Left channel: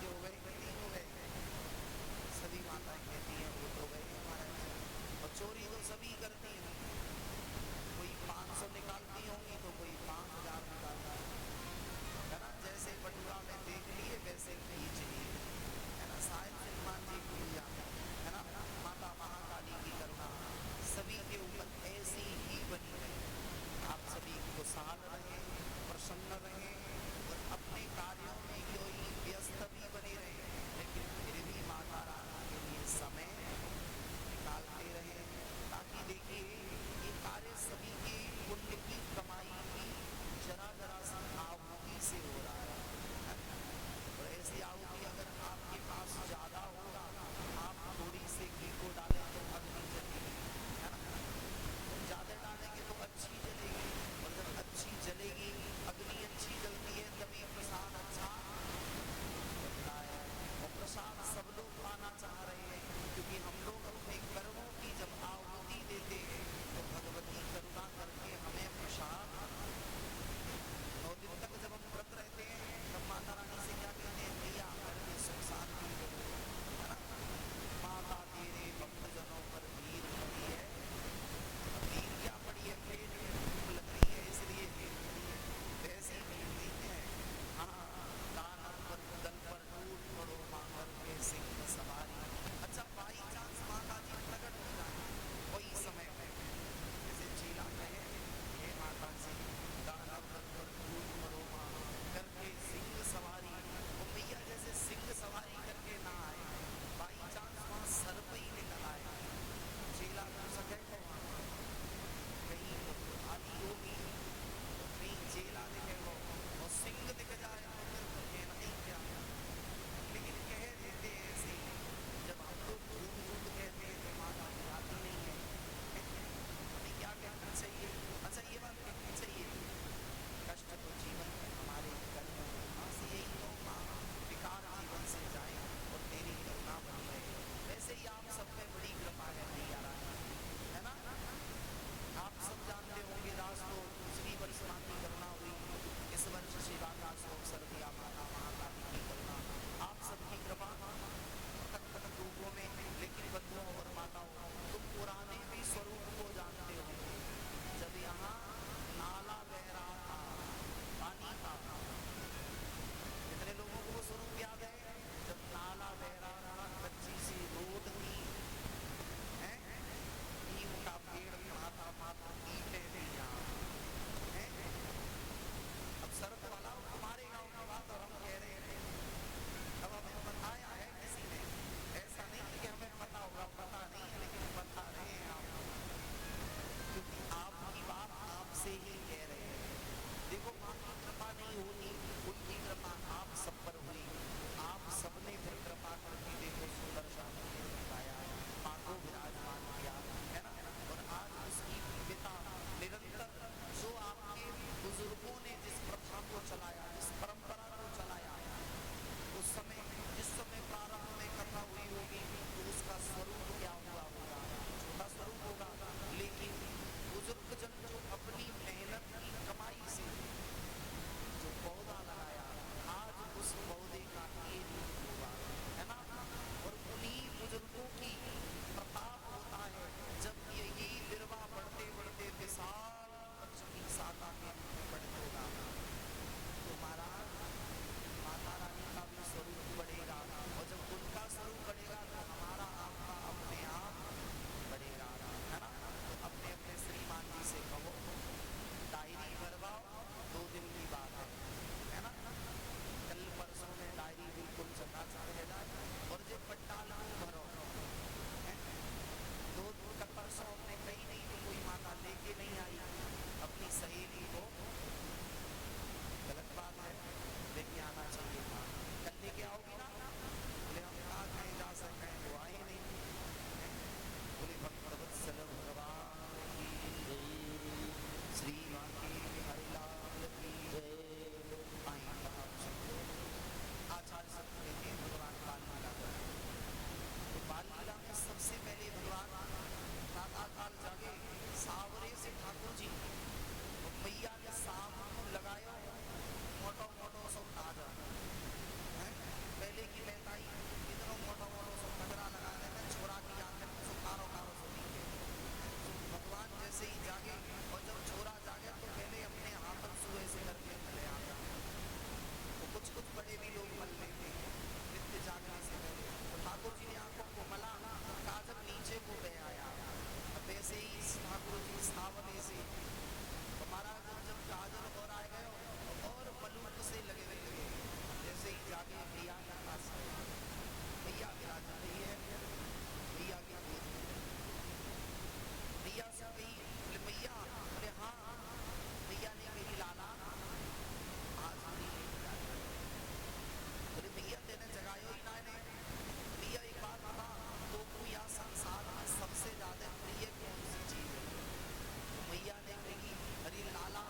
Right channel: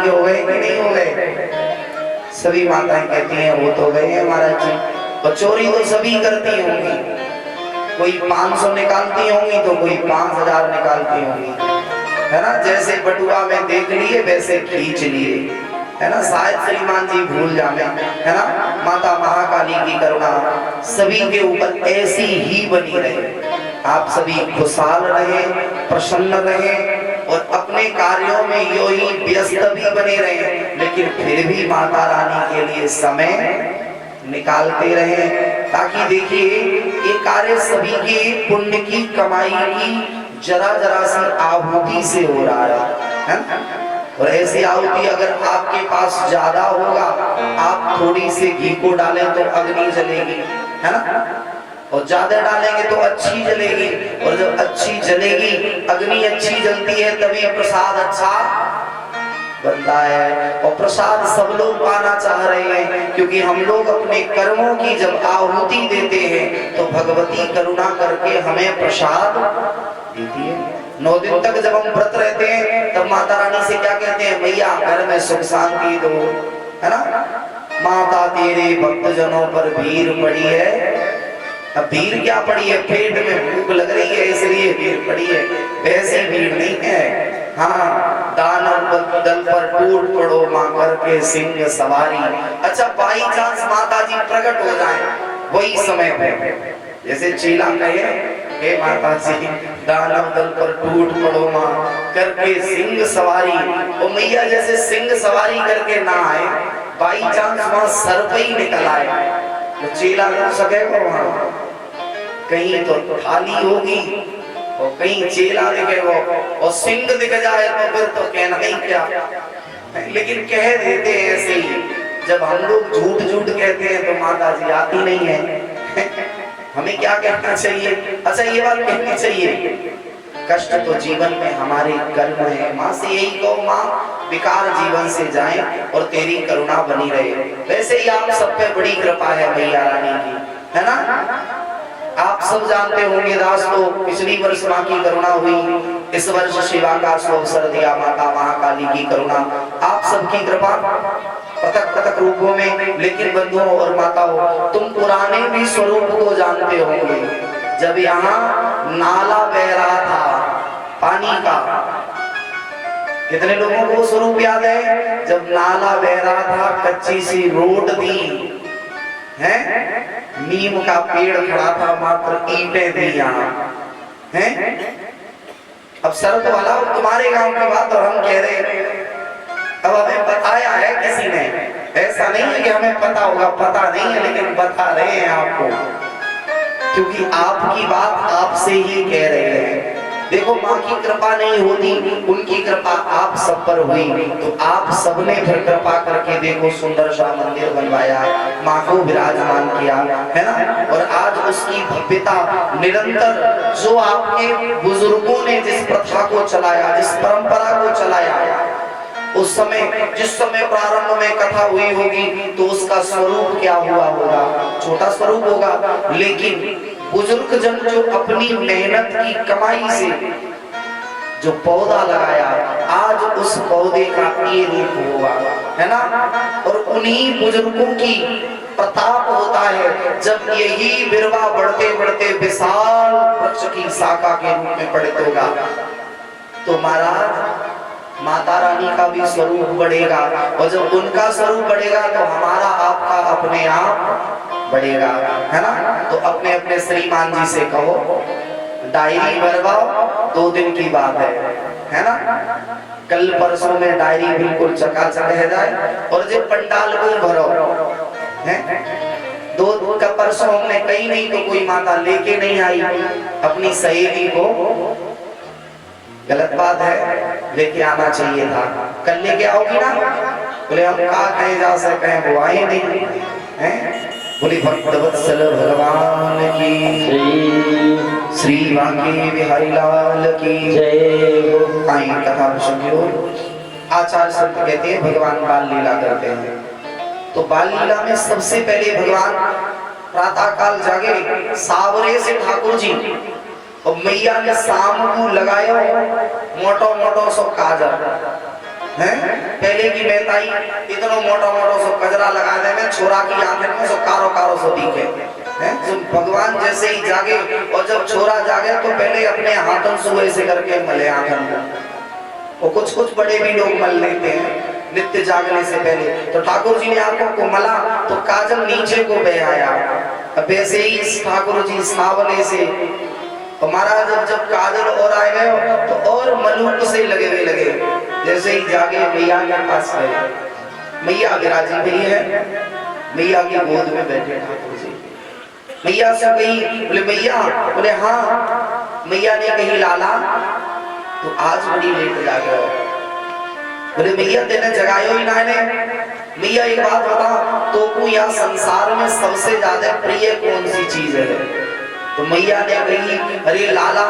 हो गए कि नहीं हो गए? सभी माताएं कहती हैं वो तो गए हैं महाराज जी। और चोरी तो सभी करती होंगी, कोई 500 निकालती होंगी तो कोई 5000 निकालती होंगी, है ना। जैसे बटुआ में देख लिए वैसे खींच लिए, है ना। शायद श्रीमान जी भूल जाए, है ना। माता महाकाली की करुणा सभी के ऊपर ऐसी ही बनी रहे। आप सभी खुशहाल रहे, प्रसन्न रहे और अपने कार्यों में यो ही व्यस्त भी बने रहे, लेकिन फिर भी माता रानी के लिए समय निकालते रहे। ताकि देखिए ये कार्य सभी के पुण्य की कमाई की जरा जरा सी आहुति से हो रहा है ना? और ऐसी आहुति अगर आपके पास ज्यादा होगा, आप थोड़ी सी घी को डालें तो अग्नि जलेगी, है ना। और ज्यादा डालेंगे तो अच्छी जलेगी, और जब अच्छी जलेगी, अग्नि अच्छी जलती है, तभी प्रसाद अच्छा बनता है। और प्रसाद सब लोग पाना चाह रहे हैं, क्योंकि हम लोग अपने कर्मों की जब आहुति देते हैं तो भगवती करुणा करके हमें प्रसाद देती है। 9 दिन तक जब हम व्रत रहते हैं तब माता रानी से क्या कहते हैं, भैया घर में सुख शांति दो, है ना। माता तेरे भक्तजनों पर भीड़ पड़ी है। अब भीड़ क्या पड़ी है, पेट में भूख लग रही है इसलिए भीड़ पड़ी है, वैसी भीड़ नहीं है। हाँ, दानव दल पर टूट पड़ो मां करके सिंह सवारी। अच्छा, बाई चांस माता जी प्रकट हो जाए वही समय पे, जैसे चीला कहे, हे माता जी दानव दल पर टूट पड़ो मां करके सिंह सवारी, और मैया जैसे सिंह सवारी करके ना आए, बाई चांस वहां सर्प ही निकल आए तो चीला कर सकेगा वहां? कहीं तो थाली होगी और कहीं चेला दिखेगा, और सिंह दिख जाए तो फिर तो कहना ही क्या। लेकिन कह देते हैं ऐसे ही, जब हम लोग झूठ झूठ कहते हैं तो माता जी आती नहीं है। हमें क्या कहना चाहिए? अच्छा, ये बात कहनी चाहिए, कष्ट तो जीवन में हमारे कर्म है, माँ से यही कहो, माँ विकार जीवन से जाए और तेरी करुणा बनी रहे। वैसे ही आप सब पे बड़ी कृपा है मैया रानी की, है ना। आप सब जानते होंगे दास, तो पिछली वर्ष माँ की करुणा हुई, इस वर्ष सेवा का अवसर दिया माता महाकाली की करुणा, आप सबकी कृपा पृथक पृथक रूपों में। लेकिन बंधुओं और माताओं, तुम पुराने भी स्वरूप को जानते होंगे। जब यहाँ नाला बह रहा था पानी का, कितने लोगों को स्वरूप याद है? जब नाला बह रहा था, कच्ची सी रोड दी है, नीम का पेड़ खड़ा था, मात्र ईंटें थी यहाँ हैं। अब शरत वाला तुम्हारे गांव की बात और हम कह रहे हैं, अब हमें बताया है किसी ने, ऐसा नहीं है कि हमें पता होगा, पता नहीं है, लेकिन बता रहे हैं आपको, क्योंकि आपकी बात आपसे ही कह रहे हैं। देखो, माँ की कृपा नहीं होती, उनकी कृपा आप सब पर हुई, तो आप सबने फिर कृपा करके देखो सुंदर सा मंदिर बनवाया, माँ को विराजमान किया, है ना। और आज उसकी भव्यता निरंतर, जो आपके बुजुर्गों ने जिस प्रथा को चलाया, जिस परंपरा को चलाया, उस समय जिस समय प्रारंभ में कथा हुई होगी तो उसका स्वरूप क्या हुआ होगा? छोटा स्वरूप होगा, लेकिन बुजुर्ग जन जो अपनी मेहनत की कमाई से जो पौधा लगाया, आज उस पौधे का ये रूप हुआ, है ना। और उन्हीं बुजुर्गों की प्रताप होता है जब यही बिरवा बढ़ते बढ़ते विशाल वृक्ष की शाखा के रूप में परिणत होगा। तो महाराज, माता रानी का भी स्वरूप बढ़ेगा, और जब उनका स्वरूप बढ़ेगा तो हमारा आपका अपने आप बढ़ेगा, है ना। तो अपने अपने श्रीमान जी से कहो डायरी भरवाओ, 2 दिन की बात है ना। कल परसों में डायरी बिल्कुल चकाचक रह जाए, और जब पंडाल को भरो है, 2 का परसों हमने कहीं नहीं तो कोई माता लेके नहीं आई अपनी सहेली को, गलत बात है, लेके आना चाहिए था। कल लेके आओगी ना? बोले हम कहा कहीं जा सके, वो आए नहीं हैं। बोले भक्तवत्सल भगवान की, श्री वांके बिहारी लाल की जय। आई कथा सुनियो। आचार्य संत कहते हैं भगवान बाल लीला करते हैं, तो बाल लीला में सबसे पहले भगवान प्रातः काल जागे, सावरे से ठाकुर जी और मैया ने शाम को लगायो मोटो मोटो सो काजल, हैं पहले की मेहताई इतना मोटा मोटा सब कजरा लगा दे में छोरा की आंखें में सब कारो कारो सो दिखे हैं। भगवान जैसे ही जागे और जब छोरा जागे तो पहले अपने हाथों से ऐसे करके मले आंखन को, और कुछ बड़े भी लोग मल लेते हैं नित्य जागने से पहले। तो ठाकुर जी ने आंखों को मला तो काजल नीचे को बह आया। अब ऐसे ही ठाकुर जी सावले से महाराज जब काजल और आए गए तो और मलूक से लगे जैसे ही जागे मैया के पास गए। मैया विराजी हुई है, मैया की गोद में बैठे ठाकुर जी। मैया से कही, बोले मैया, बोले हाँ। मैया ने कही लाला तो आज बड़ी लेट जागे हो। बोले मैया तेने जगायो ही ना ने। मैया एक बात बता, तो को या संसार में सबसे ज्यादा प्रिय कौन सी चीज है? तो मैया ने कही अरे लाला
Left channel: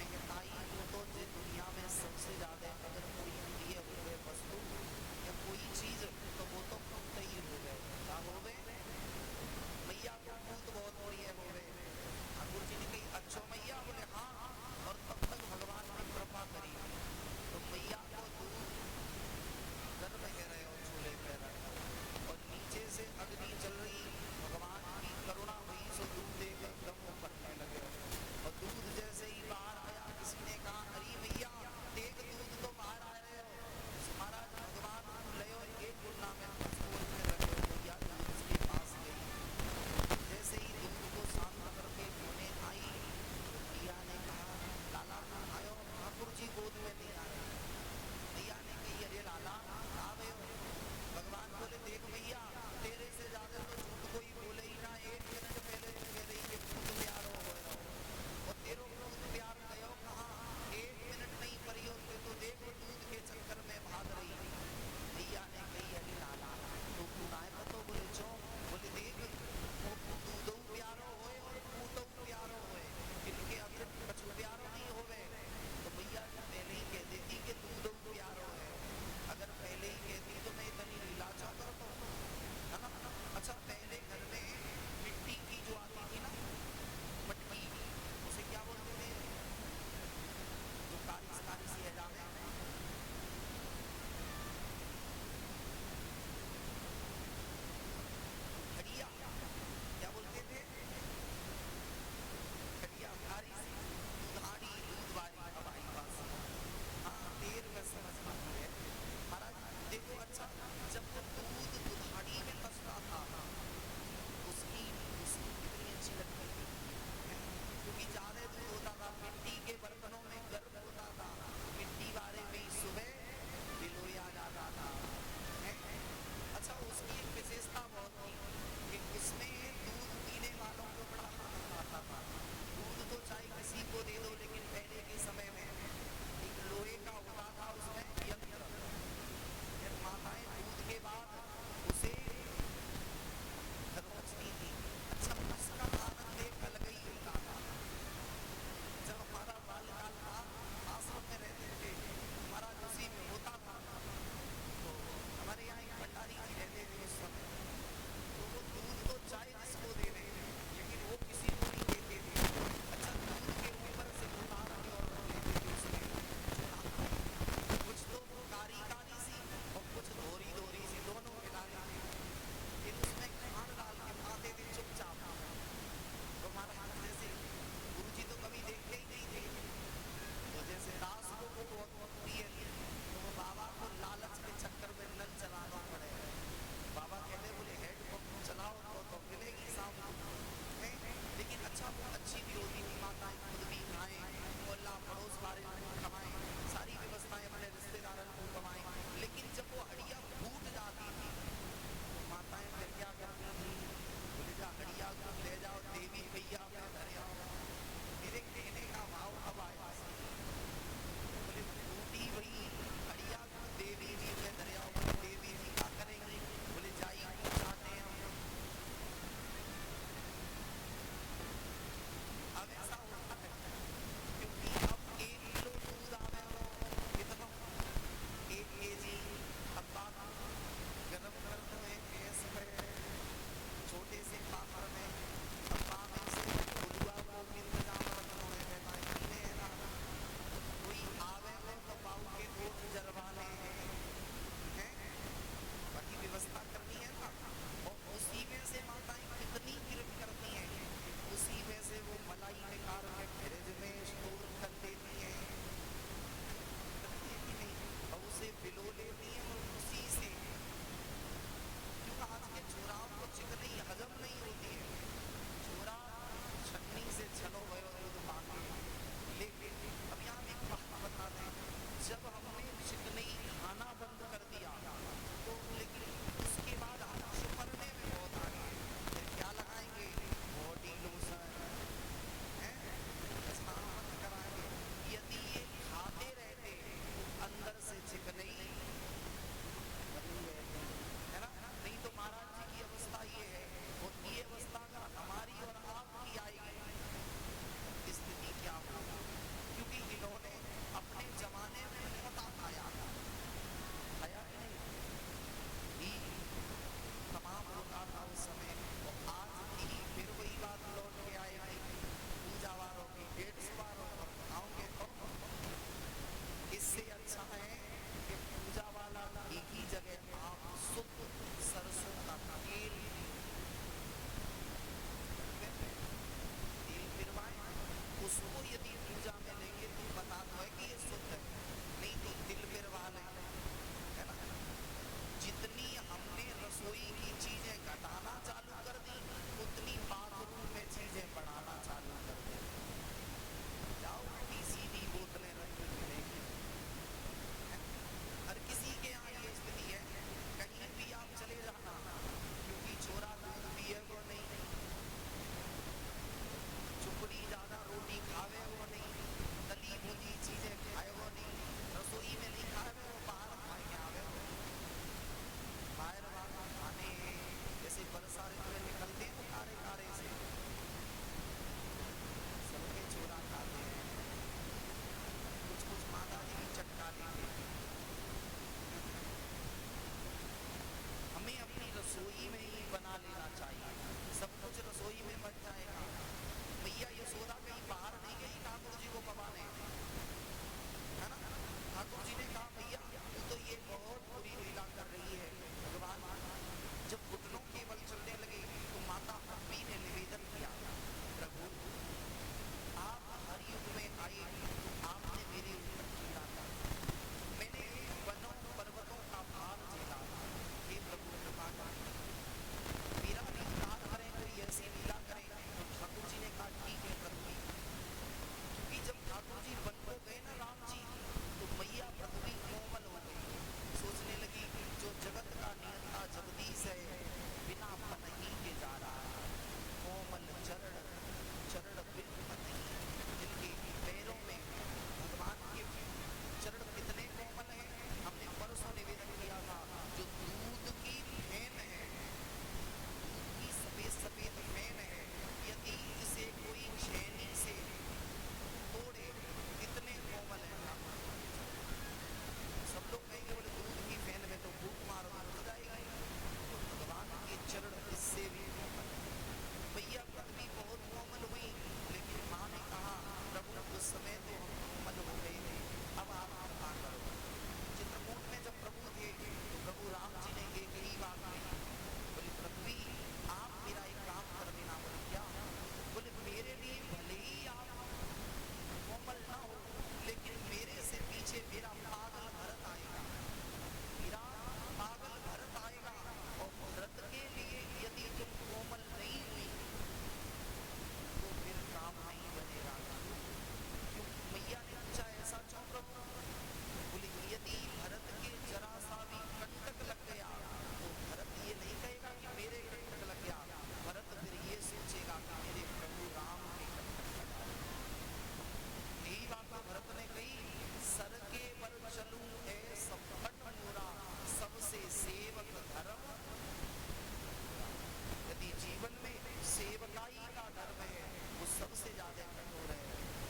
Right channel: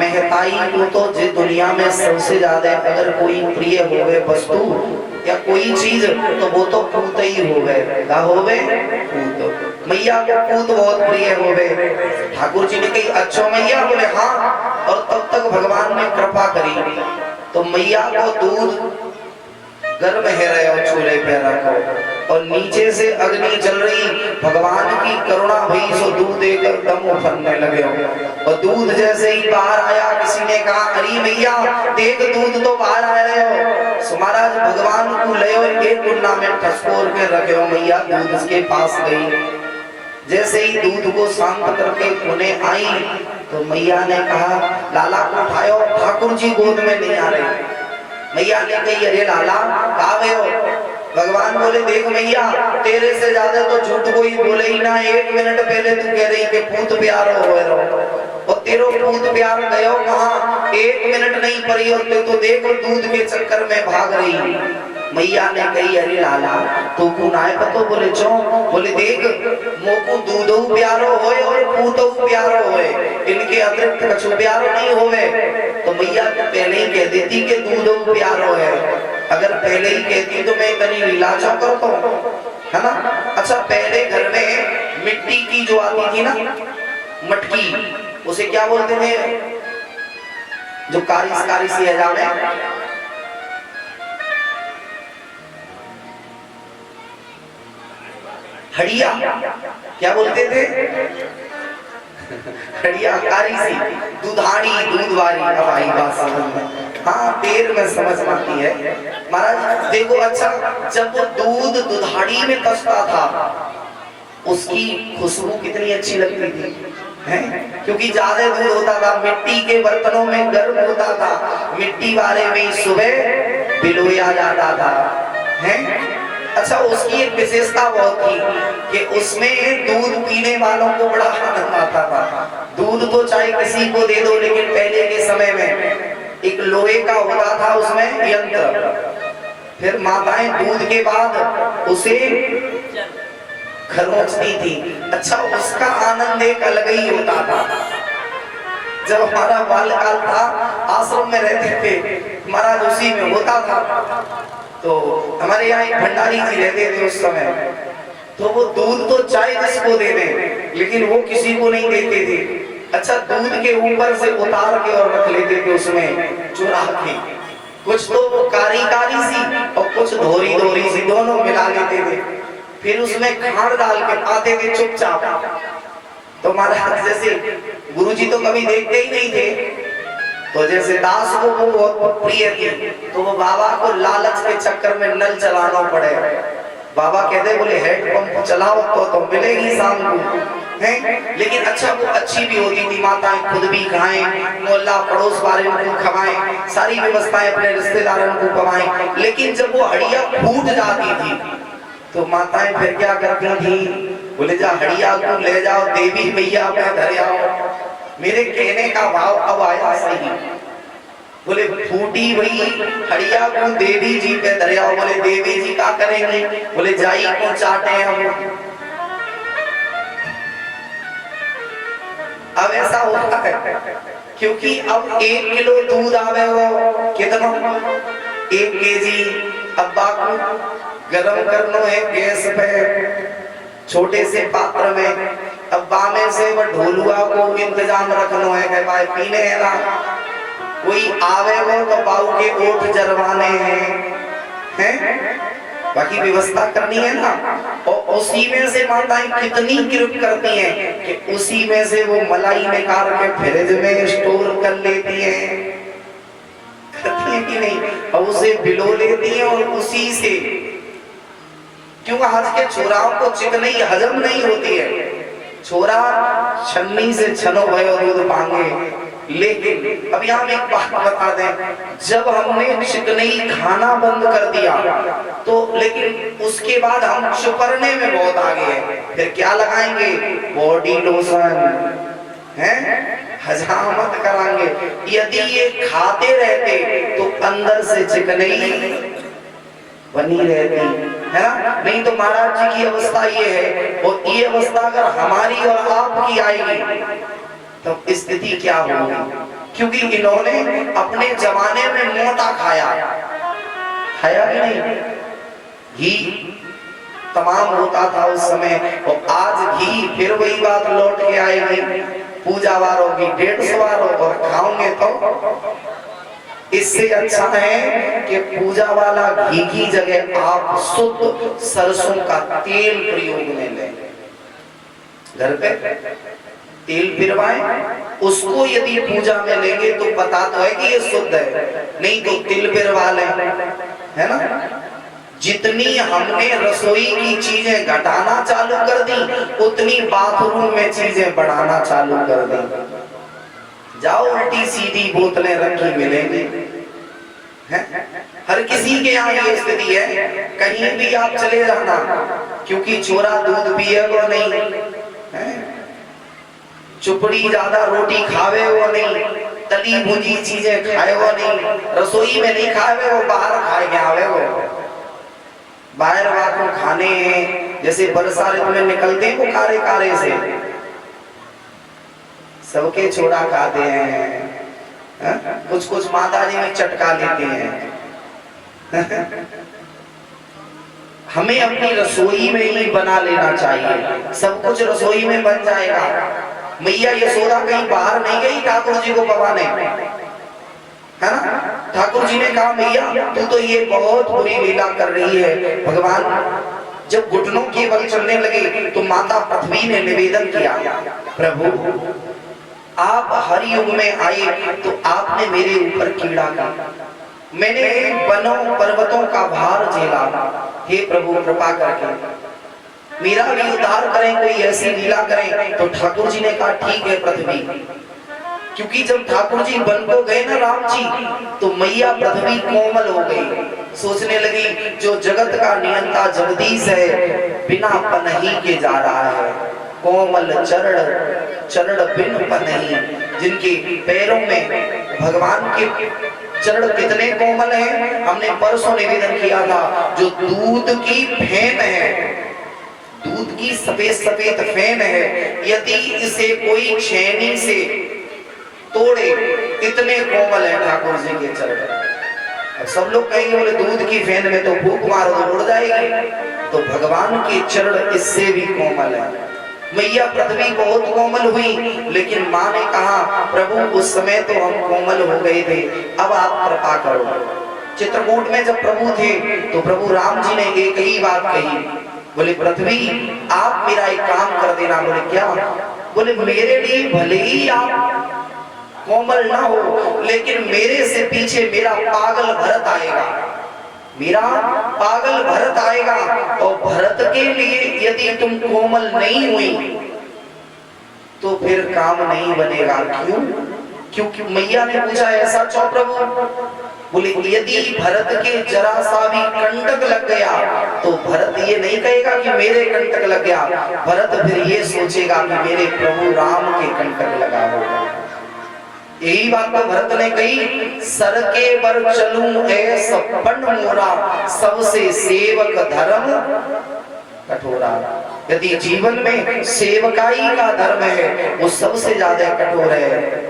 महताई को तो जिस दुनिया में सबसे ज्यादा अगर कोई प्रिय होवे वस्तु या कोई चीज तो वो तो पूत ही होवे। क्या होवे? पूत। मैया को पूत बहुत प्रिय होवे। ठाकुर जी ने कही अच्छा मैया? बोले हाँ। और तब तक भगवान ने कृपा करी तो मैया को दूध गर्भ है रहे और चूल्हे पे रखो और नीचे से अग्नि जल रही। भगवान की करुणा हुई सो दूध देकर दम उफरने लगे और दूध जैसे ही बाहर आया किसी ने कहा अरे भैया देख दूध तो बाहर आ रहे हो। महाराज भगवान को ले और एक कुंडा में ठसकोर के रखे हो। मैया दूध उसके पास गई, जैसे ही दूध को शांत करके पुणे आई तो मैया ने कहा लाला को उठाओ, ठाकुर जी गोद में नहीं आ रहे। मैया ने कही अरे लाला कहाँ गए हो? भगवान बोले देख मैया तेरे से ज्यादा तो झूठ कोई बोले ही ना। 1 मिनट पहले तू कह रही कि पूत प्यार हो और तेरो पूत प्यार गयो कहाँ? 1 मिनट नहीं पड़ी और तो देखो दूध के चक्कर में भाग रही। मैया ने कही अरे लाला तू को नाय पतो? बोले चो? बोले देख मोको दूधो प्यारो होए और पूतो प्यारो होए, इनके अतिरिक्त कछु प्यारो नहीं होवे। तो मैया तो पहले ही कह देती कि दूधो प्यारो है। अगर पहले ही कहती तो मैं इतनी लीलाचा करता हूँ, है ना? अच्छा पहले घर में मिट्टी की जो आती थी ना मटकी, उसे क्या बोलते थे? जो कारी सी है जाने हड़िया क्या बोलते थे? हड़िया कारी सी दूधाड़ी दूध वाली। अब आई बात समझ में? हाँ देर में समझ आती है महाराज। देखो अच्छा जब वो दूध दुधाड़ी में कसता था उसकी खुशबू कितनी अच्छी लगती थी हैं? क्योंकि ज्यादा दूध होता था, मिट्टी के बर्तनों में गर्म होता था, मिट्टी वाले में सुबह बिलोया जाता था हैं? अच्छा उसकी एक विशेषता बहुत थी कि उसमें दूध पीने वालों को बड़ा आनंद आता था। दूध तो चाहे किसी को दे दो, लेकिन पहले के समय में एक लोहे का होता था उसमें यंत्र, फिर माताएं दूध के बाद उसे खरोचती थी। अच्छा उसका आनंद एक अलग ही होता था। जब हमारा बाल्यकाल था आश्रम में रहते थे महाराज उसी में होता था। तो हमारे यहाँ एक भंडारी जी रहते थे उस समय, तो वो दूध तो चाहे जिसको दे दें लेकिन वो किसी को नहीं देते थे। अच्छा दूध के ऊपर से उतार के और रख लेते थे उसमें चुरा के, कुछ तो वो कारी सी और कुछ धोरी सी, दोनों मिला लेते थे। फिर उसमें खांड डाल के आते थे चुपचाप। तो महाराज जैसे गुरुजी तो कभी देखते ही नहीं थे, तो जैसे दास को वो बहुत प्रिय थी तो वो बाबा को लालच के चक्कर में नल चलाना पड़े। बाबा कहते बोले हेड पंप चलाओ तो मिलेगी शाम को हैं। लेकिन अच्छा वो अच्छी भी होती थी, माताएं खुद भी खाएं, मोहल्ला पड़ोस वाले को खवाएं, सारी व्यवस्थाएं अपने रिश्तेदारों को खवाएं। लेकिन जब वो हड़िया फूट जाती थी तो माताएं फिर क्या करती थी? बोले जा हड़िया को ले जाओ देवी मैया पे धर आओ। मेरे कहने का भाव अब आया सही। बोले फूटी हुई हड़िया को देवी जी पे धर आओ। बोले देवी जी क्या करेंगे? बोले जाई को चाटे हम। अब ऐसा होता है क्योंकि अब 1 किलो दूध आवे हो कितना? 1 केजी। अब बाकू गरम करनो है गैस पे छोटे से पात्र में। अब बामे से वो ढोलुआ को इंतजाम रखनो है कि भाई पीने है ना, कोई आवे हो तो बाऊ के ओठ जरवाने हैं, हैं, बाकी व्यवस्था करनी है ना। और उसी में से माताएं कितनी कृप करती हैं कि उसी में से वो मलाई निकाल के फ्रिज में स्टोर कर लेती हैं, करती है कि नहीं, और उसे बिलो लेती हैं और उसी से, क्यों आज के छोराओं को चिकनी हजम नहीं होती है। छोरा छन्नी से छनो भयो दूध मांगे। लेकिन अब यहाँ एक बात बता दें, जब हमने चिकनी खाना बंद कर दिया तो लेकिन उसके बाद हम चुपरने में बहुत आगे हैं। फिर क्या लगाएंगे, बॉडी लोशन है, हजामत कराएंगे। यदि ये खाते रहते तो अंदर से चिकनी बनी रहती है ना। नहीं तो महाराज जी की अवस्था ये है, और ये अवस्था अगर हमारी और आपकी आएगी तो स्थिति क्या होगी, क्योंकि इन्होंने अपने जमाने में मोटा खाया, खाया कि नहीं, घी तमाम होता था उस समय, और आज घी फिर वही बात लौट के आएगी, पूजा वारों की 150 वारों, और खाओगे तो इससे अच्छा है कि पूजा वाला घी की जगह आप शुद्ध सरसों का तेल प्रयोग में लें। घर पे तेल पिरवाएं, उसको यदि पूजा में लेंगे तो पता तो है कि ये शुद्ध है, नहीं तो तिल पिरवा लें, है ना। जितनी हमने रसोई की चीजें घटाना चालू कर दी, उतनी बाथरूम में चीजें बढ़ाना चालू कर दी। जाओ उल्टी सीधी बोतलें रखी मिलेंगी, हर किसी के यहाँ ये स्थिति है। कहीं भी आप चले जाना, क्योंकि छोरा दूध पिए वो नहीं है, चुपड़ी ज्यादा रोटी खावे वो नहीं, तली भुजी चीजें खाए वो नहीं, रसोई में नहीं खावे वो, बाहर खाए के आवे वो। बाहर वालों खाने हैं, जैसे बरसा ऋतु में निकलते हैं वो कारे कारे से, सबके छोड़ा खाते हैं, कुछ कुछ माता जी में चटका लेते हैं। हमें अपनी रसोई में ही बना लेना चाहिए, सब कुछ रसोई में बन जाएगा। मैया यशोदा कहीं बाहर नहीं गई ठाकुर जी को पवाने, है ना। ठाकुर जी ने कहा मैया तू तो ये बहुत बुरी लीला कर रही है। भगवान जब घुटनों के बल चलने लगे तो माता पृथ्वी ने निवेदन किया, प्रभु आप हर युग में आए तो आपने मेरे ऊपर कीड़ा का, मैंने वनों पर्वतों का भार झेला, हे प्रभु कृपा करके मेरा भी उद्धार करें, कोई ऐसी लीला करें। तो ठाकुर जी ने कहा ठीक है पृथ्वी, क्योंकि जब ठाकुर जी बन को गए ना राम जी, तो मैया पृथ्वी कोमल हो गई, सोचने लगी जो जगत का नियंता जगदीश है बिना पनही के जा रहा है, कोमल चरण चरण बिन पनही, जिनके पैरों में भगवान के चरण कितने कोमल हैं। हमने परसों निवेदन किया था, जो दूध की फेन है, दूध की सफेद सफेद फेन है, यदि इसे कोई छेनी से तोड़े इतने कोमल है ठाकुर जी के चरण। सब लोग कहेंगे बोले दूध की फेन में तो फूंक मारो तो उड़ जाएगी, तो भगवान के चरण इससे भी कोमल है। मैया पृथ्वी बहुत कोमल हुई, लेकिन माँ ने कहा प्रभु उस समय तो हम कोमल हो गए थे, अब आप कृपा करो। चित्रकूट में जब प्रभु थे तो प्रभु राम जी ने एक ही बात कही, बोले पृथ्वी आप मेरा एक काम कर देना। बोले क्या? बोले मेरे लिए भले ही आप कोमल ना हो, लेकिन मेरे से पीछे मेरा पागल भरत आएगा, मेरा पागल भरत आएगा, और भरत के लिए यदि तुम कोमल नहीं हुई तो फिर काम नहीं बनेगा। क्यों? क्योंकि मैया ने पूछा ऐसा क्यों प्रभु? बोले यदि भरत के जरा सा भी कंटक लग गया तो भरत ये नहीं कहेगा कि मेरे कंटक लग गया, भरत फिर ये सोचेगा कि मेरे प्रभु राम के कंटक लगा होगा। यही बात तो भरत ने कही, सर के बर चलूं ऐ सपन मोरा, सबसे सेवक धर्म कठोरा। यदि जीवन में सेवकाई का धर्म है वो सबसे ज्यादा कठोर है।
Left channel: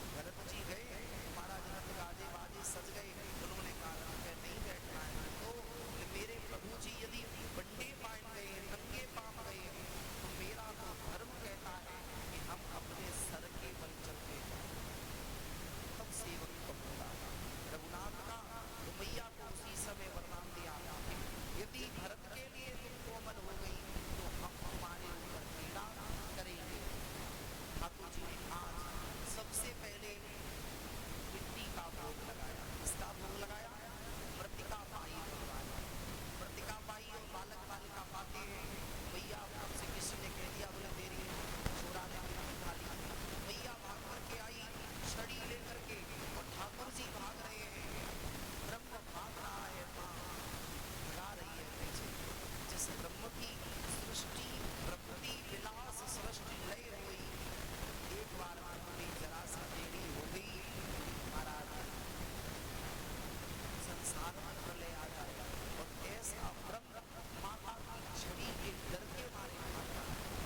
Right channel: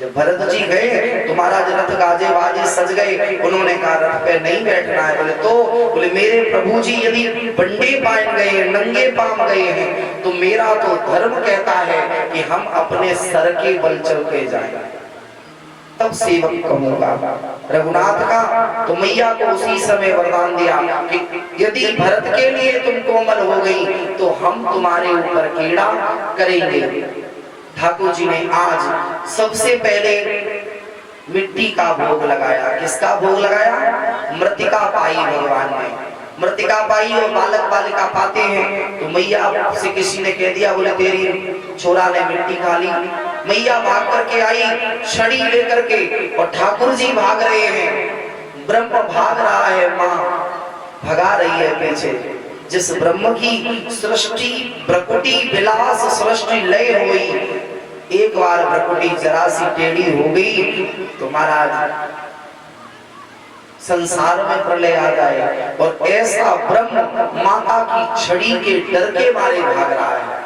जब भरत जी गए तो महाराज रथ गाजे बाजे सज गए, उन्होंने कहा रथ पे नहीं बैठना है। बोले तो? बोले मेरे प्रभु जी यदि बंडे पान गए, नंगे पाम गए हैं, तो मेरा तो धर्म कहता है कि हम अपने सर के बल चल के जाएं। तब सेवक कहूंगा। रघुनाथ का तो मैया को उसी समय वरदान दिया कि यदि भरत के लिए तुम कोमल हो गई तो हम तुम्हारे ऊपर कीड़ा करेंगे। ठाकुर जी ने आज सबसे पहले मिट्टी का भोग लगाया। किसका भोग लगाया? मृतिका पाई भगवान ने। मृतिका पाई और बालक बालिका पाते हैं तो मैया से किसी ने कह दिया, बोले तेरी छोरा ने मिट्टी खा ली। मैया भाग करके आई छड़ी लेकर के और ठाकुर जी भाग रहे हैं। ब्रह्म भाग रहा है, माँ भगा रही है पीछे। जिस ब्रह्म की सृष्टि प्रकृति विलास सृष्टि लय हुई, एक बार प्रकृति जरा सी टेढ़ी हो गई तो महाराज संसार में प्रलय आ जाए। और ऐसा ब्रह्म माता की छड़ी के डर के मारे भाग रहा है।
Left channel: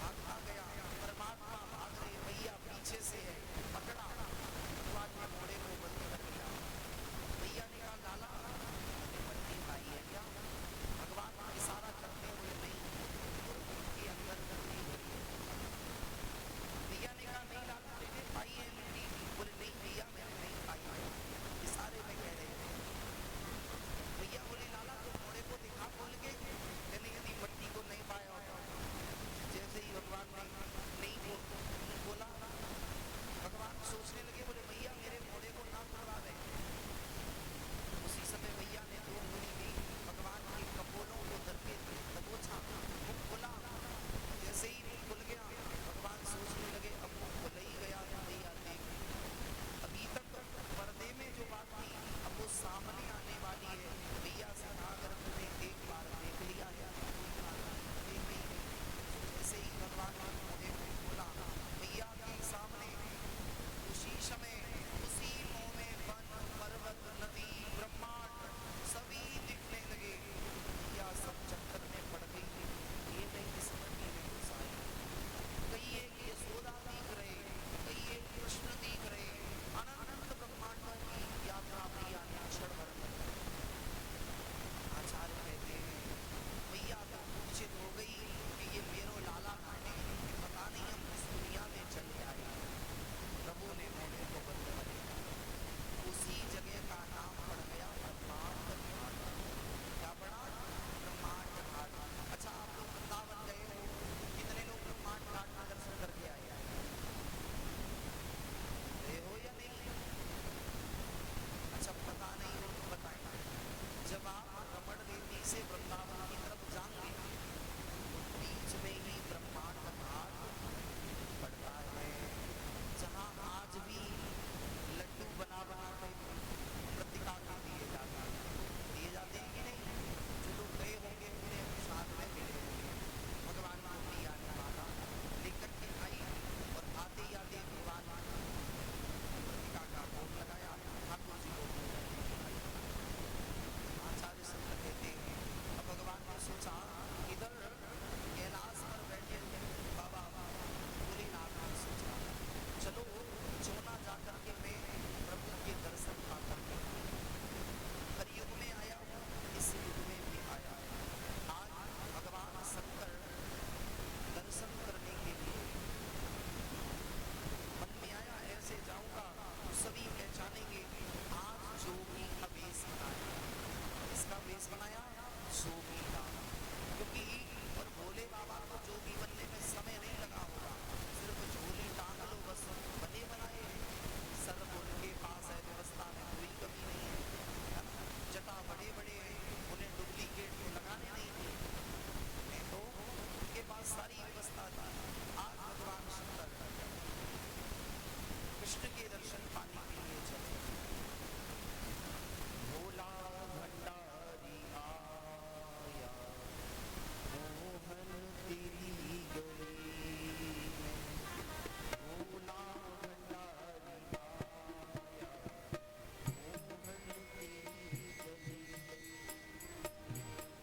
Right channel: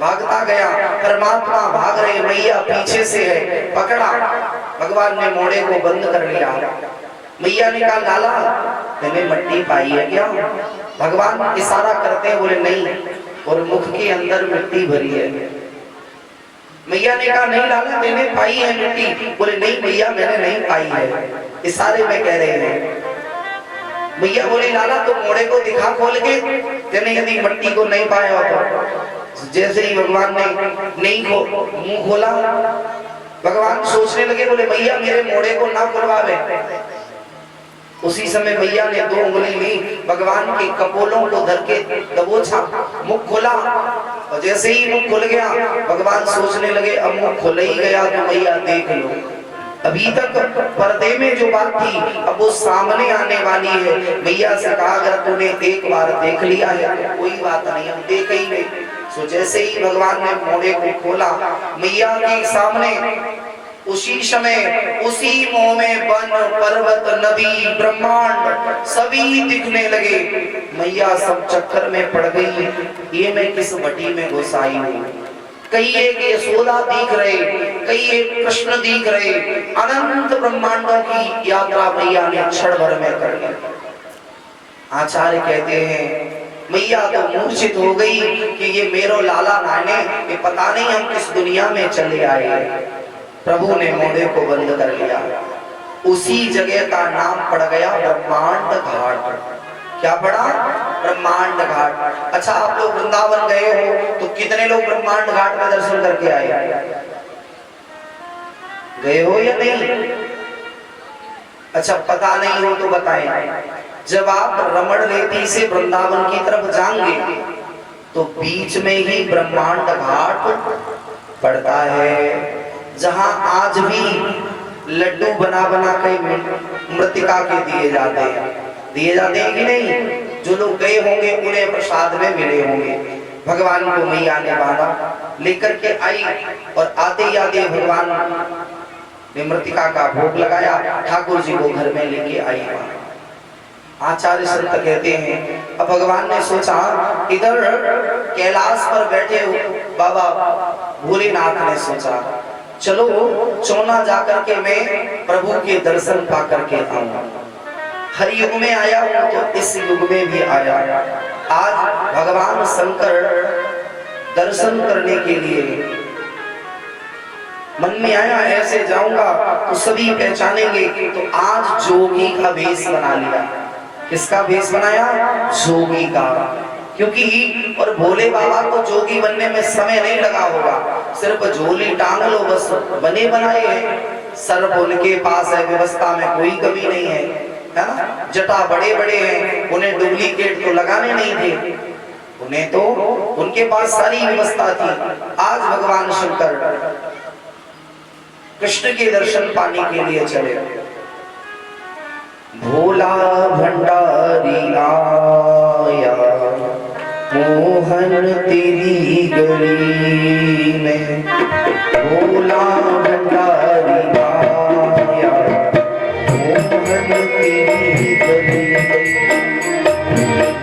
भागता गया, परमात्मा भाग रहे, मैया पीछे से है, पकड़ा। भगवान ने मोड़े को बंद कर लिया। मैया ने कहा, लाला मैंने मट्टी पाई है क्या? भगवान इशारा करते हैं, बोले नहीं, और मुख के अंदर मिट्टी भरी है। मैया ने कहा, नहीं लाला मैंने पाई है मिट्टी। बोले नहीं मैया मैंने नहीं पाई है, इशारे में कह रहे हैं। मैया बोले, लाला तो मोड़े को दिखा खोल के, तेने यदि मिट्टी को नहीं पाया तो। जैसे ही भगवान ने नहीं मुंह खोला, भगवान सोचने लगे, बोले मैया मेरे मोड़े को ना खुलवावे। उसी समय मैया ने 2 उंगली ली, भगवान के कपोलों को धर के दबोचा, मुख खोला। और जैसे ही मुख खुल गया, भगवान सोचने लगे अब मुख खुल ही गया तो मैया देख लो। अभी तक पर्दे में जो बात थी अब वो सामने आने वाली है। मैया से कहा, अगर तूने एक बार देख लिया है तो कोई बात नहीं, हम देख ही नहीं। तो जैसे ही भगवान ने मोड़े को खोला, मैया के सामने उसी समय उसी मोह में वन पर्वत नदी ब्रह्मांड सभी दिखने लगे। मैया सब चक्कर में पड़ गई, ये मैं किस भट्टी में घुस आई हूँ। कई एक यशोदा दिख रहे, कई एक कृष्ण दिख रहे, अनंत ब्रह्मांडों की यात्रा मैया ने क्षण भर में कर ली। आचार्य कहते हैं मैया तो मूर्छित हो गई कि ये मेरो लाला नाने, ये पता नहीं हम किस दुनिया में चले आए। प्रभु ने मोड़े को बंद कर लिया। उसी जगह का नाम पड़ गया ब्रह्मांड घाट। क्या पड़ा? ब्रह्मांड घाट। अच्छा, आप लोग वृंदावन गए हो तो कितने लोग ब्रह्मांड घाट में दर्शन करके आए? गए हो या नहीं? अच्छा, पता नहीं हो तो बताएं। जब आप रमण रेती से वृंदावन की तरफ जाएंगे तो बीच में ही ब्रह्मांड घाट पड़ता है, जहां आज भी लड्डू बना बना के मृतिका के दिए जाते हैं कि नहीं? जो लोग गए होंगे उन्हें प्रसाद में मिले होंगे। भगवान को मैया ने बांधा लेकर के आई और आते आते भगवान ने मृतिका का भोग लगाया, ठाकुर जी को घर में लेके आई। आचार्य संत कहते हैं अब भगवान ने सोचा इधर कैलाश पर बैठे बाबा भोलेनाथ ने सोचा चलो चौना जाकर के मैं प्रभु के दर्शन पा करके आऊंगा। हर युग में आया हूं तो इस युग में भी आया। आज भगवान शंकर दर्शन करने के लिए मन में आया, ऐसे जाऊंगा तो सभी पहचानेंगे। तो आज जोगी का भेष बना लिया। किसका भेष बनाया? जोगी का। क्योंकि और भोले बाबा को जोगी बनने में समय नहीं लगा होगा, सिर्फ झोली टांग लो बस, बने बनाए हैं। सर्प उनके पास है, व्यवस्था में कोई कमी नहीं है, है ना? जटा बड़े बड़े हैं, उन्हें डुप्लीकेट तो लगाने नहीं थे, उन्हें तो उनके पास सारी व्यवस्था थी। आज भगवान शंकर कृष्ण के दर्शन पाने के लिए चले। भोला भंडारी आया मोहन तेरी गली में, भोला भंडारी आया मोहन तेरी गली में,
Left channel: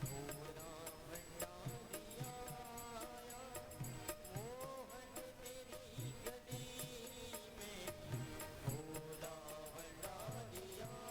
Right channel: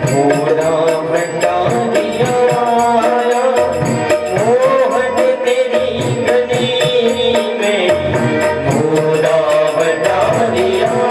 भोला भंडारी आया मोहन तेरी गली में, भोला भंडारी आया।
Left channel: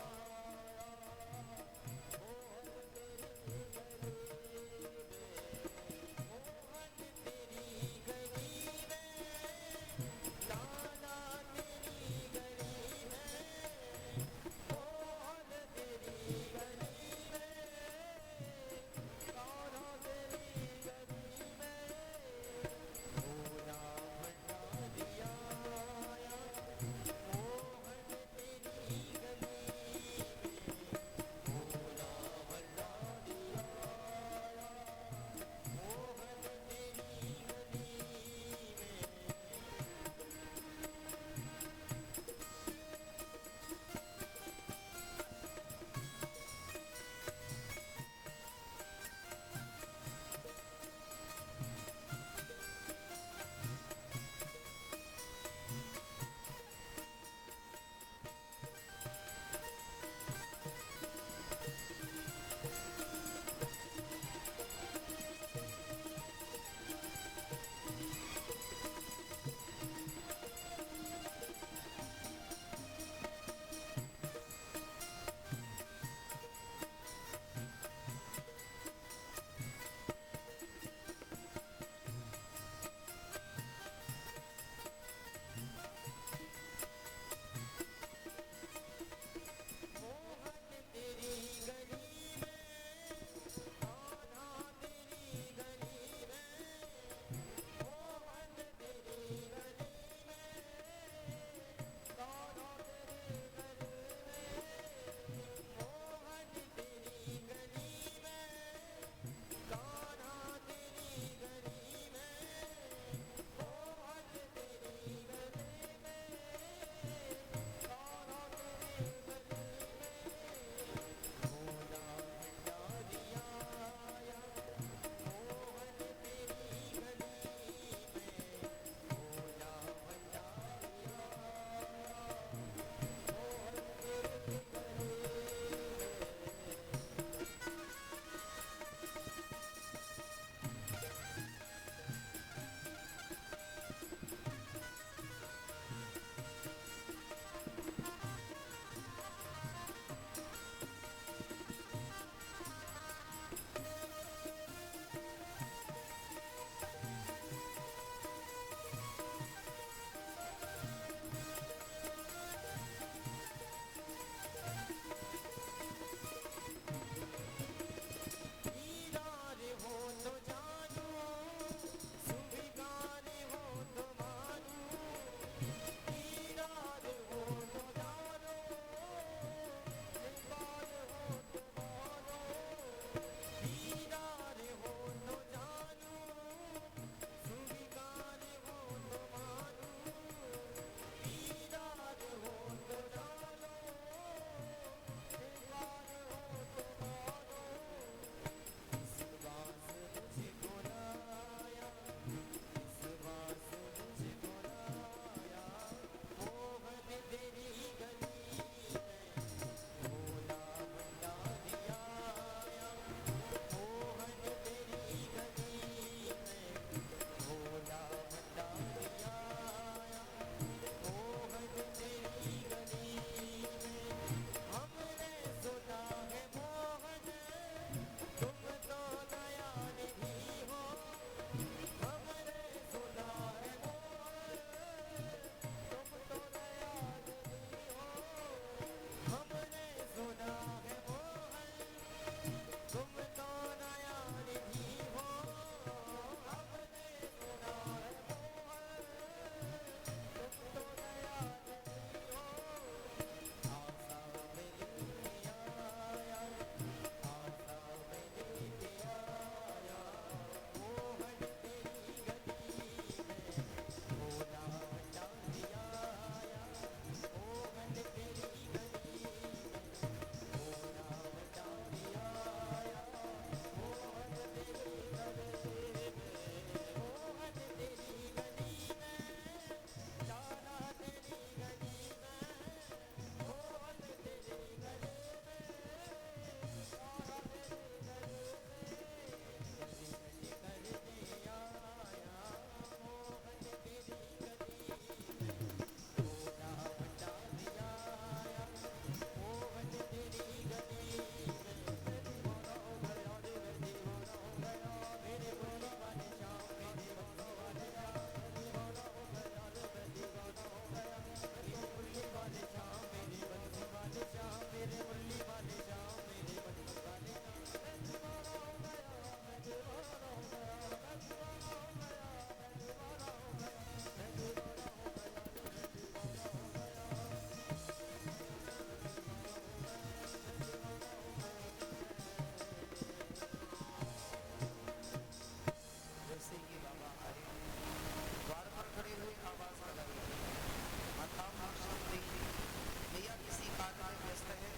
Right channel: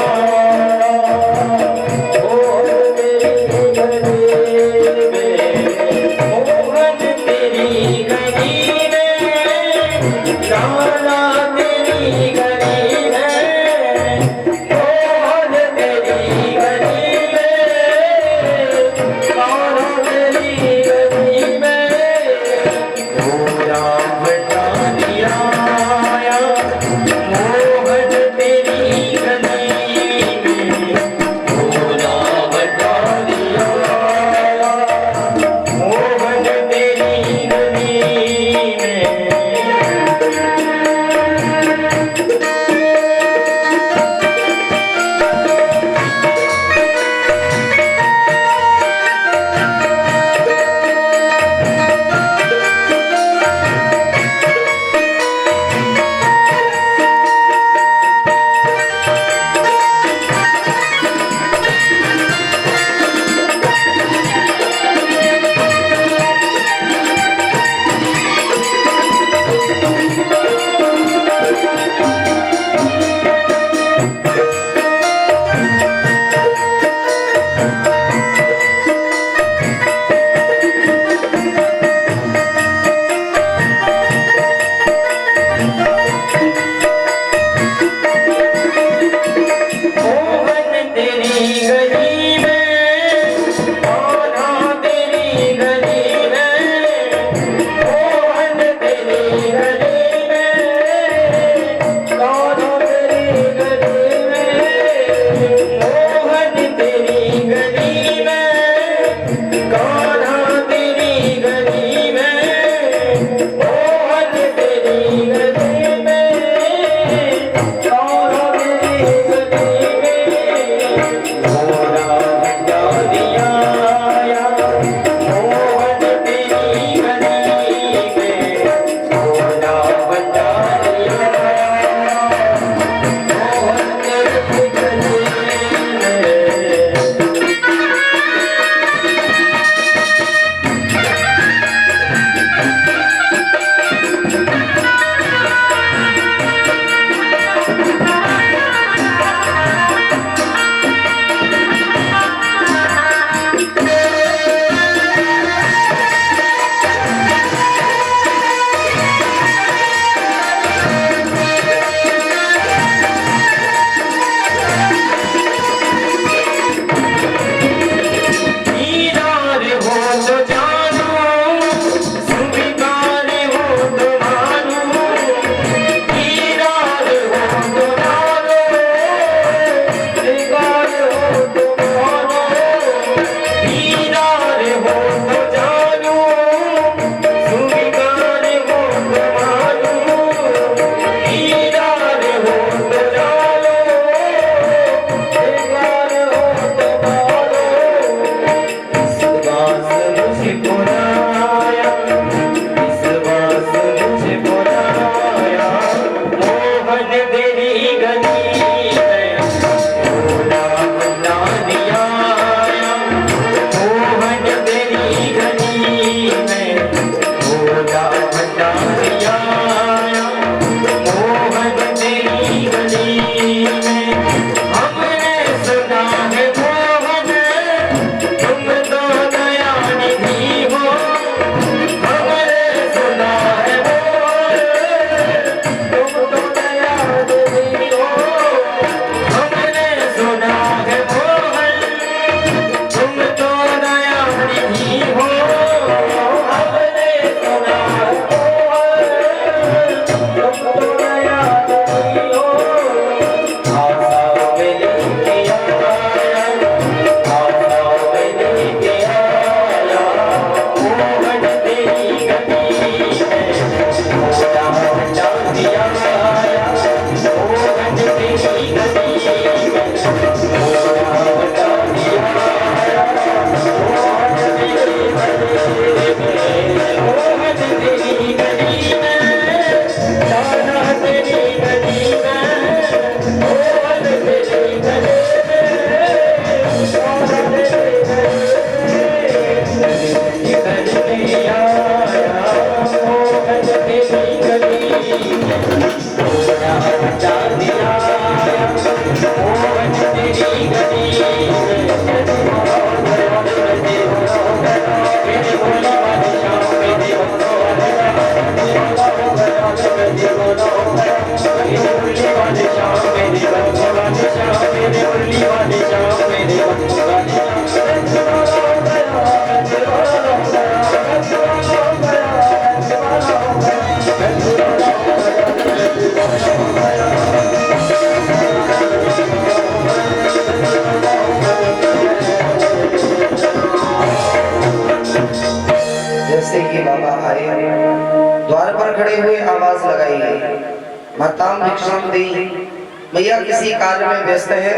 माता भिक्षाम देई। मैया किसी कार्य में व्यस्त है,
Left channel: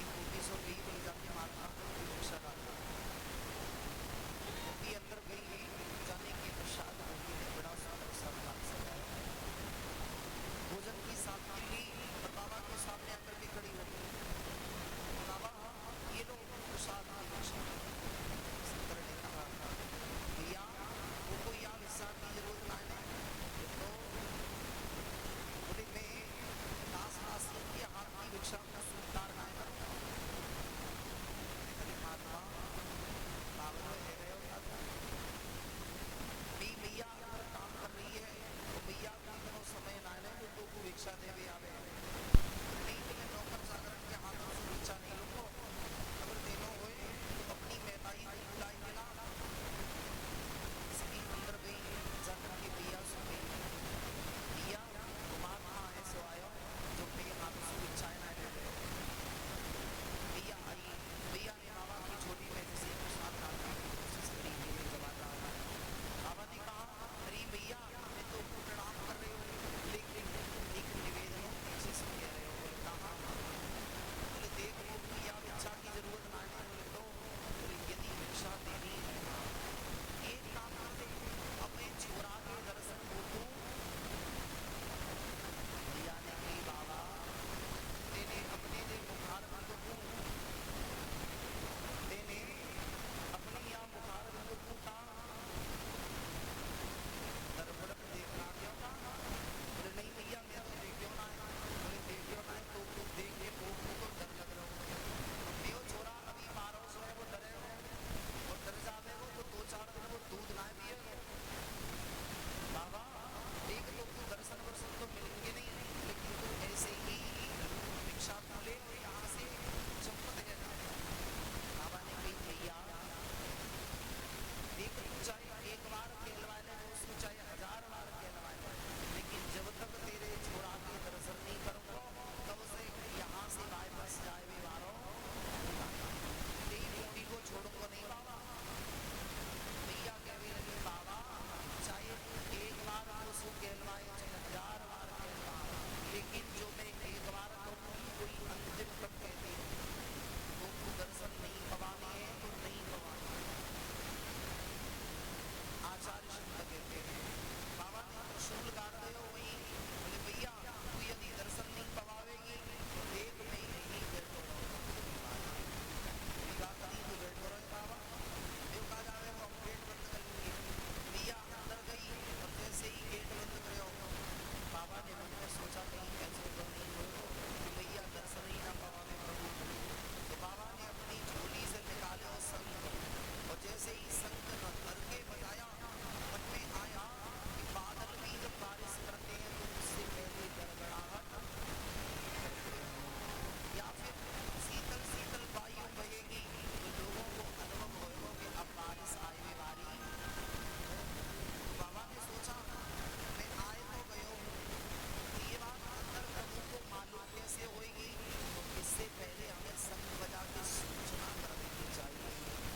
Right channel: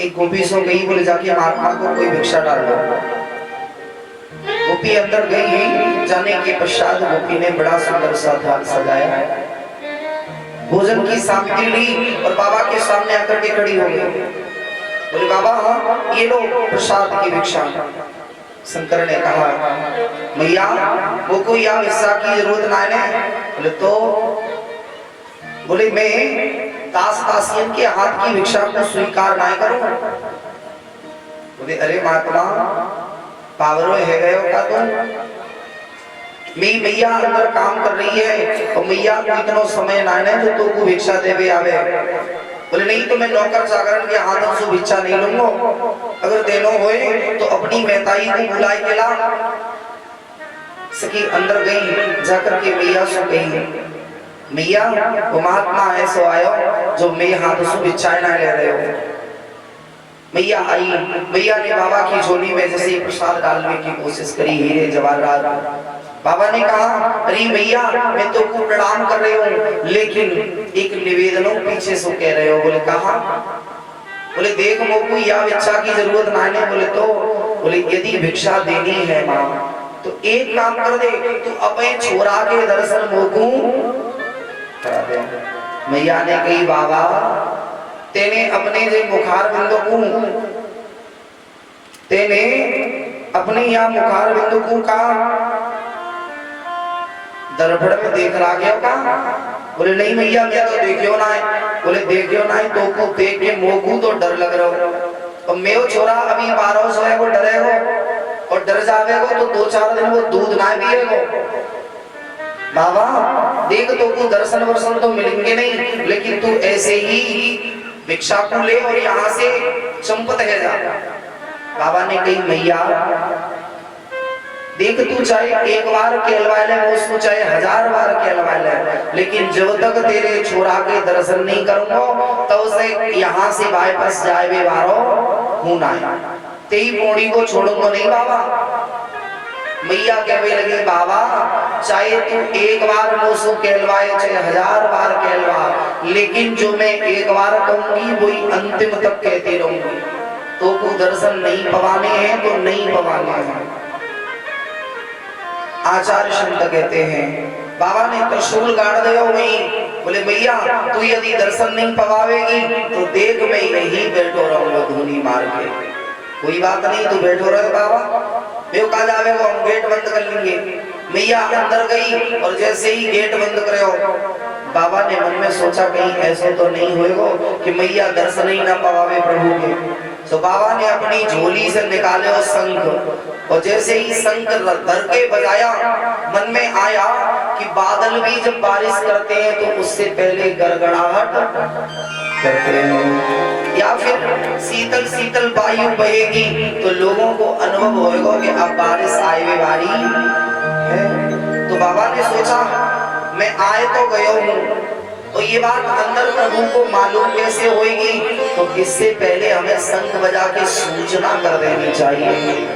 एक गोपी सो गई, बोले जाके महात्मा को कोई भिक्षा डाल दो। गोपी अंदर गई, जाने के पश्चात गोपी ने बड़ा सुंदर सा थाल सजाया, भोजन की सामग्री ली और बाबा के सामने आकर के खड़ी हो गई। बोले बाबा ये लो प्रसाद की भिक्षा। शंकर ने कहा मैया वो कोई या हिस्सा की जरूरत ना है। बोले तो बोले मैं दास दासियन के हाथ की भिक्षा को स्वीकार ना करूं। बोले अरे महात्मा पावरो है गए का तो मैं मैया अंदर काम कर रही है और मैया को इतना समय ना है जो तो भिक्षा देवे आवे। बोले नहीं तो मैं नौकर चाकरन के हाथों से भिक्षा नहीं लूंगा, अगर देनो होए तो अपनी मेहताई को बुलाए के ला। सखी अंदर गई, जाकर के मैया से कही मैया वो महात्मा है सो आयो जो मेरे हाथों से भिक्षा ना ले रहे हो। मैया आई, मैया ने बाबा की झोली में जैसे प्रसाद डालने की कोशिश करी, हीरे जवाहरात। बाबा ने कहा अरे भैया मैं तो को प्रणाम कर रही हूँ, लेकिन एक निवेदनों पीछे से कह रहे हो। बोले कहा? बोले देख मोकू या भिक्षा की जरूरत ना है। बोले तो बोले यदि भिक्षा देनी है माँ तो एक काम कर दे, तू अपने छोरा के दर्शन मोकू करा दे। मैया ने कही बाबा तेने अपने जे मुखार बिंदु को तेने अपने यहाँ मुखार बिंदु को का दरबड़ में देख रहा गया का? बोले नहीं भैया मैं तो देखियो ना है। बोले देखियो ना है तो को देख के मोकू तो डर लग रहा हो, और मेरे छोरा अभी 12 सौ है वो डरे हो और डर जावेगो तो 2-4 दिन वो दूध ना पिएगो। बाबा देख तो को दर्शन वर्शन तो मिलेंगे नहीं, लेकिन तू ऐसे ही भिक्षा को ले और यहाँ से चंपत है जा। बाबा ने कही मैया देख तू चाहे एक बार कहलवा ले, उसको चाहे 1000 बार कहलवा ले, लेकिन जब तक तेरे छोरा के दर्शन नहीं करूंगा तो उसे यहाँ से वापस जाए वे बारो हूं ना तेरी पोड़ी को छोड़ूंगा नहीं बाबा। मैया कहने लगी बाबा चाहे तू एक बार मुझसे कहलवाए चाहे 1000 बार कहलवा, लेकिन जो मैं एक बार कहूंगी वही अंतिम तक कहती रहूंगी। तो को दर्शन नहीं पवाने हैं तो नहीं पवाने हैं। आचार्य संत कहते हैं बाबा ने त्रिशूल गाड़ दिया वहीं। बोले भैया तू यदि दर्शन नहीं पवावेगी तो देख मैं यही बैठो रहूंगा धूनी मार के। कोई बात नहीं तू बैठो रहे बाबा, मैं कहा जावेगा हम गेट बंद कर लेंगे। मैया अंदर गई और जैसे ही गेट बंद करे हो बाबा ने मन में सोचा कहीं ऐसा तो नहीं होएगा कि मैया दर्शन ही ना पवावे प्रभु के। तो बाबा ने अपनी झोली से निकाले और शंख, और जैसे ही शंख धर के बजाया मन में आया कि बादल भी जब बारिश करते हैं तो उससे पहले गड़गड़ाहट करते हैं, या फिर शीतल शीतल वायु बहेगी तो लोगों को अनुभव होगा कि अब बारिश आए हुए वाली है। तो बाबा ने सोचा मैं आए तो गया हूँ, तो ये बात अंदर प्रभु को मालूम कैसे होगी, तो इससे पहले हमें शंख बजा के सूचना कर देनी चाहिए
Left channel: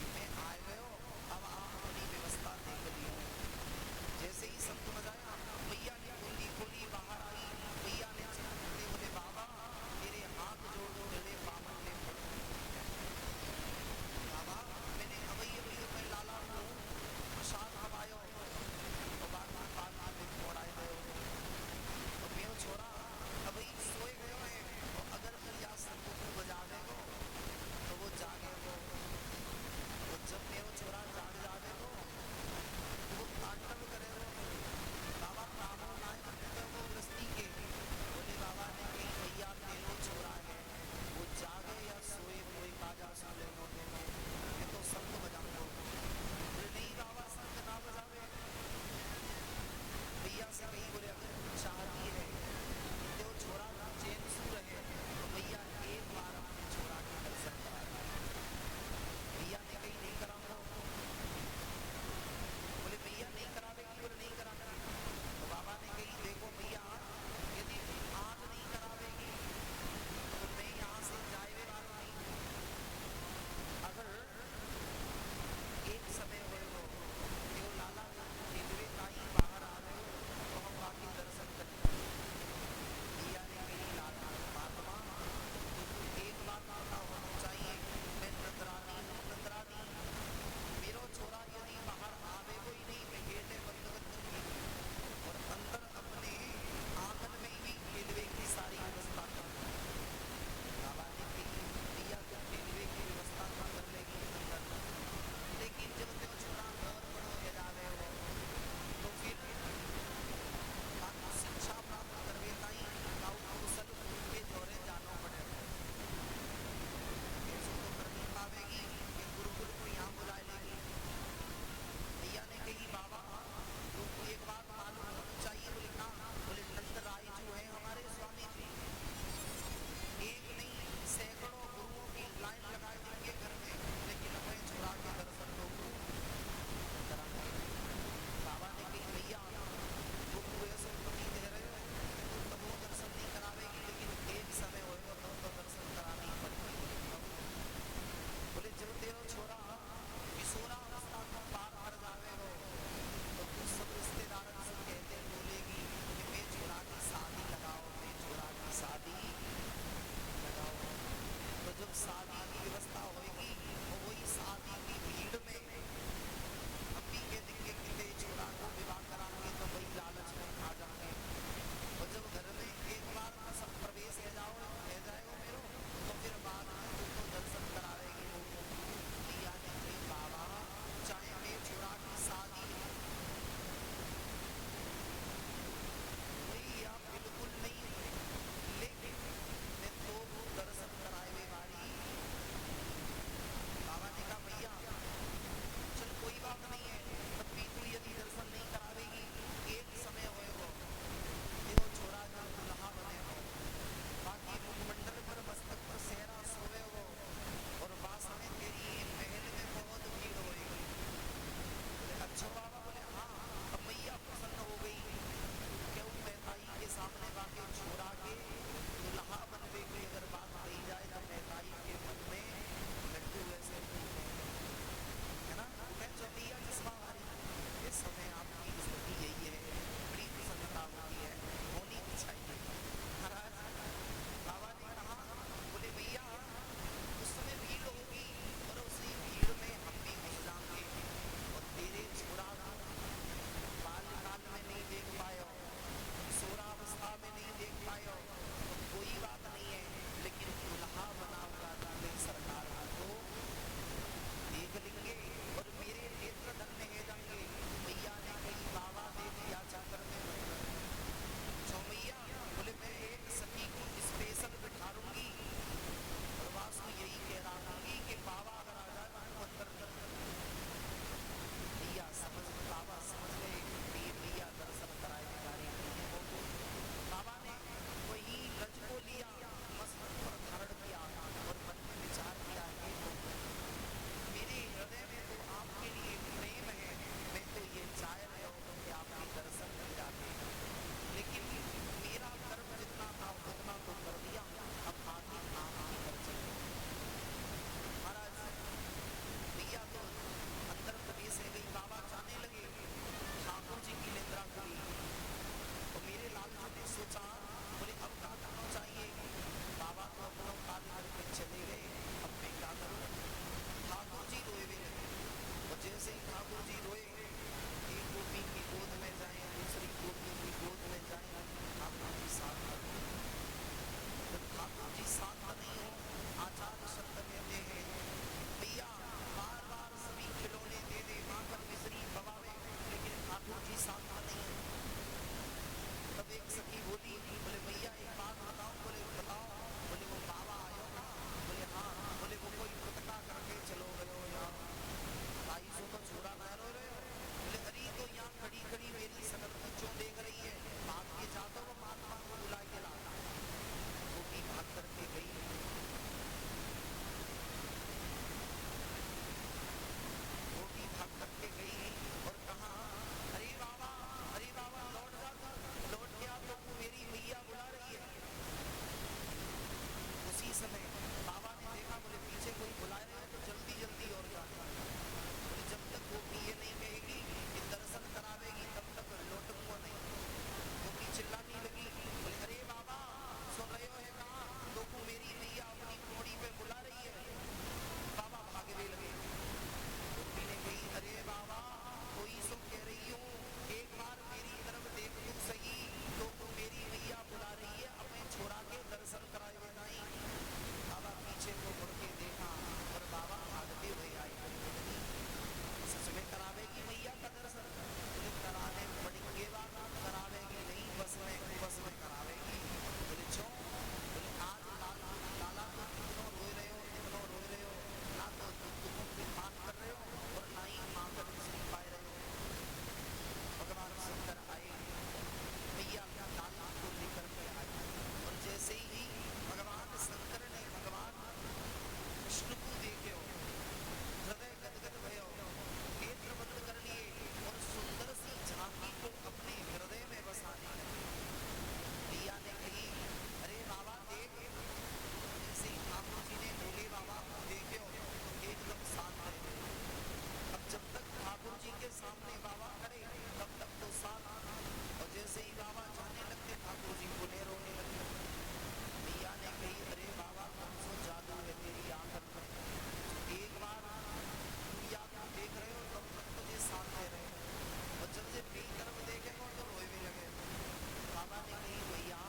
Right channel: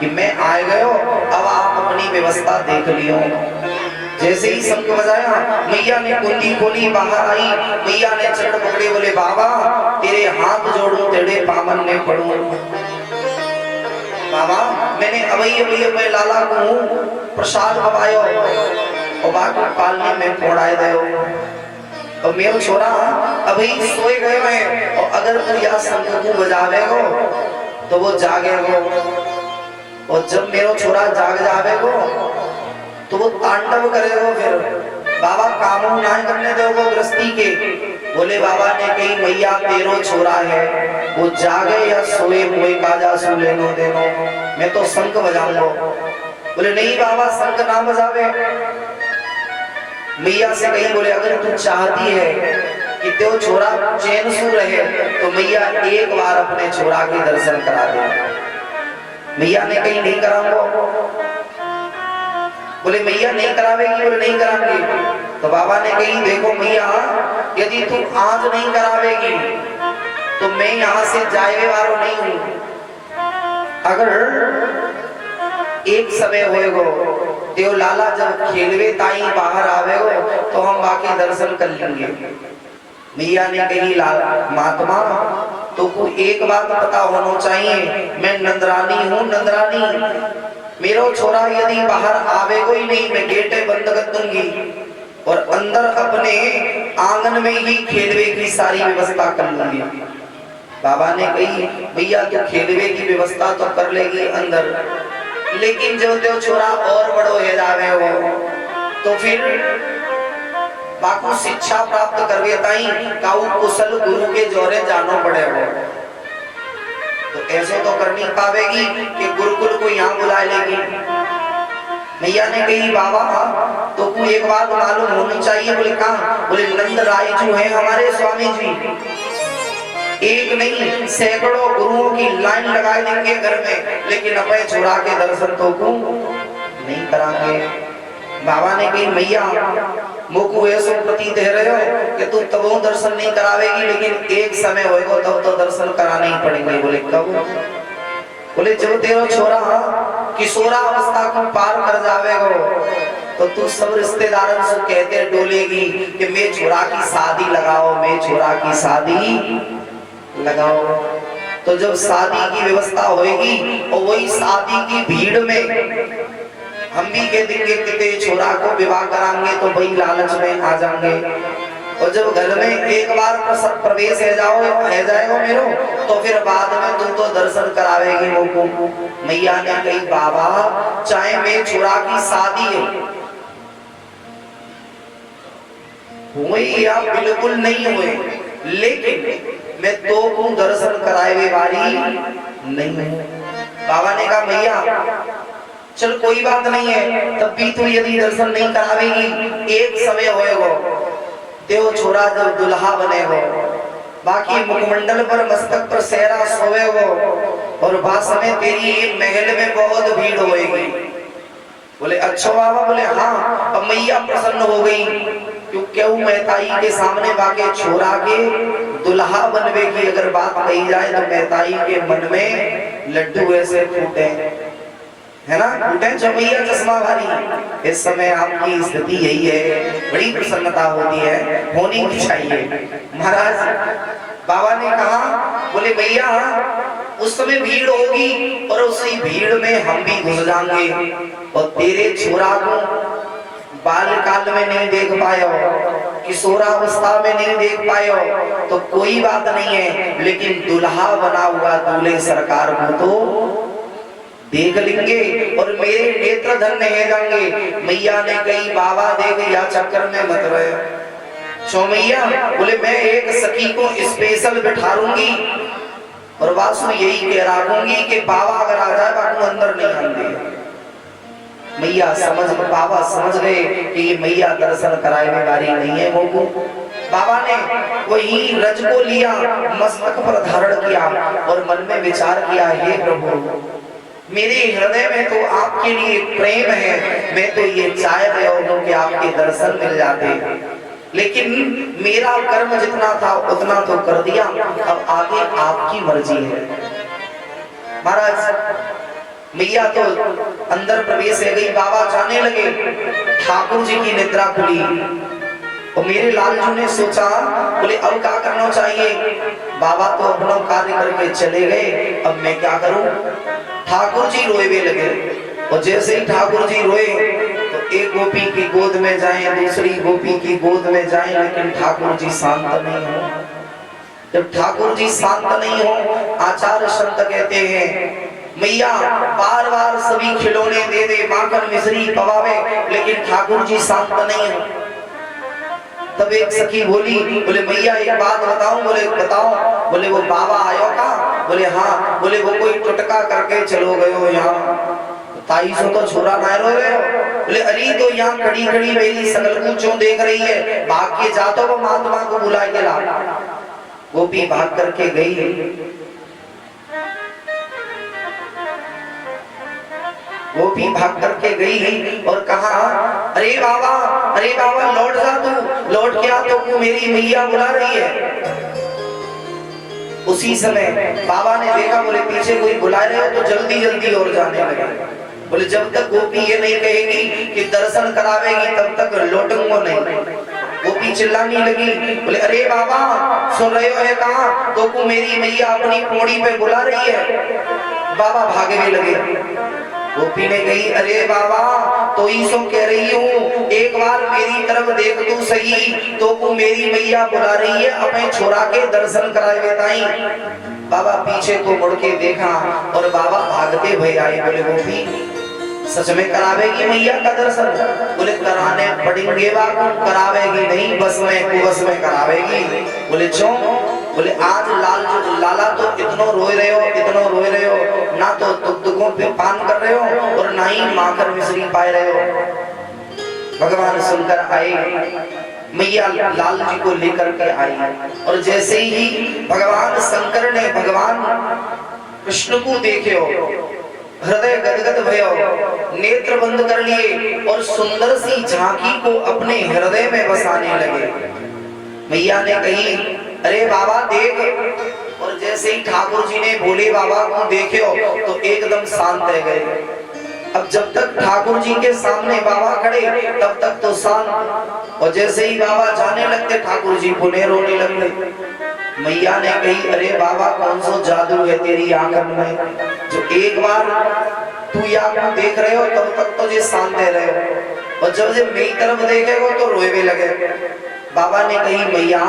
कि मैं आए गयो, अब आप अपनी व्यवस्था देख लियो। जैसे ही शंख बजाया मैया ने कुंडी खोली, बाहर आई। मैया ने चरण पकड़े, बोले बाबा तेरे हाथ जोड़ू तेरे पावन ने पड़ू। बाबा मैंने अभी अपने लाला को प्रसाद पवायो और बाकी पालने में फोड़ाए दे, और मेरे छोरा अभी सोए गए हैं, और अगर तू या शंख को बजावेगो तो वो जागेगो, और जब मेरा छोरा जाग जावेगो तो वो तांडव करेगो। फिर बाबा कामों ना करने दोगो गृहस्थी के। बोले बाबा ने कही मैया तेरो छोरा है वो जागे या सोए मोए काजा सु लेनो देनो, मैं तो शंख बजाऊंगा। बोले नहीं बाबा शंख ना बजावे। मैया से कही बोले अगर तू चाहती है कि तेरा छोरा चैन सु रहे तो मैया एक बार अपने छोरा के दर्शन करा दे। मैया ने कही नहीं कराऊंगा। बोले मैया नहीं करावेगी? बोले नहीं करावेगी। तो बाबा ने कही देखो मैया यदि तू आज नहीं करावेगी तो मैं यहाँ से जाए वालों नहीं हूँ। अगर एक समय होएगो देव लाला जब खेलवे ताई बाहर आवे हो तो हम बाकी दर्शन कर लेंगे। मैया ने कही लाला महात्मा तो को एक बात पता होना चाहिए, मैं नंदरानी हूँ, नंदरानी। मेरो छोरा यदि बाहर आवे कोई नहीं, मैं गेटे बंद कर दूंगी और अंदर अपने आंगन में ही खेलवे की सारी व्यवस्था कर लूंगी। बाबा ने कही भैया तो खेलवे की व्यवस्था तो कर लेगी अंदर, लेकिन जो त्यो छोरा और बड़ो हो जावे हो तो फिर बाकू शिक्षा प्राप्त करवे ताई काऊ कुशल गुरु के जोरे जानो पड़े हो। तो ऐसे तो कर नहीं पावेगी कि गुरुकुल को यहाँ बुला लेगी। मैया ने कही बाबा तो को एक बात मालूम होनी चाहिए। बोले कहाँ? बोले नंद राय जो है हमारे स्वामी जी, एक नहीं सैकड़ों गुरुओं की लाइन लगा देंगे घर में, लेकिन अपने छोरा के दर्शन तो को नहीं करांगे। बाबा ने कही मैया मुझको ऐसा प्रतीत दे रहे हो कि तू तब दर्शन नहीं करावेगी, लेकिन एक समय होएगा तब तो दर्शन कराने ही पड़ेंगे। बोले कब? बोले जब तेरा छोरा किशोरा अवस्था को पार कर जावेगा तो तू सब रिश्तेदारों से कहते डोलेगी कि मैं छोरा की शादी लगाओ, मैं छोरा की शादी लगाओ। तो जब शादी की व्यवस्था होएगी और वही शादी की भीड़ में हम भी कह देंगे कि छोरा को विवाह कराएंगे तो वही लालच में आ जाएंगे। और जब घर में एक बार प्रवेश है जाएगा मेरो तो फिर बाद में तू तो दर्शन करावेगी वो। मैया ने कही बाबा चाहे मैं छोरा की शादी हुई या बिल्कुल नहीं हुई, लेकिन मैं तो को दर्शन कराए वाली नहीं हूँ। बाबा ने कहा मैया चल कोई बात नहीं है, तब भी तू यदि दर्शन नहीं करावेगी एक समय होएगा देव छोरा जब दुल्हा बनेगो, बाकी मुखमंडल पर मस्तक पर सेहरा सोएगो और भाष में तेरी महल में बहुत भीड़ होएगी। बोले अच्छा बाबा? बोले हाँ। अब मैया प्रसन्न हो गई क्यों महताई के सामने बाके छोरा के दुल्हा बनवे की अगर बात कही जाए तो महताई के मन में लड्डू ऐसे फूटे है ना, फूटे जो मैया चश्मा भारी। इस समय आपकी स्थिति यही है, बड़ी प्रसन्नता होती है, होनी भी चाहिए। महाराज बाबा ने कहा बोले भैया उस समय भीड़ होगी और उसी भीड़ में हम भी घुस जाएंगे और तेरे छोरा को बालकाल में नहीं देख पायो, किशोरावस्था में नहीं देख पायो तो कोई बात नहीं है, लेकिन दुल्हा बना हुआ दूल्हे सरकार को तो देख लेंगे और मेरे नेत्र धन्य है जाएंगे। मैया ने कही बाबा देख या चक्कर में मत रहे। सो मैया बोले मैं एक सखी को स्पेशल बिठाऊंगी और वासु यही कह रखूंगी कि बाबा अगर आ जाए बाबू अंदर नहीं आएंगे। मैया बाबा समझ गए कि ये मैया दर्शन कराने वाली नहीं है। वो बाबा ने वही रज को लिया, मस्तक पर धारण किया और मन में विचार किया हे प्रभु मेरे हृदय में तो आपके लिए प्रेम है, मैं तो ये चाह रहा हूं कि आपके दर्शन मिल जाते, लेकिन मेरा कर्म जितना था उतना तो कर दिया, अब आगे आपकी मर्जी है। महाराज मैया तो अंदर प्रवेश है गई, बाबा जाने लगे, ठाकुर जी की निद्रा खुली और मेरे लालजू ने सोचा बोले अब क्या करना चाहिए। बाबा तो अपना कार्य करके चले गए, अब मैं क्या करूं। ठाकुर जी रोए लगे और जैसे ही ठाकुर जी रोए तो एक गोपी की गोद में जाएं, दूसरी गोपी की गोद में जाएं, लेकिन ठाकुर जी शांत नहीं हो। जब ठाकुर जी शांत नहीं हो, आचार्य संत कहते हैं मैया बार बार सभी खिलौने दे दे, माखन मिश्री पवावे, लेकिन ठाकुर जी शांत नहीं हो। तब एक सखी बोली बोले मैया एक बात बताऊं। बोले बताओ। बोले वो बाबा आयो का? बोले हाँ। बोले वो कोई टुटका करके चलो गयो यहाँ, ताई सो तो छोरा ना रो रहे हो। बोले अली तो यहाँ खड़ी खड़ी मेरी सकल को क्यों देख रही है, भाग के जा तो वो महात्मा को बुला के ला। वो भी भाग करके गई, वो भी भाग करके गई और कहा अरे बाबा लौट जा, तू लौट के आ, तो मेरी मैया बुला रही है। उसी समय बाबा ने देखा, बोले पीछे कोई बुला रहे हो तो जल्दी जल्दी और जाने लगे। बोले जब तक गोपी ये नहीं कहेगी कि दर्शन करावेगी तब तक लौटूंगा नहीं। गोपी चिल्लाने लगी, बोले अरे बाबा सुन रहे हो है कहा, तो को मेरी मैया अपनी कोड़ी पे बुला रही है। बाबा भागने लगे। गोपी ने कही अरे बाबा तो ही सो कह रही हूँ, एक बार मेरी तरफ देख तू सही, तो को मेरी मैया बुला रही है, अपने छोरा के दर्शन कराए बताई। बाबा पीछे को मुड़ के देखा और बाबा भागते भय आए। बोले गोपी सच में करावेगी मैया का दर्शन? बोले कराने पड़ेंगे बाबू, करावेगी नहीं बस में कुबस में करावेगी। बोले क्यों? बोले आज लाला तो इतनो रोए रहे हो, इतनो रोए रहे हो, ना तो दुखों पे पान कर रहे हो और ना ही माखन मिश्री पाए रहे हो। भगवान सुनकर आए, मैया लाल जी को लेकर के आई और जैसे ही भगवान शंकर ने भगवान कृष्ण को देखे हो, हृदय गदगद भयो, नेत्र बंद कर लिए और सुंदर सी झांकी को अपने हृदय में बसाने लगे। मैया ने कही अरे बाबा देख, और जैसे ही ठाकुर जी ने भोले बाबा को देखे हो तो एकदम शांत रह गए। अब जब तक ठाकुर जी के सामने बाबा खड़े तब तक तो शांत, और जैसे ही बाबा जाने लगते ठाकुर जी पुनः रोने लगते। मैया ने कही अरे बाबा कौन सा जादू है तेरी आंखन में, जो एक बार तू यहाँ देख रहे हो तब तक तो ये शांत रहे हो, और जब ये मेरी तरफ देखेगो तो रोए भी लगे। बाबा ने कही मैया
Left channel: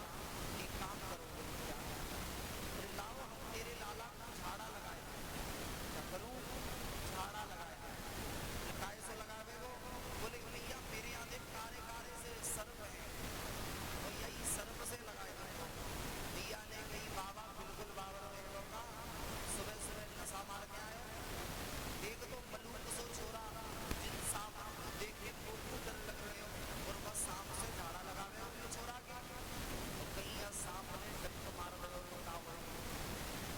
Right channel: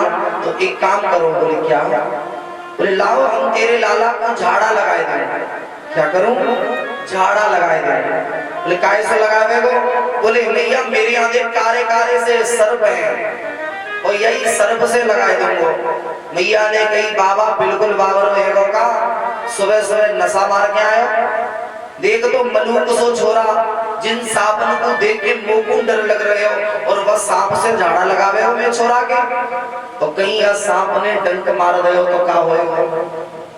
तो एक काम करो। बोले क्या? बोले लाओ हम तेरे लाला को झाड़ा लगाए दें। क्या करूं? झाड़ा लगाए दें। बोले काहे से लगावे गो? बोले मैया मेरे यहाँ देख कारे कारे से सर्प है और यही सर्प से लगाए दूंगा। मैया ने कही बाबा बिल्कुल बाबर रहेगा का, सुबह सुबह नशा मार के आयो, देख तो मलूक सो छोरा, जिन सांपन को देख के मुंह को डर लग रहे हो और बस सांप से झाड़ा लगावे हो मैं छोरा के, तो कहीं यह सांप ने डंक मार दे हो तो क्या होएगा?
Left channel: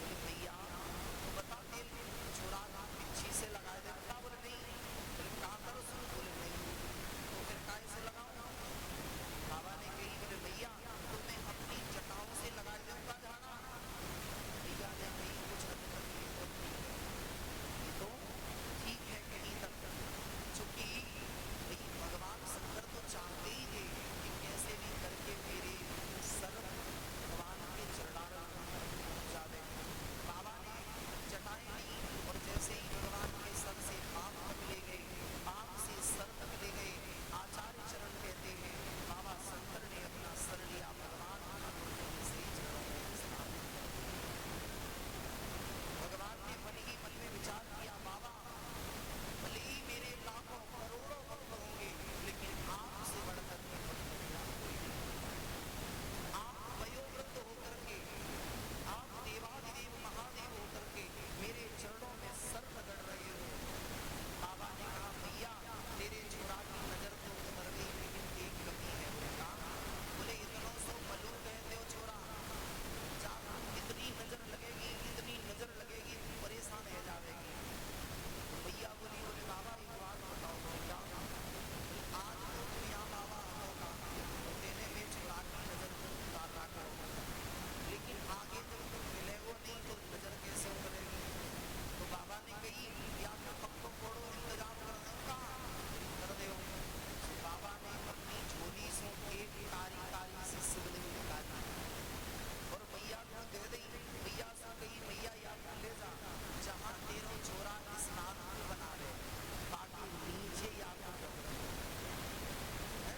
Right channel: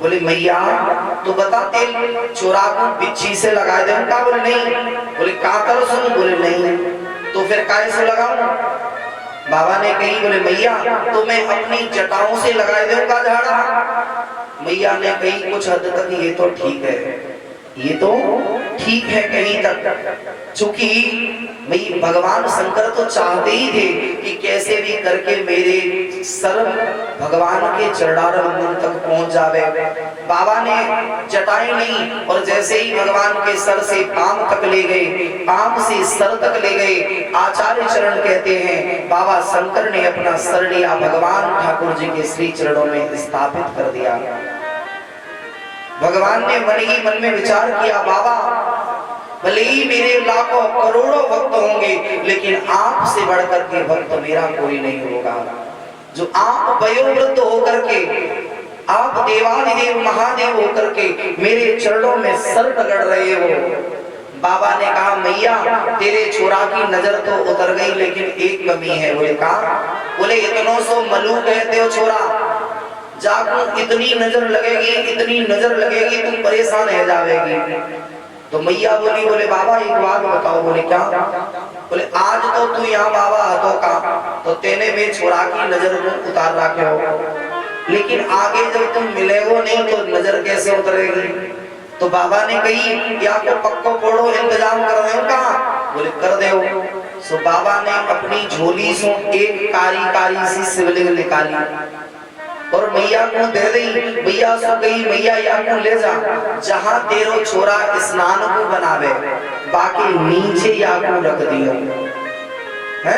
बोले मैया तो बता तेल छोरा को बिच्छी से लगा दे का? बोले नहीं। बोले कातर सुन? बोले नहीं। तो फिर काय से लगाऊं? बाबा ने कही बोले मैया तो मैं अपनी जटाओं से लगा दूंगा झाड़ा। मैया ने कही कुछ हद तक ये तो ठीक है, ये तो ठीक है कहीं तक, चूंकि भगवान शंकर तो चाहते ही थे कि कैसे भी करके मेरे सर भगवान के चरणारविंद तक पहुंच जावे। बाबा ने जटाएं नहीं और जैसे ही भगवान के सर से पांव तक ले गए, पांव से सर तक ले गए, आचार्य चरण कहते हैं बाबा शंकर ने अपना सर लिया, भगवान ठाकुर जी के श्री चरणों में स्थापित कर दिया। भगवान ने मन ही मन में विचार किया बाबा भले ही मेरे लाखों करोड़ों भक्त होंगे लेकिन आपसे बढ़कर के भक्त मेरा कोई नहीं होगा। जो आप वयोवृद्ध होकर के, आप देवादिदेव महादेव होकर के मेरे चरणों में सर रगड़ रहे हो। बाबा ने कहा मैया तेरे छोरा की नजर तो उतर गई लेकिन एक कमी है। बोले कहा? बोले इतनों सो मलू कहते हो छोरा, जाको इतनी नजर लगेगी, इतनी नजर लगेगी तुम परेशान हो जाएगी। तो मैया बोली बोले बाबा एक बात बताओ। बोले क्या? बोले आज तो तू यहाँ बाबा हाथों का तो तेने में छोरा की नजर को उतार रखे हो, लेकिन आगे जब तुम मिलेगो नहीं तो नजर कैसे उतरेगी? तो बाबा ने कही या को पक्को फोड़ो इंतजाम कर रहे हो कहा? बोले कर दो। सो बाबा ने अपनी झोली से एक कारी कारी सी शिवलिंग निकाली और मैया को दे दी। मैया सो गई मैया या को ले जा, जहां तेरो छोरा स्नान को बनावे बाकी नीचे या को रख दियो है,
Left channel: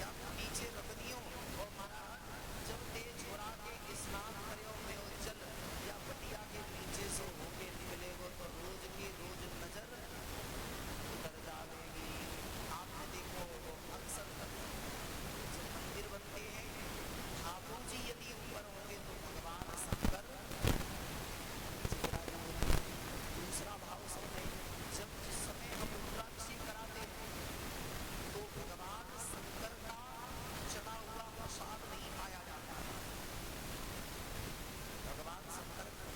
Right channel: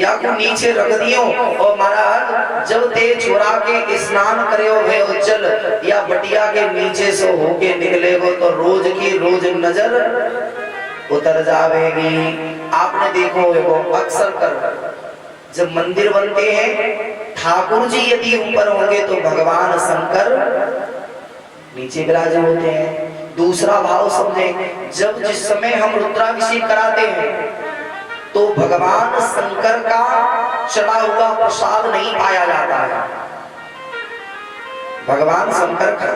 या को नीचे रख दियो। और महाराज जब ते छोरा के स्नान करे हुए उज्जल या बटिया के नीचे से होके निकलेगो तो रोज की रोज नजर उतर जावेगी। आपने देखो वो अक्सर कर जब मंदिर बनते हैं ठाकुर जी यदि ऊपर होंगे तो भगवान शंकर नीचे विराजे होते हैं। दूसरा भाव समझे, जब जिस समय हम रुद्राभिषेक कराते हैं तो भगवान शंकर का चढ़ा हुआ प्रसाद नहीं पाया जाता है, भगवान शंकर का।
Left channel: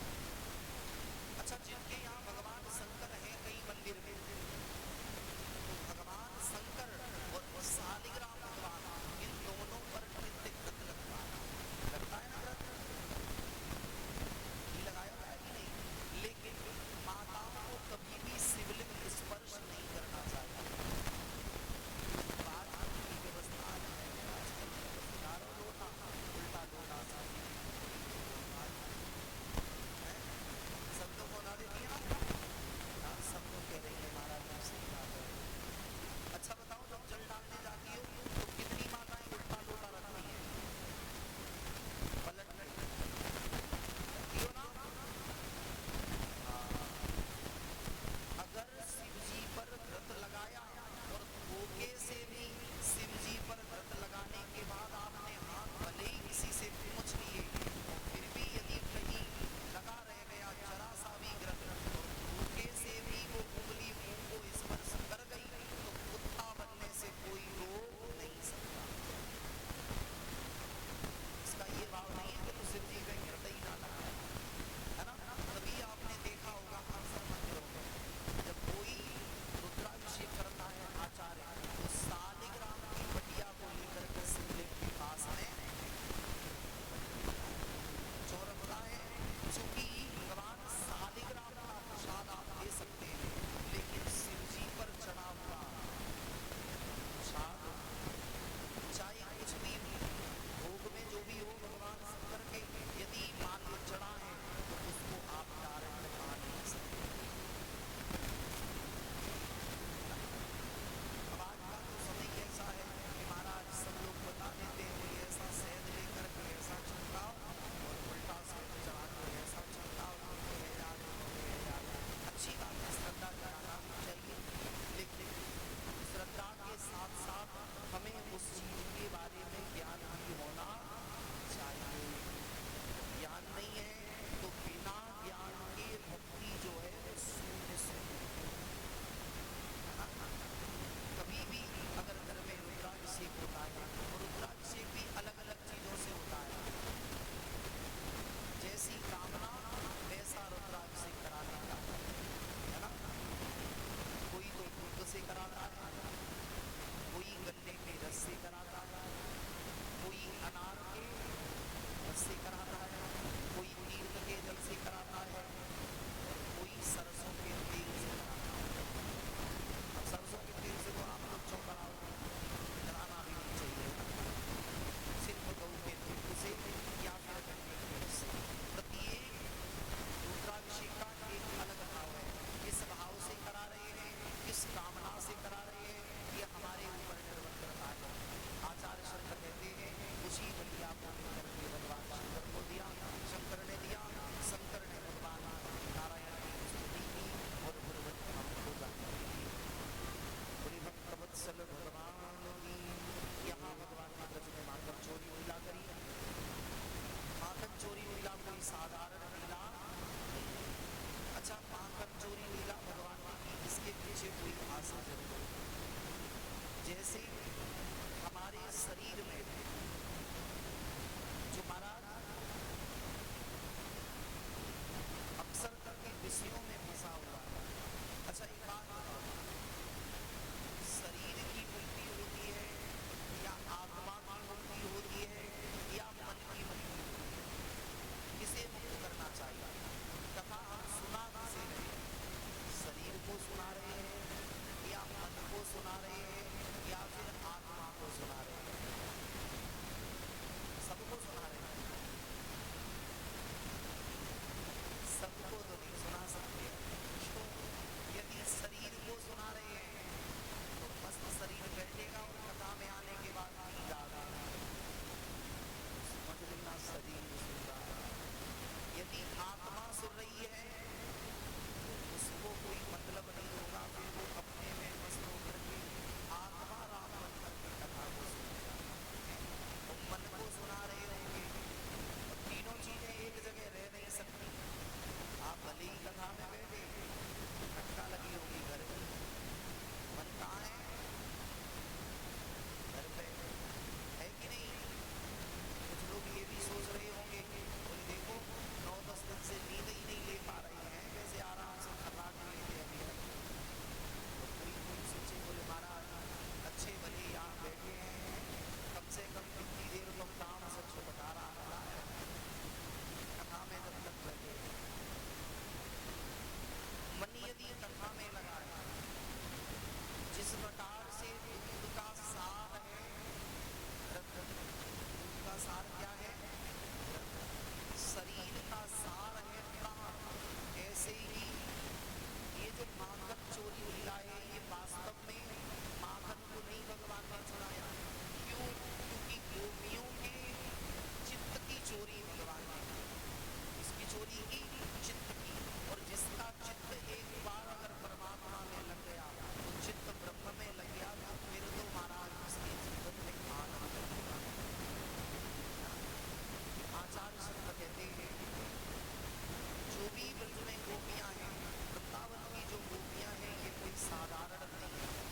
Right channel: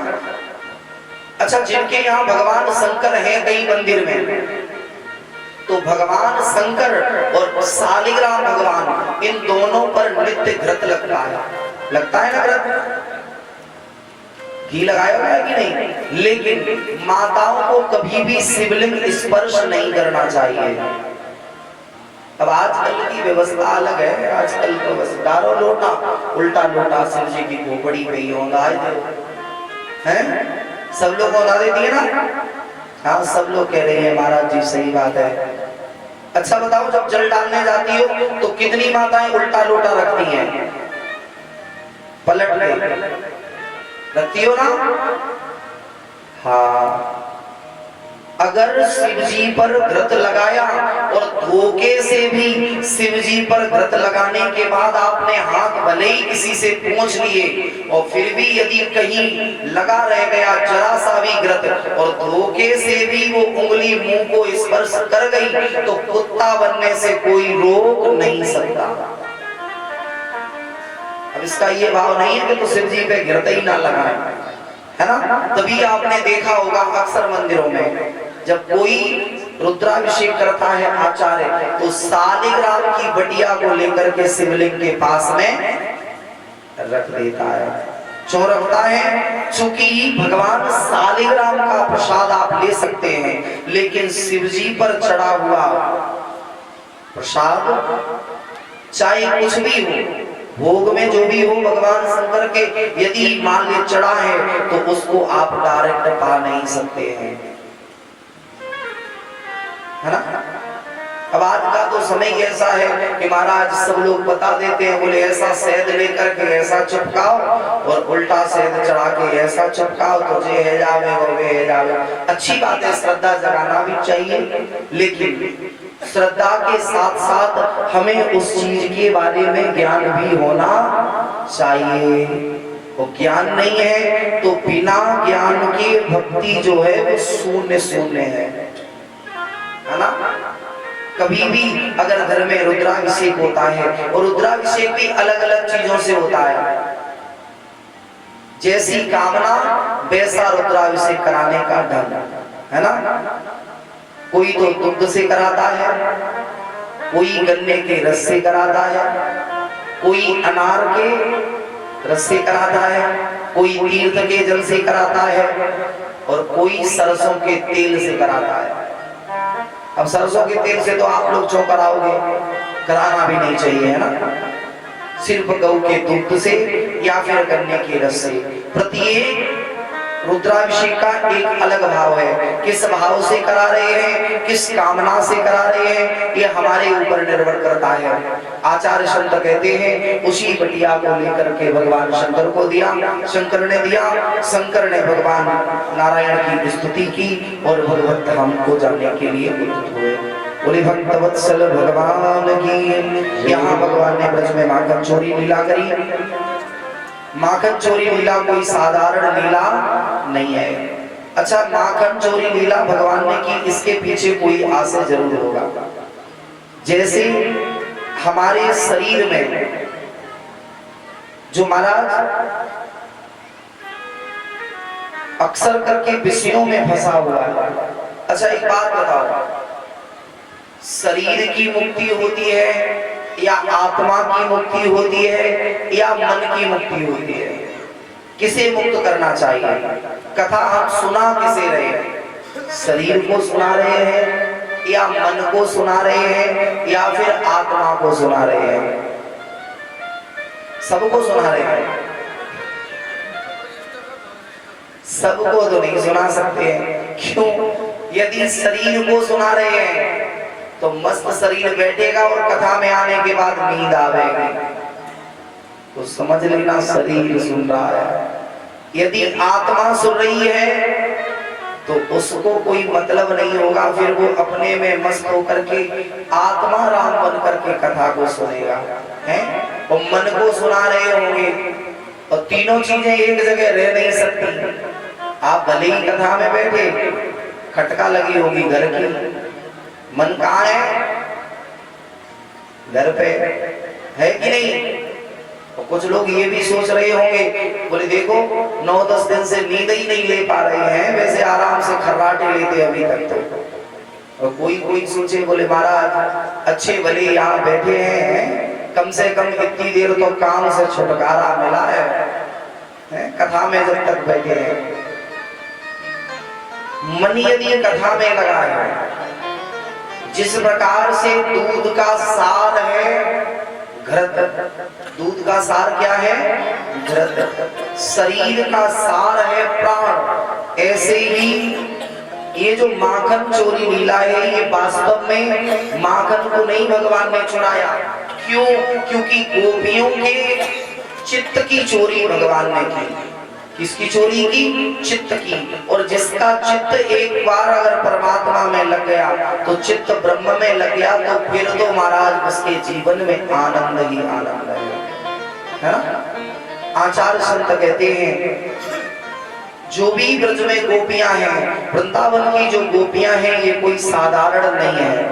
अच्छा जिनके यहाँ भगवान शंकर हैं कई मंदिर में तो भगवान शंकर और शालिग्राम भगवान इन दोनों पर नित्य घृत लगता है ना घृत? घी लगाया हुआ है कि नहीं, लेकिन माताओं को कभी भी शिवलिंग स्पर्श नहीं करना चाहिए। अब आजकल की व्यवस्था अलग है, आजकल तो बस डारो लोटा, उल्टा लोटा शिव जी की खोपड़ी पे ही होगा है, सब लोग होना देती है ना। हाँ, सब लोग कह रहे हैं महाराज जी सही बात है। अच्छा बताओ, जब जल डालने जाती हो तो कितनी माताएं उल्टा लोटा रखती हैं, पलट के रखती हो ना। हाँ, अगर शिव जी पर व्रत लगाया और धोखे से भी शिव जी पर व्रत लगाने के बाद आपने हाथ भले ही किसी से पूछ लिए और फिर भी यदि कहीं लगा रह गया जरा सा भी व्रत और धोखे से भी वो उंगली मुंह को स्पर्श कर गई तो कुत्ता बनने से कोई रोक नहीं सकता। अब इसका ये भाव नहीं है कि तो शिव जी पे गिरते ही ना लगाए, है ना। तभी आपने देखा होगा अक्सर मंदिरों में जब कोई रुद्राभिषेक करता है आचार्य तो सालिग्राम की बटिया को लेकर के शिवलिंग के पास में रख देता है। क्यों रखता है? चूंकि भगवान सालिग्राम का प्रसाद आप ले सकते हैं, लेकिन शिव जी पर चढ़ा हुआ प्रसाद चाहे कुछ भी हो, भोग में जो भी हो भगवान शंकर के यदि मान ले चढ़ा है तो उसको आप डायरेक्ट पा नहीं सकते हैं, है ना। अब आज का तो समय ऐसा है कि महाराज सब लोग बता देते हैं, बोले ऐसा शहद लेकर के ऐसा चिपकाओ और उल्टा शहद चढ़ा के ऐसा चिपकाओ तो जे है जावे वो वे है जावे। अच्छी बात है, श्रद्धा जगाना भी चाहिए, लेकिन श्रद्धा के साथ साथ हमें उस चीज के बारे में ज्ञान भी होना चाहिए। वो ज्ञान नहीं है तो बिना ज्ञान के भक्ति जो है वो शून्य शून्य है ना। कभी भी अगर घर में रुद्राभिषेक होता है और रुद्राभिषेक भी अलग अलग चीजों से होता है, जैसी कामना वैसा रुद्राभिषेक कराने का ढंग, है ना। कोई तो दुग्ध से कराता है, कोई गन्ने के रस से कराता है, कोई अनार के रस से कराता है, कोई तीर्थ के जल से कराता है और कोई सरसों के तेल से कराता है। अब सरसों के तेल से तो आप लोग क्यों कराओगे, कराना भी नहीं चाहिए, है ना। सिर्फ गौ के दूध से या फिर गन्ने के रस से। प्रत्येक रुद्राभिषेक का एक अलग भाव है, किस भाव से करा रहे हैं, किस कामना से करा रहे हैं, ये हमारे ऊपर निर्भर करता है। आचार्य संत कहते हैं उसी बटिया को लेकर के भगवान शंकर को दिया, शंकर ने दिया, शंकर ने भगवान नारायण की स्तुति की और भगवत धाम को जाने के लिए उद्युक्त हुए। बोले भक्तवत्सल भगवान की। यहाँ भगवान ने ब्रज में माखन चोरी लीला करी। माखन चोरी लीला कोई साधारण लीला नहीं है। अच्छा, माखन चोरी लीला भगवान ने की, इसके पीछे कोई आशय जरूर होगा। जैसे हमारे शरीर में जो महाराज अक्सर करके विषयों में फंसा हुआ है। अच्छा एक बात बताओ, शरीर की मुक्ति होती है या आत्मा की मुक्ति होती है या मन की मुक्ति होती है? किसे मुक्त करना चाहिए? कथा हम सुना किसे रहे हैं? शरीर को सुना रहे हैं या मन को सुना रहे हैं या फिर आत्मा को सुना रहे हैं? सबको सुना रहे हैं। सबको तो नहीं सुना सकते हैं। क्यों? यदि शरीर को सुना रहे हैं तो मस्त शरीर बैठेगा और कथा में आने के बाद नींद आवेगी, तो समझ लेना शरीर सुन रहा है। यदि आत्मा सुन रही है तो उसको कोई मतलब नहीं होगा, फिर वो अपने में मस्त होकर के आत्मा राम बन करके कथा को सुनेगा, है। और मन को सुना रहे होंगे और तीनों चीजें एक जगह रह नहीं सकती। आप भले ही कथा में बैठे, खटका लगी होगी घर की, मन कहाँ है? घर पे है कि नहीं? और कुछ लोग ये भी सोच रहे होंगे, बोले देखो 9-10 दिन से नींद ही नहीं ले पा रहे हैं, वैसे आराम से खर्राटे लेते अभी तक तो। और कोई सोचे, बोले महाराज अच्छे भले यहाँ बैठे हैं, कम से कम इतनी देर तो काम से छुटकारा मिला है, कथा में जब तक बैठे हैं, मन यदि कथा में लगा है, जिस प्रकार से दूध का सार है घृत, दूध का सार क्या है? घृत। शरीर का सार है प्राण। ऐसे ही ये जो माखन चोरी लीला है, ये वास्तव में माखन को नहीं भगवान ने चुराया। क्यों? क्योंकि गोपियों के चित्त की चोरी भगवान ने की। किसकी चोरी की? चित्त की। और जिसका चित्त एक बार अगर परमात्मा में लग गया तो चित्त ब्रह्म में लग गया, तो फिर तो महाराज उसके जीवन में आनंद ही आनंद है ना? आचार्य संत कहते हैं जो भी ब्रज में गोपियां हैं, वृंदावन की जो गोपियां हैं, ये कोई साधारण नहीं है।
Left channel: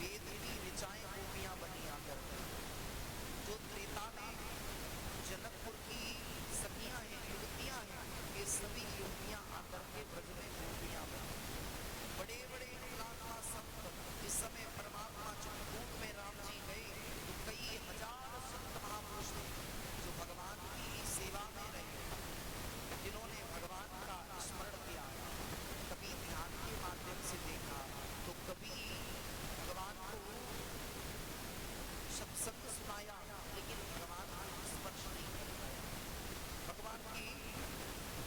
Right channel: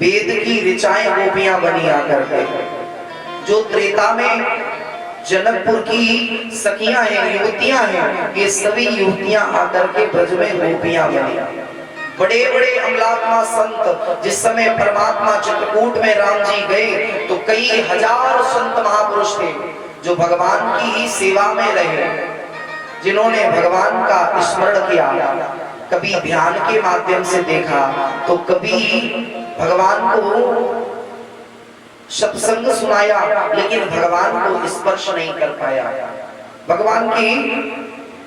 वेद की ऋचाएं गोपियां बनी आकर के। जो त्रेता में जनकपुर की सखियां हैं, युवतियां हैं, ये सभी युवतियां आकर के ब्रज में गोपियां बनी। बड़े बड़े अमलात्मा संत, जिस समय परमात्मा चित्रकूट में राम जी गए तो कई हजार संत महापुरुष थे जो भगवान की ही सेवा में रहे, जिन्होंने भगवान का स्मरण किया, कभी ध्यान के माध्यम से देखा तो कभी भगवान को सत्संग सुनाया, लेकिन भगवान को स्पर्श नहीं कर पाया। भगवान की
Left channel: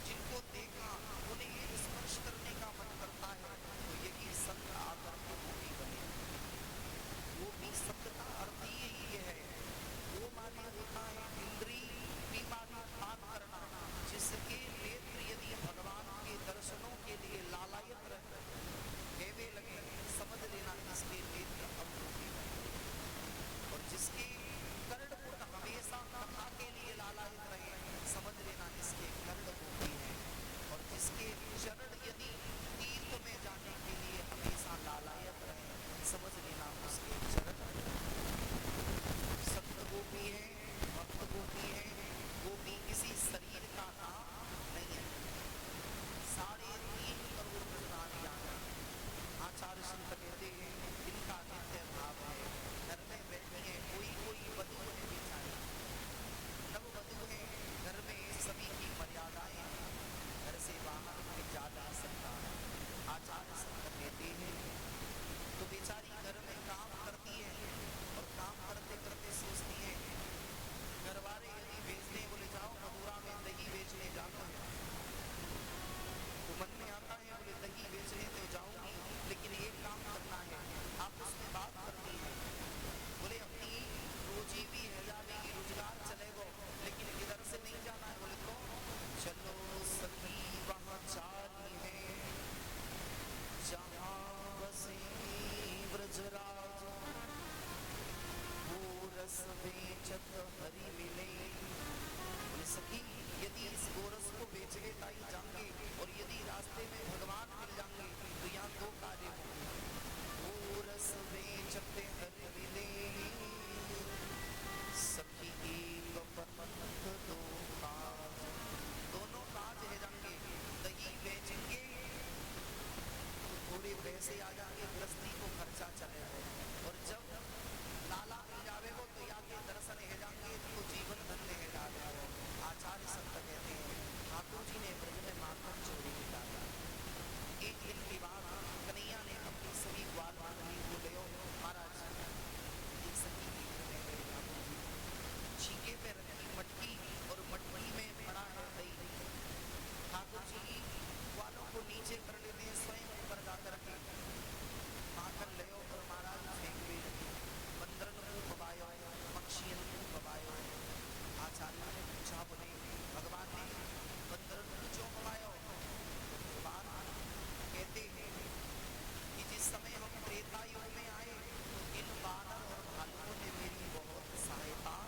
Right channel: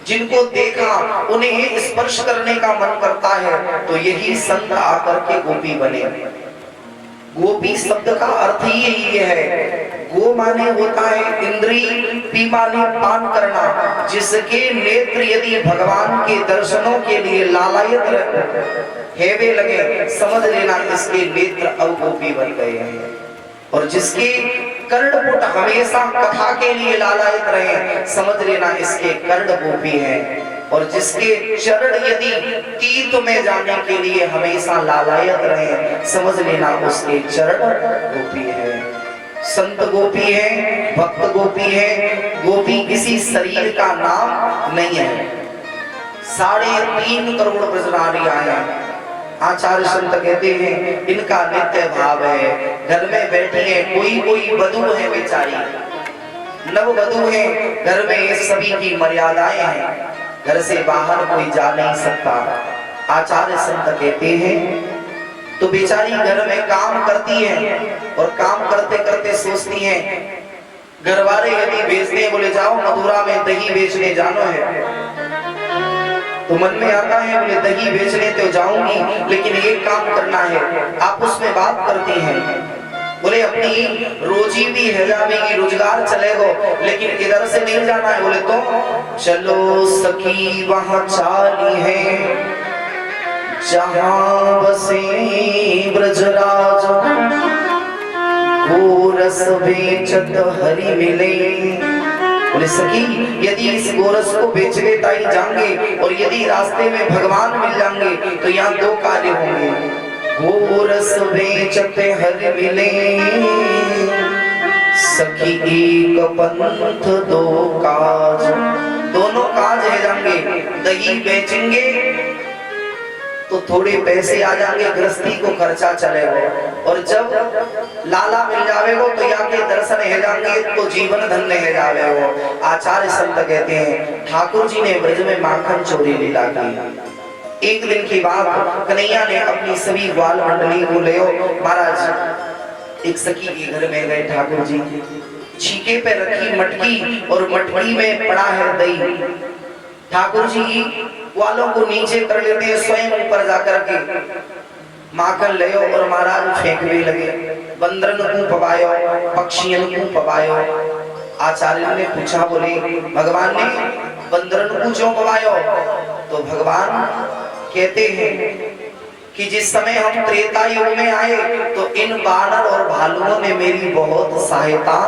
जिनको देखा उन्हें स्पर्श करने का मन करता है, तो यही संत आकर के गोपी बने। गोपी शब्द का अर्थ ही यही है। गो माने होता है इंद्री, पी माने पान करना। जिसके नेत्र यदि भगवान के दर्शनों के लिए लालायित हेवे लगे, समझ लेना इसके नेत्र अब गोपी बन गए हैं। और जिसके कर्णपुट हमेशा कथा के लिए लालायित रहे, समझ लेना इसके कर्ण गोपी हैं। और जिसके चरण यदि तीर्थ में जाने के लिए हमेशा लालायित रहे, समझ लेना उसके चरण गोपी है। संत गोपी है, भक्त गोपी है। गोपी किसी शरीर का नाम नहीं है। 3.5 करोड़ ब्रजनारियां हैं। आचार्य संत कहते हैं इनका नित्य भाव है। घर में बैठी है, कोई वधू है बेचारी, नव वधू है, घर में सभी की मर्यादाएं हैं, घर से बाहर कोई जा नहीं सकता। आचार्य संत कहते हैं तो बेचारी घर में काम करती है और काम करते करते सोचती है, घर वाले यदि बेचते बोले जाओ मथुरा में दही बेचने जानो है, तो मन में आता है बोले दही बेचने तो जाऊंगी, लेकिन एक काम करना है। आपस में बात करती हैं, बोले अपनी रोजी भी है जाएगी, रोजगार चलेगा, लेकिन इधर से नहीं जाना है। बोले तो चलो सखी वहां चाली है जहां बसे ब्रजराज, गोरस बेचत हरि मिले। बोले सखी यदि इस गोरस को बेचने ताई जाएंगे और यदि रास्ते में भगवान मिल जाएंगे तो यहाँ 2 कार्य होंगे। गोरस बेचते हरि मिले, सखी एक पंथ 2 काज। दोनों काज है जाएंगे। दही बेचेंगे तो थोड़े पैसे आ जाएंगे, गृहस्थी को खर्चा चलेगा, और जब लाला मिल जावेगो तो यहाँ के दर्शन है जाएंगे तो जीवन धन्य है जावेगो। आचार्य संत कहते हैं ठाकुर जी ने ब्रज में माखन चोरी लीला की। एक दिन की बात, कन्हैया ने अपनी सभी ग्वाल मंडली को ले महाराज एक सखी के घर में गए। ठाकुर जी छीके पे रखी मटकी और मटकी में पड़ा है दही। ठाकुर जी ग्वालों को नीचे कर लेते हैं, स्वयं ऊपर जाकर के माखन ले और महाराज फेंकने लगे। बंदरन को पवायो, पक्षियों को पवायो। आचार्य ने पूछा, बोले भगवान ने बंदरन को क्यों पवायो? तो भगवान कहते हैं कि जिस समय हम त्रेता युग में आए तो इन बानर और भालुओं ने मेरी बहुत सहायता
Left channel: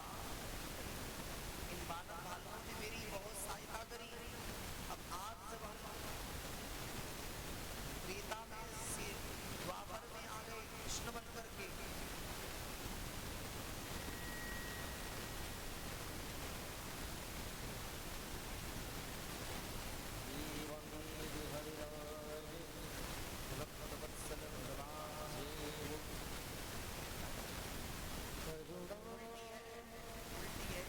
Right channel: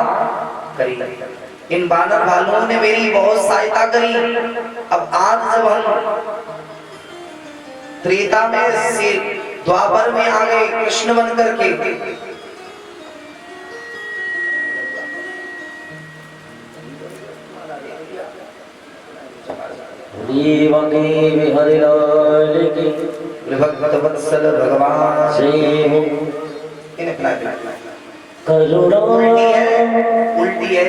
करी। इन बानर भालुओं ने मेरी बहुत सहायता करी। अब आज जब हम त्रेता में से द्वापर में आ गए कृष्ण बन करके, भक्त वत्सल भगवान करुणा उल्टी है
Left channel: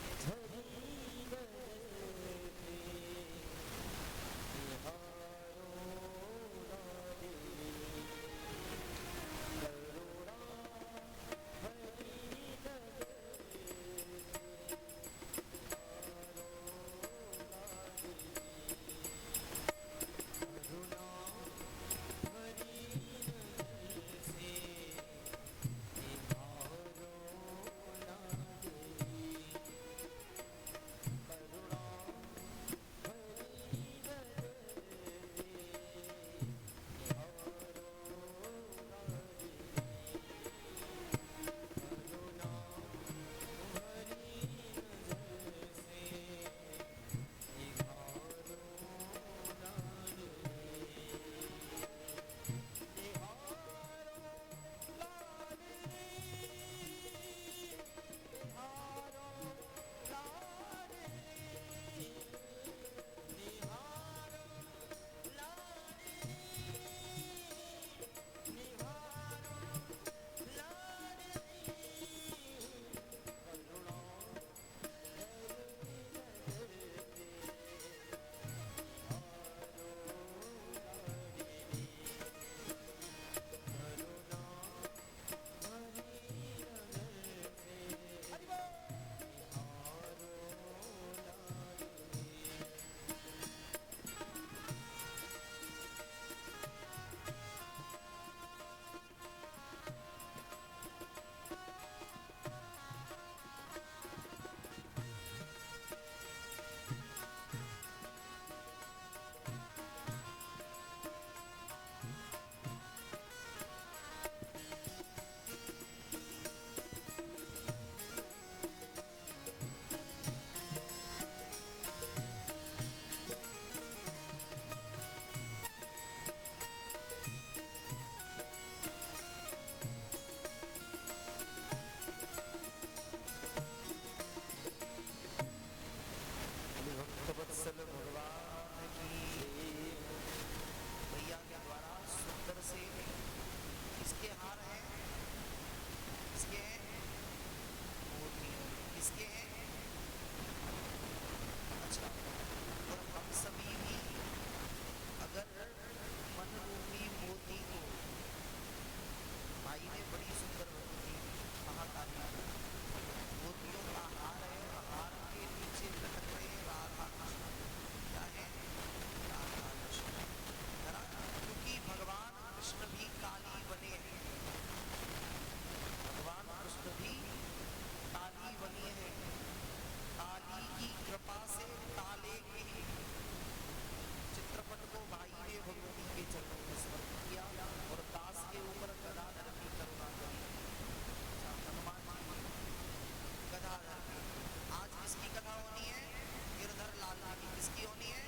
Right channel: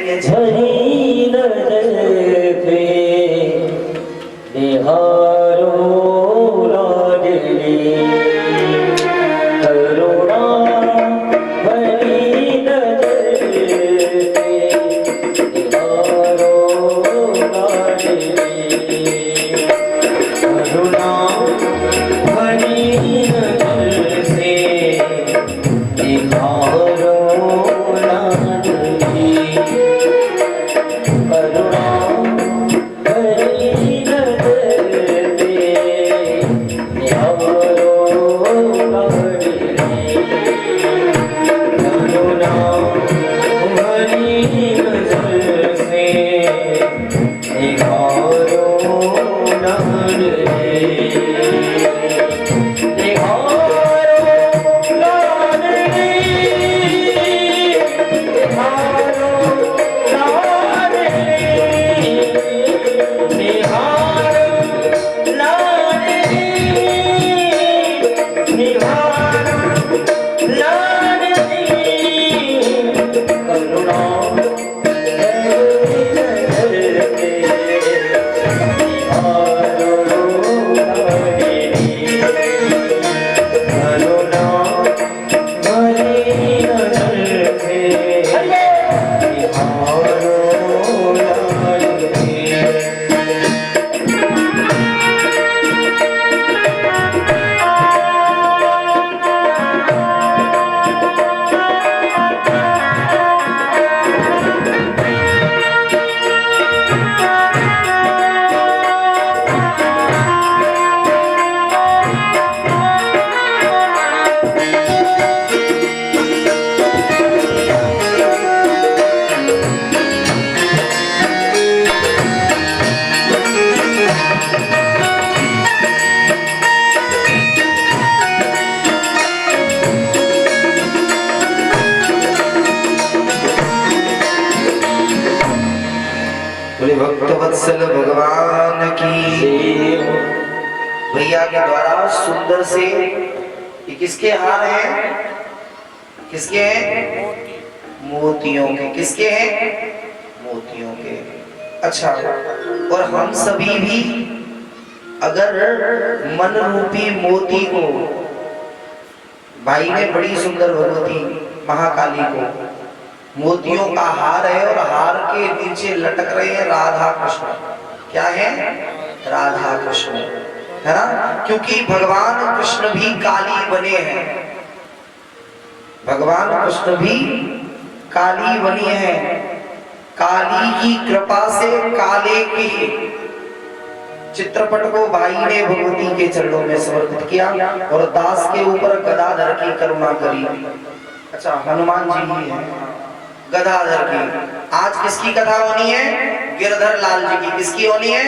वत्सल भगवान की। भैया के द्वारा सुंदर से ये किसके हार हैं? किसके हैं? मोतियों के। किसके हैं? मोतियों के। अच्छा, और हम सभी भी अगर मन रूपी मोती को, भाई ने बड़ी सुंदर भगवती महाकाली को मोतियों का हार है और हार के नीचे लटक रहे हैं राधा कृष्ण। क्या है? राधा कृष्ण, है ना? क्योंकि भगवान कृष्ण भी काली बने हैं। भगवान कृष्ण भी काली बनी है। काली की कृपा से काले की चित्रपट को भाई ने भगवती के चरणों में समर्पित किया और दास के ऊपर गदाधर की करुणा करी। अच्छा, हनुमान जी ही है गदाधर की। आज किसकी कथा होनी है? गिरधर लाल जी की। किसकी होनी है?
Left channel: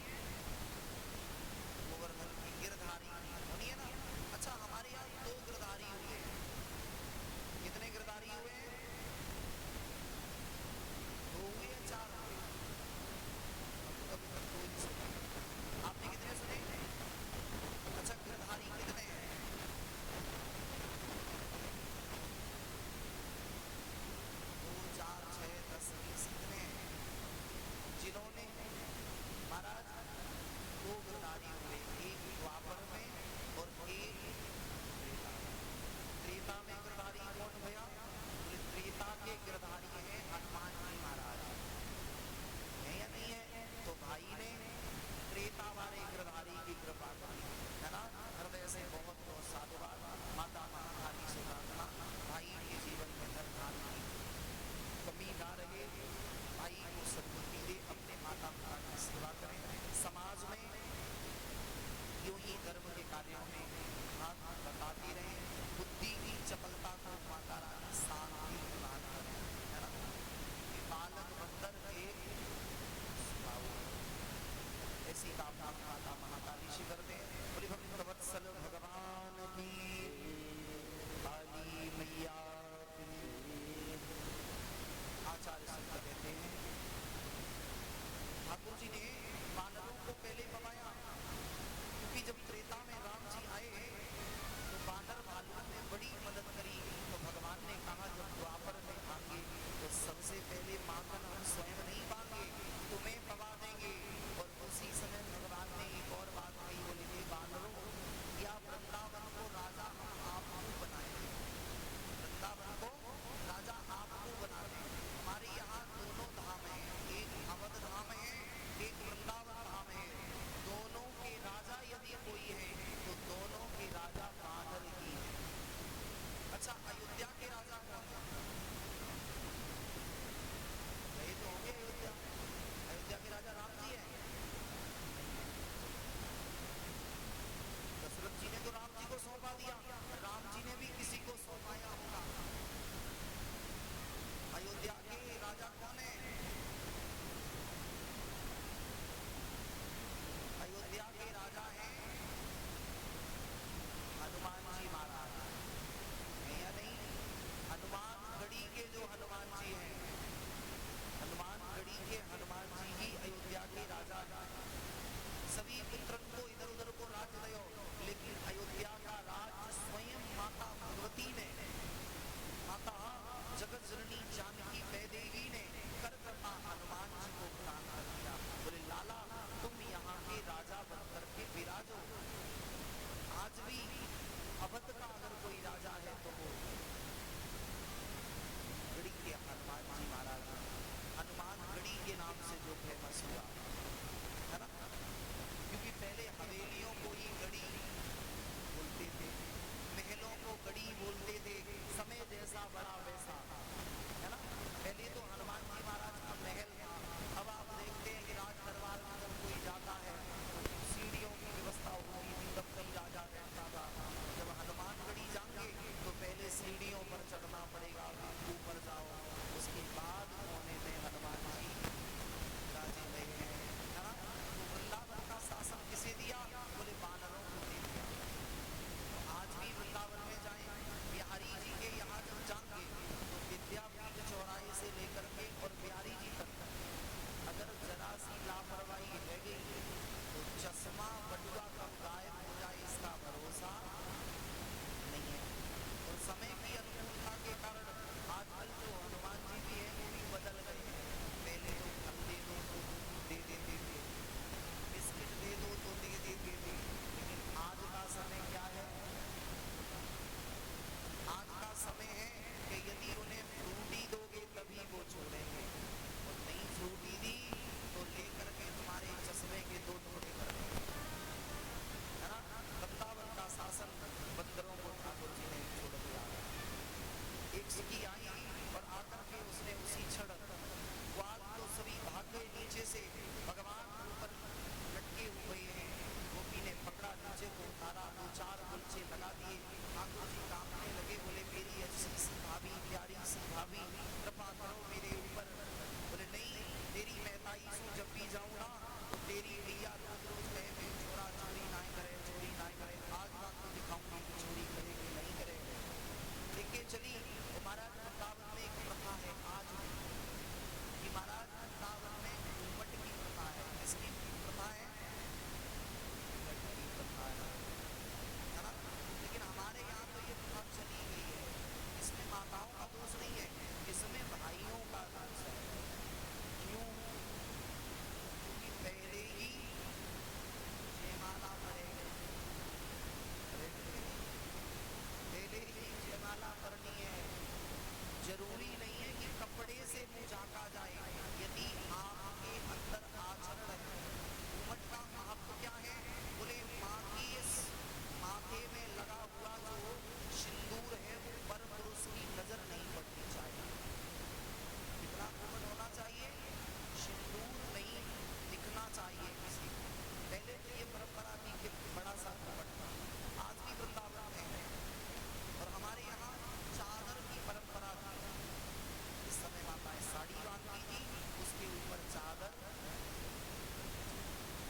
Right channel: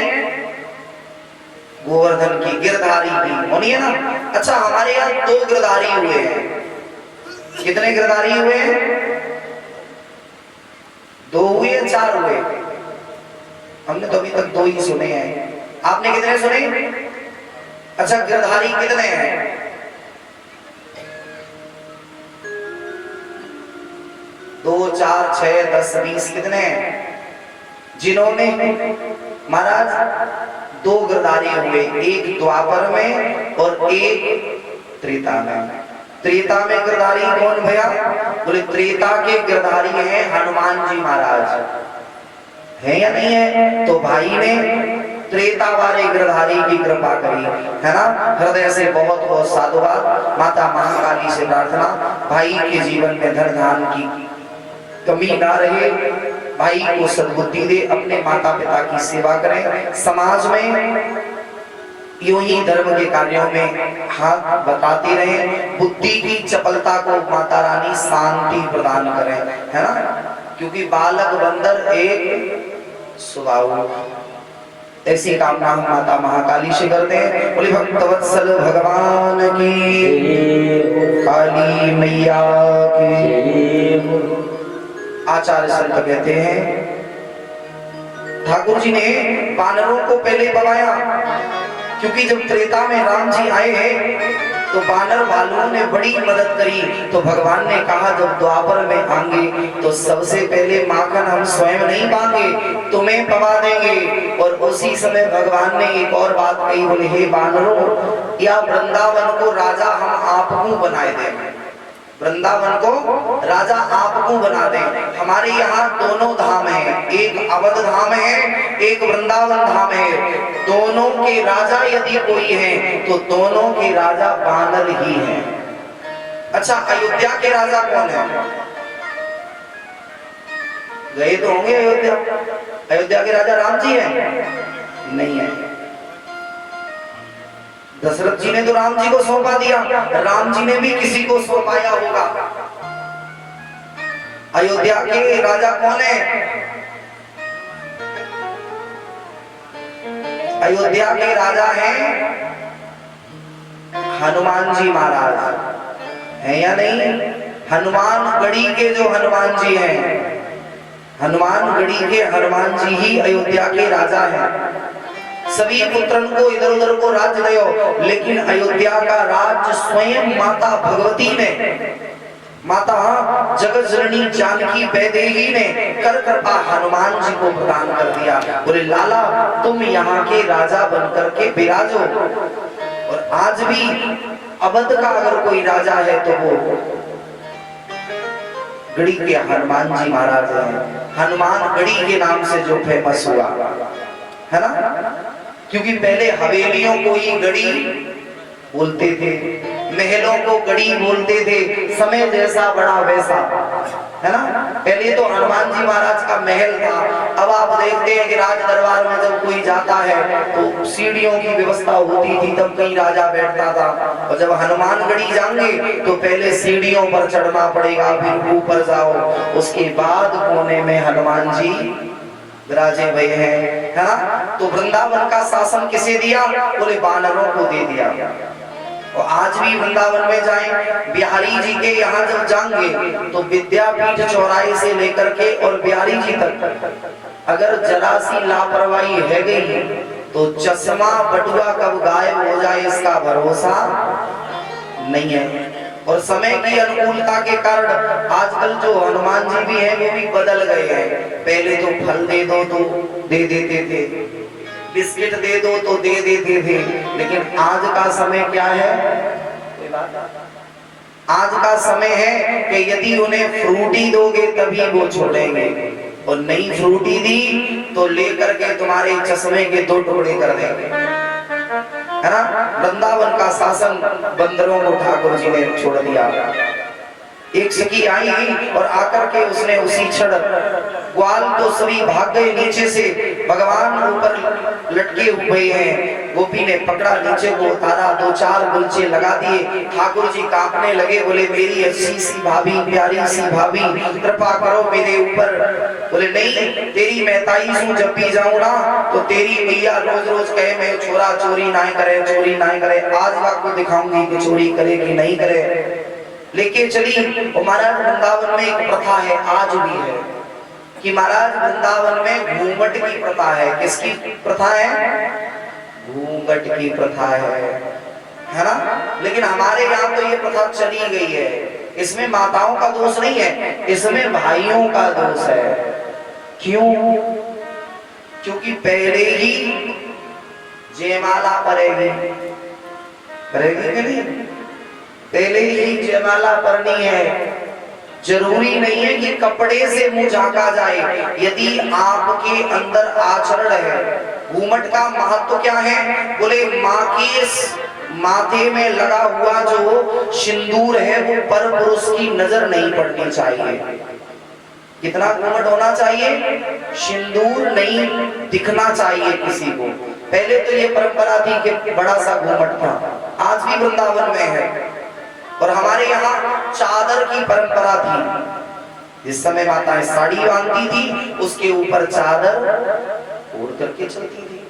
गोवर्धन की, गिरधारी की होनी है ना। अच्छा, हमारे यहाँ 2 गिरधारी हुए हैं। कितने गिरधारी हुए? 2 हुए, 4 हुए? हमने तो अभी तक 2 ही सुने हैं। आपने कितने सुने? अच्छा, गिरधारी कितने हैं? 2, 4, 6, 10, 20 कितने हैं? जिन्होंने महाराज 2 गिरधारी हुए, एक द्वापर में और एक त्रेता में। त्रेता में गिरधारी कौन भैया? बोले त्रेता के गिरधारी हैं हनुमान जी महाराज। है या नहीं है? तो भाई ने त्रेता वाले गिरधारी की कृपा करी, है ना। हृदय से बहुत बहुत साधुवाद। माता महाकाली से प्रार्थना, भाई के जीवन में धन धान की कमी ना रहे, भाई को सद्बुद्धि दे, अपने माता पिता की सेवा करें, समाज में यूं ही धर्म के कार्यों में हाथ बताते रहें, बुद्धि की चपलता को माता रानी शांति प्रदान करें, है ना। क्योंकि बालक बंदर एक स्वभाव। ऐसी कामना हम माता महाकाली से करते हैं। बोले भक्तवत्सल भगवान की, काली मैया की। आचार्य संत कहते हैं ठाकुर जी ने वानरों को पहले पवाया, क्योंकि जब त्रेता में राम जी आए तो वानर वालों ने बड़ी मदद करी। तो भगवान ने कहा जब द्वापर में आएंगे तो सबसे पहले माखन हम स्वयं नहीं पाएंगे, तुम्हें पवा देंगे। और उसी समय भगवान ने एक और बात कही, बोले हे वानरों, या वृंदावन को राजा हम आपको बनाए देंगे। वृंदावन को राजा आपको बना दे। हमारे यहाँ दोनों धाम हैं, एक अवध धाम है, एक वृंदावन धाम है। दोनों के राजा यदि कोई है तो दोनों के राजा वानर ही हैं। अच्छा, अयोध्या के राजा कौन है? गए तो होंगे अयोध्या। अयोध्या के राजा राम जी हैं? नहीं है। दशरथ जी ने तो राम जी को सौंपा दिया, राम जी ने भी किसी को सौंपाया होगा। अयोध्या के राजा कौन है? अयोध्या के राजा हैं हनुमान जी महाराज, है या नहीं? हनुमानगढ़ी के जो हनुमान जी हैं, हनुमानगढ़ी के हनुमान जी ही अयोध्या के राजा हैं। सभी पुत्रन को इधर उधर को राज्य दयो, लेकिन अयोध्या का राज्य स्वयं माता भगवती ने, माता जगत जननी जानकी वैदेही ने कर कृपा हनुमान जी को प्रदान कर दिया। बोले लाला तुम यहाँ के राजा बनकर के विराजो। और आज भी अवध का अगर कोई राजा है तो वो गढ़ी के हनुमान जी महाराज हैं। हनुमान गढ़ी के नाम से जो फेमस हुआ, है ना। क्योंकि पहले हवेलियों को ही गढ़ी बोलते थे, महलों को गढ़ी बोलते थे, समय जैसा बड़ा वैसा, है ना। पहले तो हनुमान जी महाराज का महल था। अब आप देखते हैं कि राज दरबार में जब कोई जाता है तो सीढ़ियों की व्यवस्था होती थी, तब कहीं राजा बैठता था। और जब हनुमानगढ़ी जाएंगे तो पहले सीढ़ियों पर चढ़ना पड़ेगा, फिर ऊपर जाओ, उसके बाद कोने में हनुमान जी विराजे हुए हैं, है ना। तो वृंदावन का शासन किसे दिया? बोले वानरों को दे दिया। और आज भी वृंदावन में जाएं, बिहारी जी के यहाँ जब जाएंगे तो विद्यापीठ चौराहे से लेकर के और बिहारी जी तक अगर जरा सी लापरवाही है गई तो चश्मा बटुआ कब गायब हो जाए इसका भरोसा नहीं है। और समय की अनुकूलता के कारण आजकल जो हनुमान जी भी हैं वो भी बदल गए हैं। पहले तो फल दे दो तो दे देते थे, बिस्किट दे दो तो दे देते थे, लेकिन आज का समय क्या है? आज का समय है कि यदि उन्हें फ्रूटी दोगे तभी वो छोड़ेंगे, और नई फ्रूटी दी तो लेकर के तुम्हारे चश्मे के 2 टुकड़े कर देंगे, है ना। वृंदावन का शासन बंदरों को ठाकुर जी ने छोड़ दिया। एक सखी आई और आकर के उसने उसी क्षण, ग्वाल तो सभी भाग गए नीचे से, भगवान ऊपर लटके हुए हैं, गोपी ने पकड़ा, नीचे को उतारा, 2-4 गुलचे लगा दिए। ठाकुर जी कांपने लगे, बोले मेरी अच्छी सी भाभी, प्यारी सी भाभी, कृपा करो मेरे ऊपर। बोले नहीं, तेरी मैं ताई हूं, जब भी जाऊं ना तो तेरी मैया रोज रोज कहे मैं छोरा चोरी ना करे, चोरी ना करे। आज आपको दिखाऊंगी कि चोरी करे कि नहीं करे। लेके चली। और महाराज वृंदावन में एक प्रथा है, आज भी है, कि महाराज वृंदावन में घूंघट की प्रथा है। किसकी प्रथा है? घूंघट की प्रथा है ना। लेकिन हमारे यहाँ तो ये प्रथा चली गई है। इसमें माताओं का दोष नहीं है, इसमें भाइयों का दोष है। क्यों? क्योंकि पहले ही जयमाला करेगी कि नहीं? पहले ही जयमाला करनी है। जरूरी नहीं है कि कपड़े से मुंह झांका जाए, यदि आपके अंदर आचरण है। घूमट का महत्व क्या है? बोले माँ की माथे में लगा हुआ जो सिंदूर है वो पर पुरुष की नजर नहीं पड़नी चाहिए। कितना घूमट होना चाहिए? सिंदूर नहीं दिखना चाहिए किसी को। पहले तो ये परंपरा थी कि बड़ा सा घूमट था, आज भी वृंदावन में है। और हमारे यहाँ चादर की परंपरा थी। जिस समय माताएं साड़ी बांधती थी उसके ऊपर चादर ओढ़ करके चलती थी।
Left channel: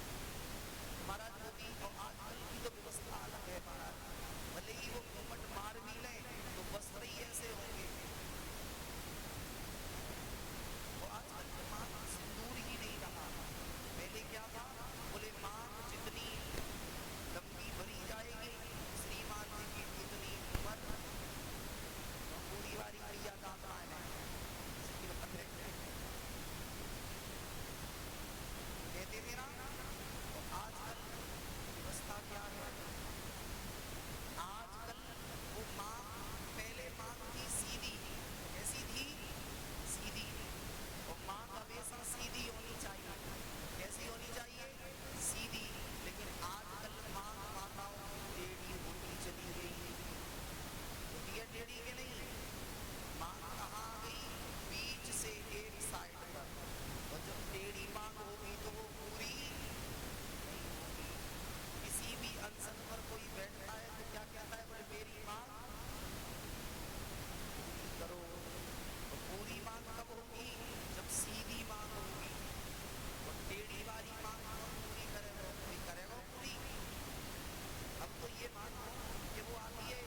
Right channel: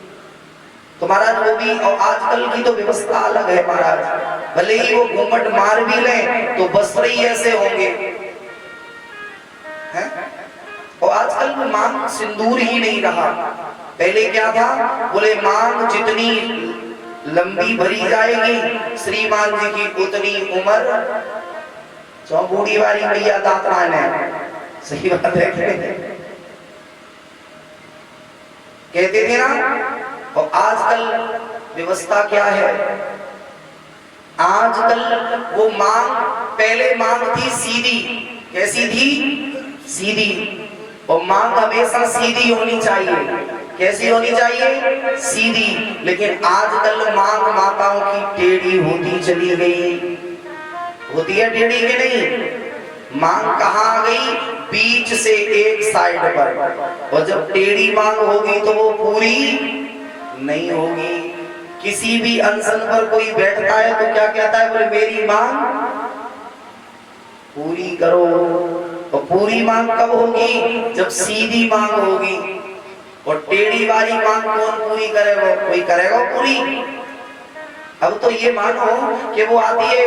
तो महाराज वो भी, और आजकल की तो व्यवस्था अलग है महाराज। भले ही वो घूमट मार भी लें तो वस्त्र ही ऐसे होंगे, हैं? और आजकल मांग सिंदूर ही नहीं रहा। पहले क्या था? बोले मांग जितनी लंबी भरी जाएगी, श्रीमान जी की उतनी उम्र। चौबूढ़ी वाली मैया दातरान है, सही बात है, कहते थे ना। और आजकल व्यवस्था क्या है? आजकल वो मांग, पहले मांग थी सीधी। कैसी थी? सीधी। और मांग हमेशा सीधी होनी चाहिए। कैसी होनी चाहिए? सीधी। लेकिन आजकल मांग माताओं की टेढ़ी होती चली गई। होती है टेढ़ी के नहीं? मांग कहाँ आ गई? बीच से एक साइड पर। और जब टेढ़ी मांग होगी तो वो पूरी नहीं होगी। किसी भी अनशन पर कोई बैठता है तो क्या कहता है? बोले मेरी मांग पूरी करो। और पूरी मांग कब होगी? जब सीधी मांग होगी। और टेढ़ी वाली मांग कौन पूरी करेगा? कोई करेगा पूरी? अब तो ये मानो कि वो आती है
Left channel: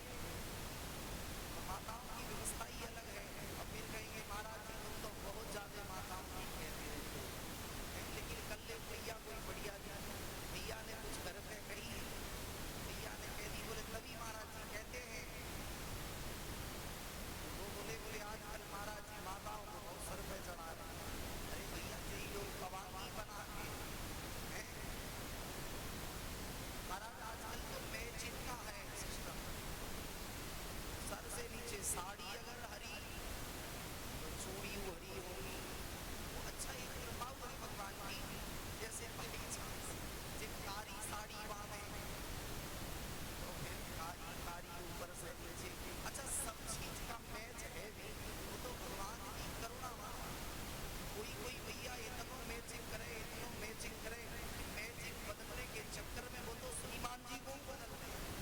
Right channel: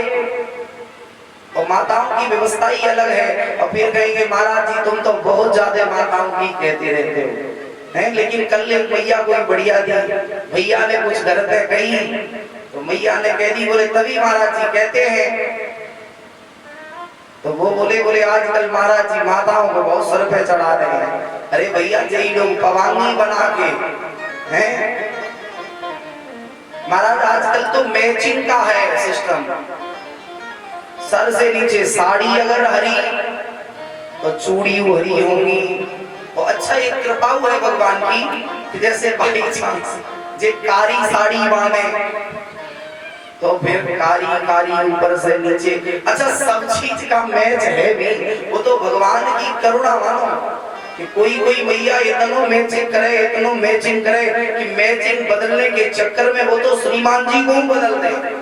और माताओं की व्यवस्था ही अलग है, और फिर कहेंगे महाराज जी तुम तो बहुत ज्यादा माताओं की कहते रहते हो, हैं? लेकिन कल एक मैया कोई बढ़िया थी, भैया ने कुछ गलत कही तो मैया ने कह दी, बोले तभी महाराज जी कहते हैं। तो वो बोले आजकल महाराज जी माताओं को बहुत सर पे चढ़ा रहे हैं। अरे भैया यही लोग पवांगी बना के हैं महाराज। आजकल तो मैचिंग का है सिस्टम। सर से नीचे साड़ी अगर हरी तो चूड़ी हरी होंगी। और अच्छा एक कृपा हुआ है भगवान की कि जैसे बाई चांस जे कारी साड़ी बांधे तो फिर कारी ऊपर से नीचे। अच्छा सब चीज का मैच है भी, वो तो भगवान की करुणा मानो कि कोई मैया इतनो मैचिंग करे कि मैचिंग बदलने के चक्कर में वो तो श्रीमान जी को बदल दे।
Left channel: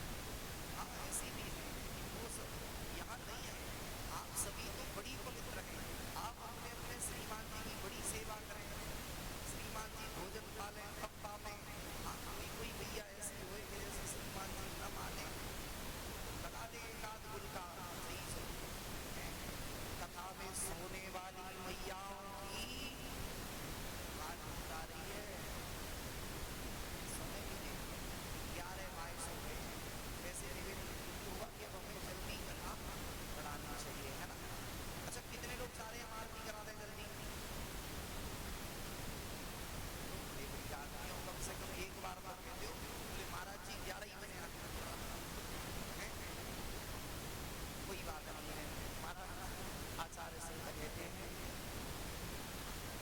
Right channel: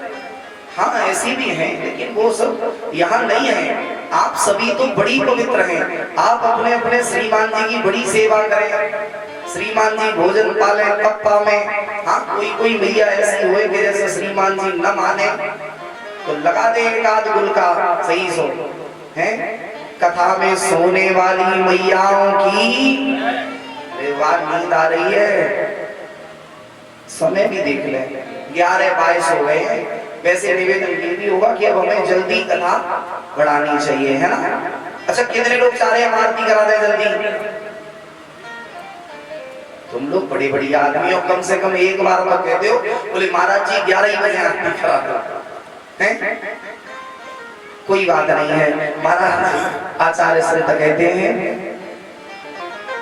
हाँ ऐसी भी हैं, लेकिन वो सब यहाँ नहीं है। आप सभी तो बड़ी पवित्र हैं, आप अपने अपने श्रीमान जी की बड़ी सेवा करें। श्रीमान जी भोजन पाले कप्पा में। हाँ कोई मैया ऐसी हुए कि जैसे श्रीमान जी न माने तो लगा दे एक आध गुल का सही सो है। कथा में सोने वाली मैयाओं की अरे वाह, नींद आ रही है, समय भी देख ले, 11:22 हो गए हैं। वैसे निवेदन ये भी होगा कि अब हमें जल्दी कथा बढ़ानी चाहिए, है ना। अच्छा, कितने लोग चाह रहे हैं आरती करा दे जल्दी? तुम लोग बड़ी बड़ी आदमी हो, कम से कम एक बार तो कहते हो, बोले महाराज जी 11 ही बजे आरती करा दो, हैं? कोई बात नहीं है। महाराज आचार्य श्री कहते हैं,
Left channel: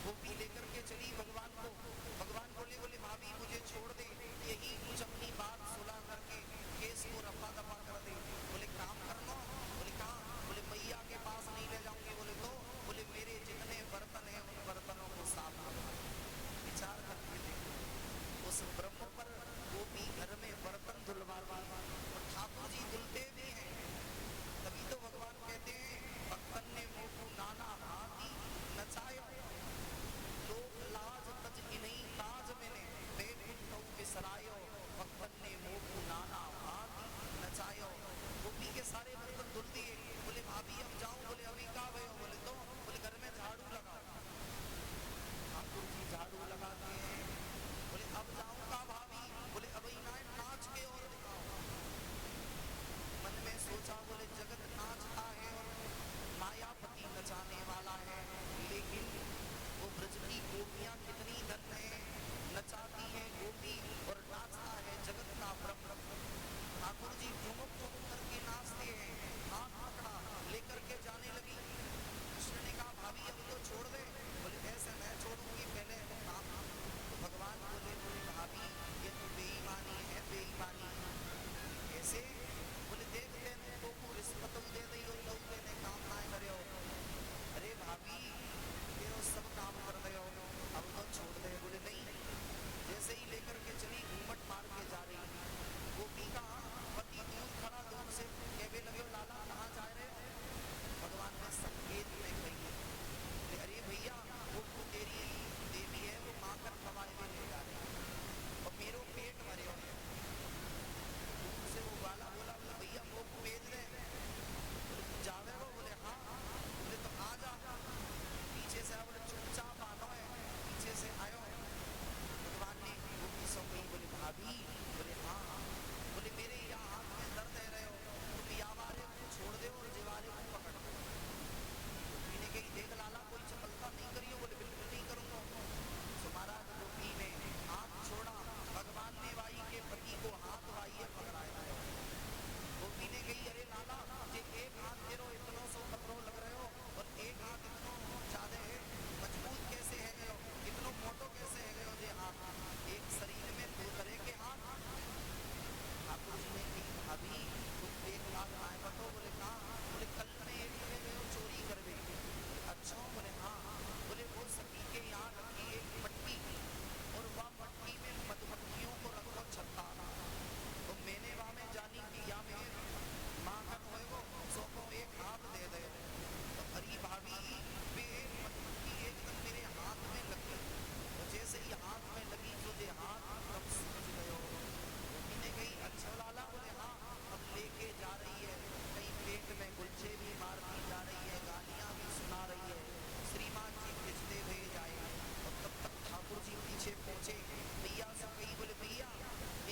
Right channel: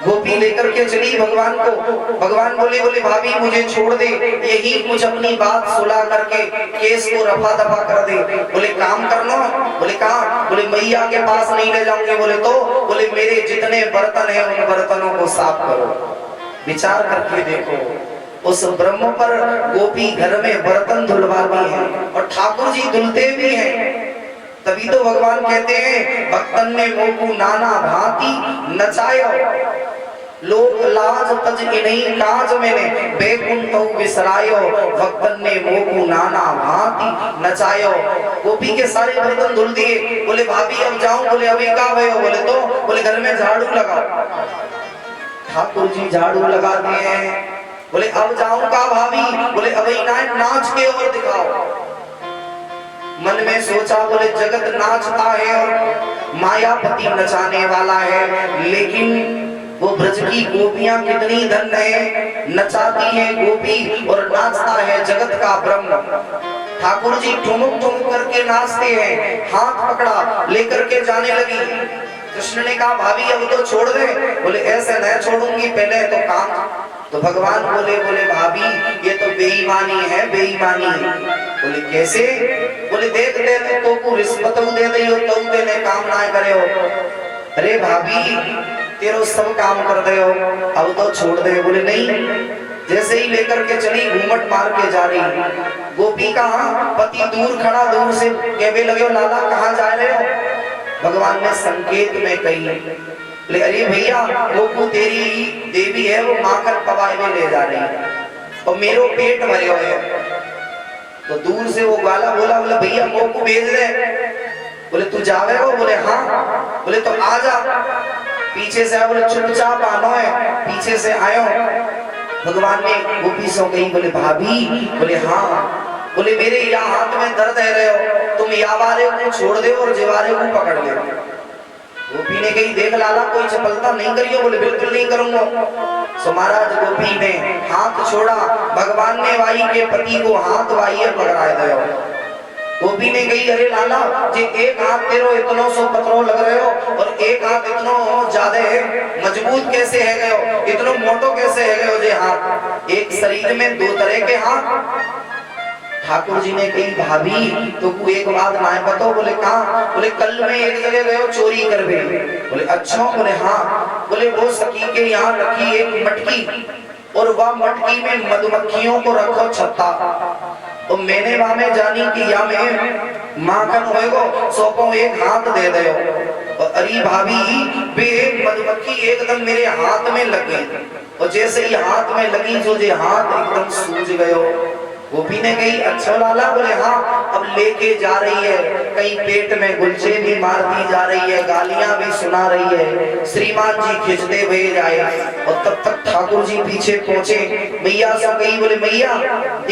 गोपी लेकर के चली भगवान को। भगवान बोले भाभी मुझे छोड़ दे, यही कुछ अपनी बात सुला करके केस को रफा दफा कर दे। बोले काम कर लो। बोले कहाँ? बोले मैया के पास नहीं ले जाऊंगे। बोले तो? बोले मेरे जितने बर्तन हैं उन बर्तनों को साफ करो। विचार करके देखो, उस ब्रह्म पर गोपी घर में बर्तन धुलवाती है और ठाकुर जी धुलते भी हैं। तभी तो भगवान कहते हैं, भक्तन ने मोकू नाना भांति नचायो, लोक लाज तज इन्हीं काज मैंने बैकुंठ विसरायो, भक्तन ने मोकू नाना भांति नचायो। गोपी के सारे बर्तन धुल दिए। बोले भाभी अब जाऊं? बोले अभी का भयो? बोले तो? बोले घर में झाड़ू लगाओ। ठाकुर जी झाड़ू लगा दिए। बोले अब जाऊं का भाभी? बोले अभी नाच के और दिखाओ। मन में सोचा, बोले जगत नाचता है और मायापति नचाने वाला है, लेकिन वो ब्रज की गोपियां कितनी धन्य है, नचाती है गोपी और नाचता है जगत का ब्रह्म। ठाकुर जी ठुमुक ठुमुक करके नाचते हैं, हाथ पकड़ा लेकर के जाने लगी। कृष्ण ने कहा भाभी अब तो छोड़ दे। बोले ऐसे नहीं छोड़ूंगी, पहले तो काम। तो भगवान बोले भाभी ये तो बेईमानी है, बेईमानी। बोले कैसे? बोले देख दे तो को रिश्वत दे दे हो तो देने काम ना करे हो। अरे भाभी तेरो सब काम कर दे हो, अब तो छोड़ दे। बोले नहीं। जैसे ही लेकर के चली, घूमट मार के जा रही। गोपी का पति दूर खड़ा, दूर से कहने लगे लाला कहाँ जा रहे हो? भगवान ने संकेत में कही, बोले अरे भैया वो तेरी देवी है, वो माखन पवाए में ले जा रही है और मेरो पेट भरे हुए है। तो दूर से वो ग्वाला बोला, बोले भैया वो को भेज दे। बोले तू जावे हो? बोले हाँ। बोले तो आ जा। पीछे से आया। बोले चुपचाप आनो है, पीछे से आयो। भगवान ने गोपी से कही, बोले भाभी? बोले हाँ। बोले मेरे यहाँ हाथ में दर्द है रहे हो, तुम यावारे को छोड़ दे और जिवारे को पकड़ ले। गोपी ने कही देख लाला कोई चपलता नहीं करियो। बोले बिल्कुल नहीं करूंगा। सो महाराज गोपी ने हाथ छोड़ा, भगवान ने वाई के पति को हाथ वाइये पकड़ा दो। गोपी ने कही अरे लाला जे एक हाथ तेरो इतनो सो पत्रो लग रहे हो और एक हाथ इतनो ज्यादा मजबूत कैसे है गए हो, इतनो मोटो कैसे है गए हो जे हाथ? एक शरीर में दो तरह के हाथ। ठाकुर जी ने कही भाभी तो एक बात ना बताओ। बोले कहाँ? बोले कल में एक जगह गए चोरी करवे। बोले अच्छा? बोले हाँ। बोले वो सखी के यहाँ रखी एक मटकी और वह मटकी में मधुमक्खियों को रखो छत्ता। तो मैंने वहां में जानी कि या में माखन होएगो, सोपो एक हाथ दे दे। अरे भाभी वे मधुमक्खी एकदम मेरे हाथ में लग गई और जैसे ही हाथ में लगी जो जे हाथ एकदम सूज गयो। गोपी ने कही अच्छा लाला? बोले हाँ। अब लेके जा रही है, कहीं पेट में गुलछे भी मारती जा रही है, गालियां भी सुना रही है। श्रीमान जी खिंचते हुए जाए और तब तक ठाकुर जी पीछे पहुंचे। मैया से कही, बोले मैया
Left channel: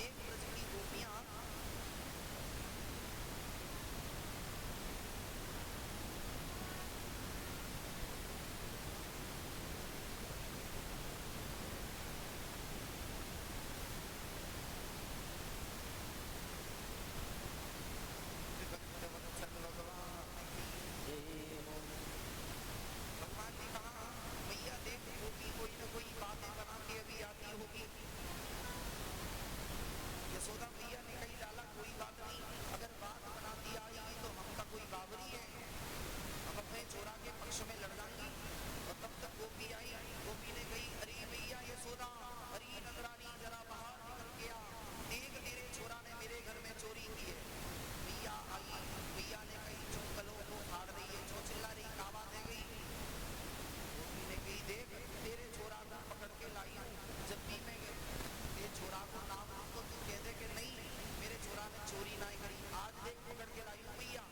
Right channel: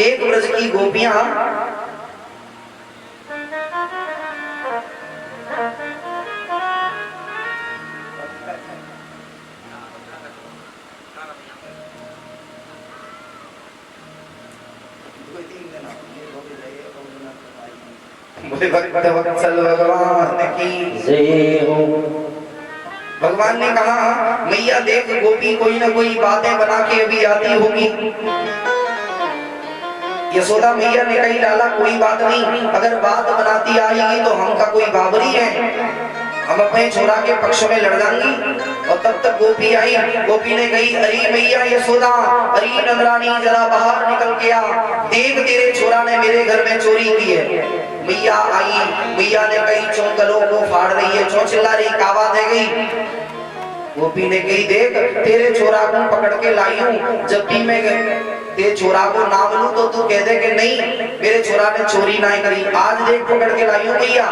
एक ब्रज की गोपियां भक्त वत्सल भगवान की जय हो। भगवान ने कहा मैया देख गोपी कोई ना कोई बातें बना के अभी आती होगी। यशोदा मैया ने कही लाला कोई बात नहीं, अगर बात बनाती आएगी तो हम का कोई बाबरी है, हम अपने छोरा के पक्ष में लड़ जाएंगी। और तब तक गोपी आई। गोपी ने कही अरे मैया यशोदा, अरे नंदरानी जरा बाहर निकल के आ, देख तेरे छोरा ने मेरे घर में चोरी की है। मैया आई, मैया ने कही चो गलों को फाड़ रही है, चो चिल्ला रही, कावा दे गई। गोपी ने कही देख तेरे छोरा को पकड़ के लाई हूँ, जब भी मैं ते छोरा को ना बोलूं तो तू कह दे कि नहीं मेरे छोरा ने चोरी ना करी। आज देख पकड़ के लाई हूं भैया।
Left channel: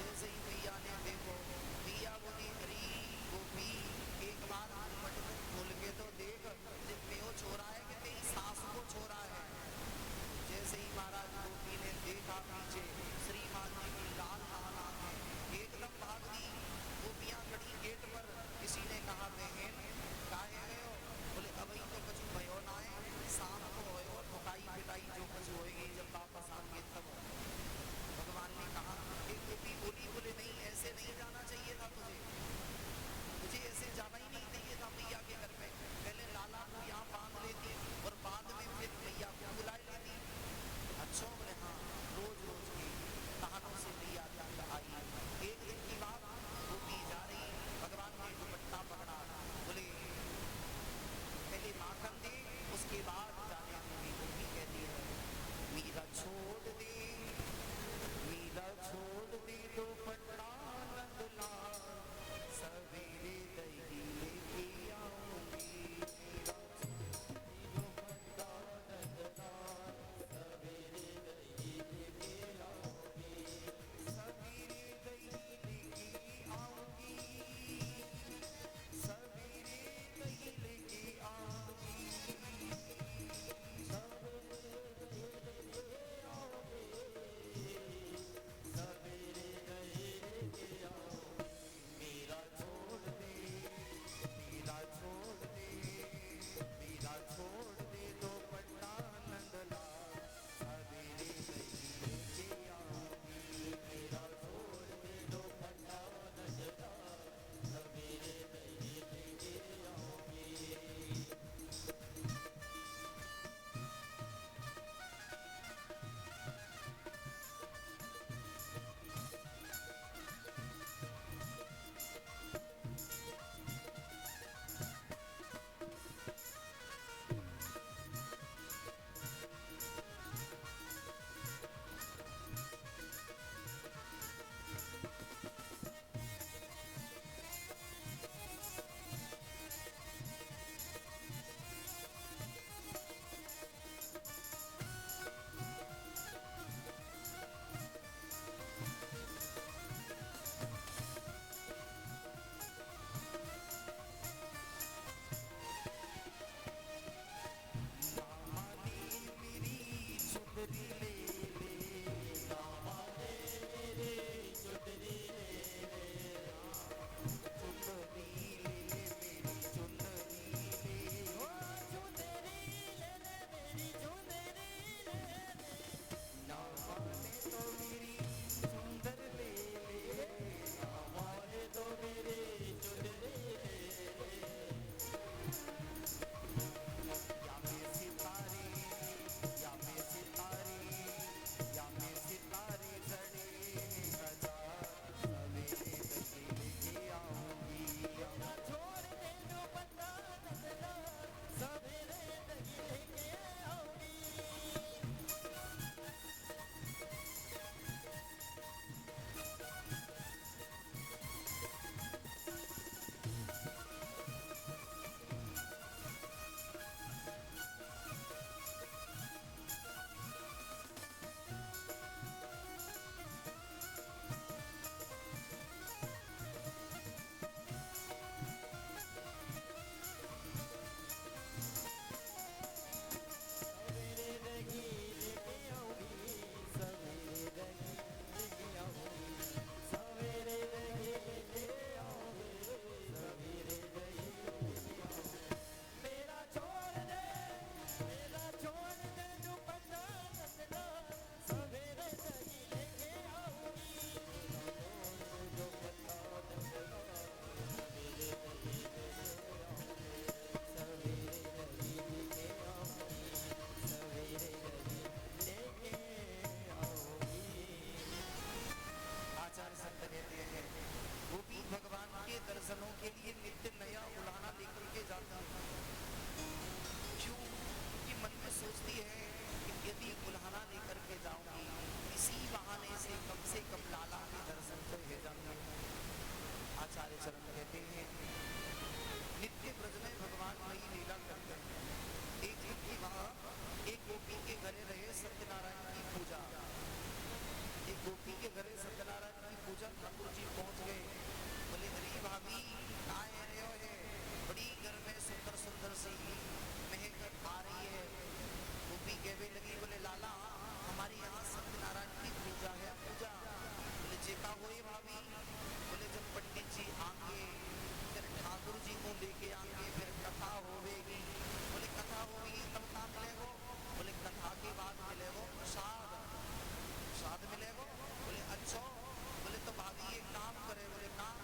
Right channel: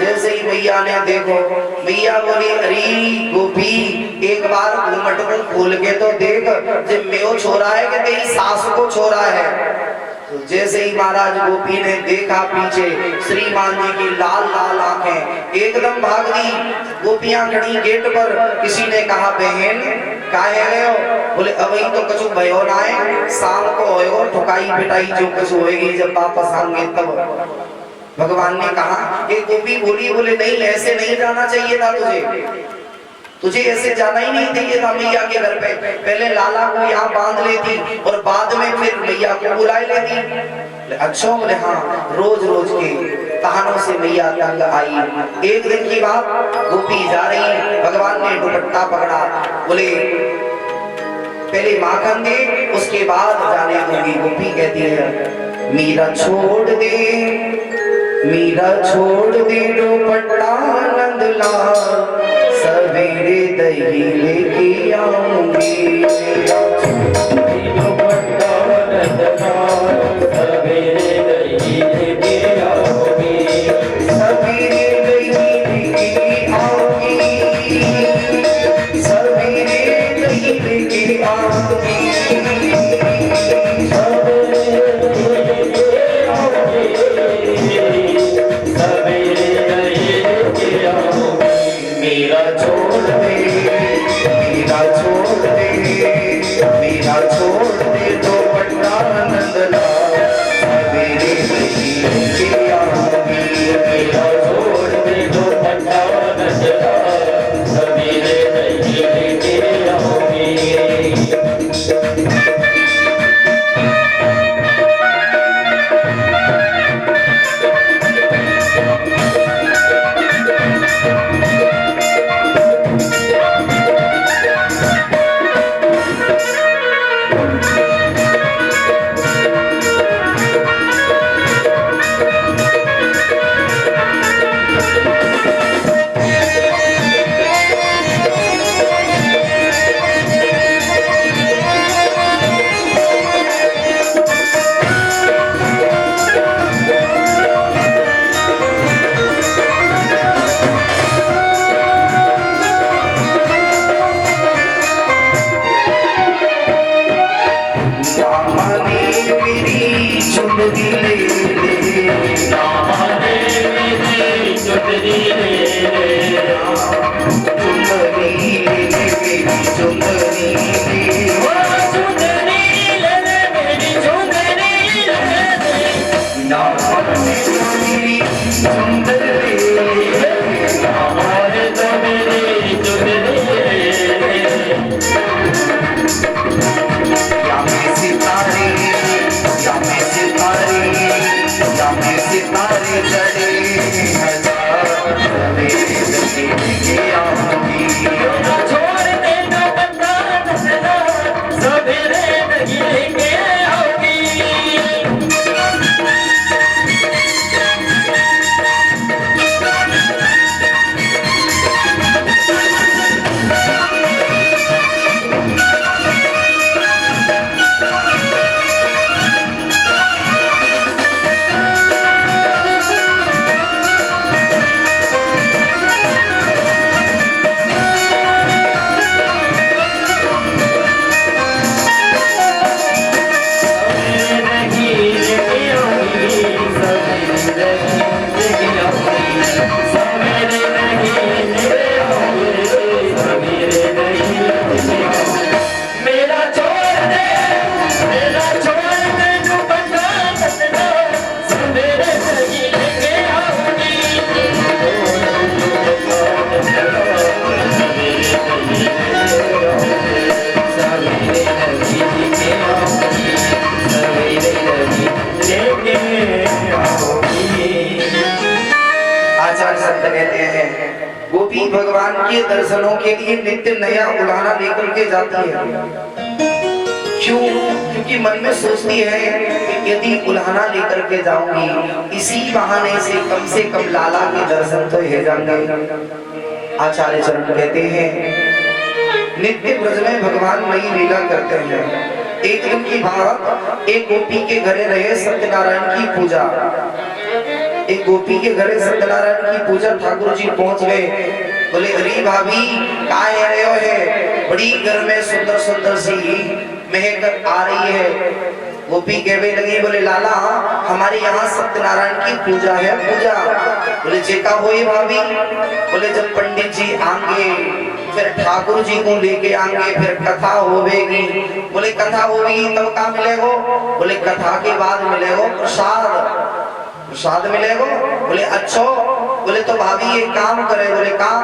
जैसे ही भैया ने देखो, भैया बोली अरे गोपी एक बार घूमट को खोल के तो देख जब मेरा छोरा है कि तेरी सास को छोरा है। तो जैसे ही महाराज गोपी ने देखा पीछे श्रीमान जी की लाल लाल आंखें, एकदम भाग दी। गोपियां खड़ी गेट पर। किसी ने कहा बहन काहे गए हो? बोले अभी तो कछु भयो ना है, शाम को होएगो ठुकाई पिटाई जो कुछ होएगी जब वापस आएंगे तब। भगवान ने कहा कि गोपी बोली, बोले नहीं ऐसे नहीं जाना चाहिए था तुझे ऐसे जाना ही नहीं चाहिए था मैया के घर पे। पहले लाला को यहाँ बांध लेती और बाद में फिर मैया को बुला लेती। अच्छा बोले हाँ, रोज रोज के कहानों से मैया तंग आई। एक दिन की बात, गोपी जा रही, भगवान ने दुपट्टा पकड़ा, बोले पहले माखन दे उसके बाद जाने दूंगी। गोपी कहती है मीरा छोड़ दे, मीरा छोड़ दे दुपट्टा नंदलाल, सवेरे दही लेके आऊंगी। मेरा दुपट्टा नंदलाल, सवेरे दही लेके आऊंगी, सवेरे दही लेके आऊंगी, सवेरे दही लेके आऊंगी, गोपी भगवान के दर्शनों के लिए नित्य नया उलाहना लेकर के जाती है। क्यों? क्योंकि मन में सोचती है कि यदि उलाहना लेकर के जाऊंगी इसी बहाने से कम लाला के दर्शन तो हो जाएंगे। आचार्य चरण कहते हैं नित्य ब्रज में भगवान नई लीला करते हैं। एक दिन की बात, एक गोपी के घरे रहे सत्यनारायण की पूजा। एक गोपी के घरे सत्यनारायण की पूजा, ठाकुर जी पहुंच गए। बोले अरे भाभी काय आए हो है, बड़ी घर में सुंदर सुंदर सी महक आ रही है। गोपी कहने लगी, बोले लाला हमारे यहाँ सत्यनारायण की पूजा है पूजा। बोले जेका होए भाभी। बोले जब पंडित जी आएंगे फिर ठाकुर जी को लेके आएंगे, फिर कथा होवेगी। बोले कथा होगी तब क्या मिलेगो। बोले कथा के बाद मिलेगो प्रसाद, प्रसाद मिलेगो। बोले अच्छा। बोले तो भाभी ये काम करे। बोले काम।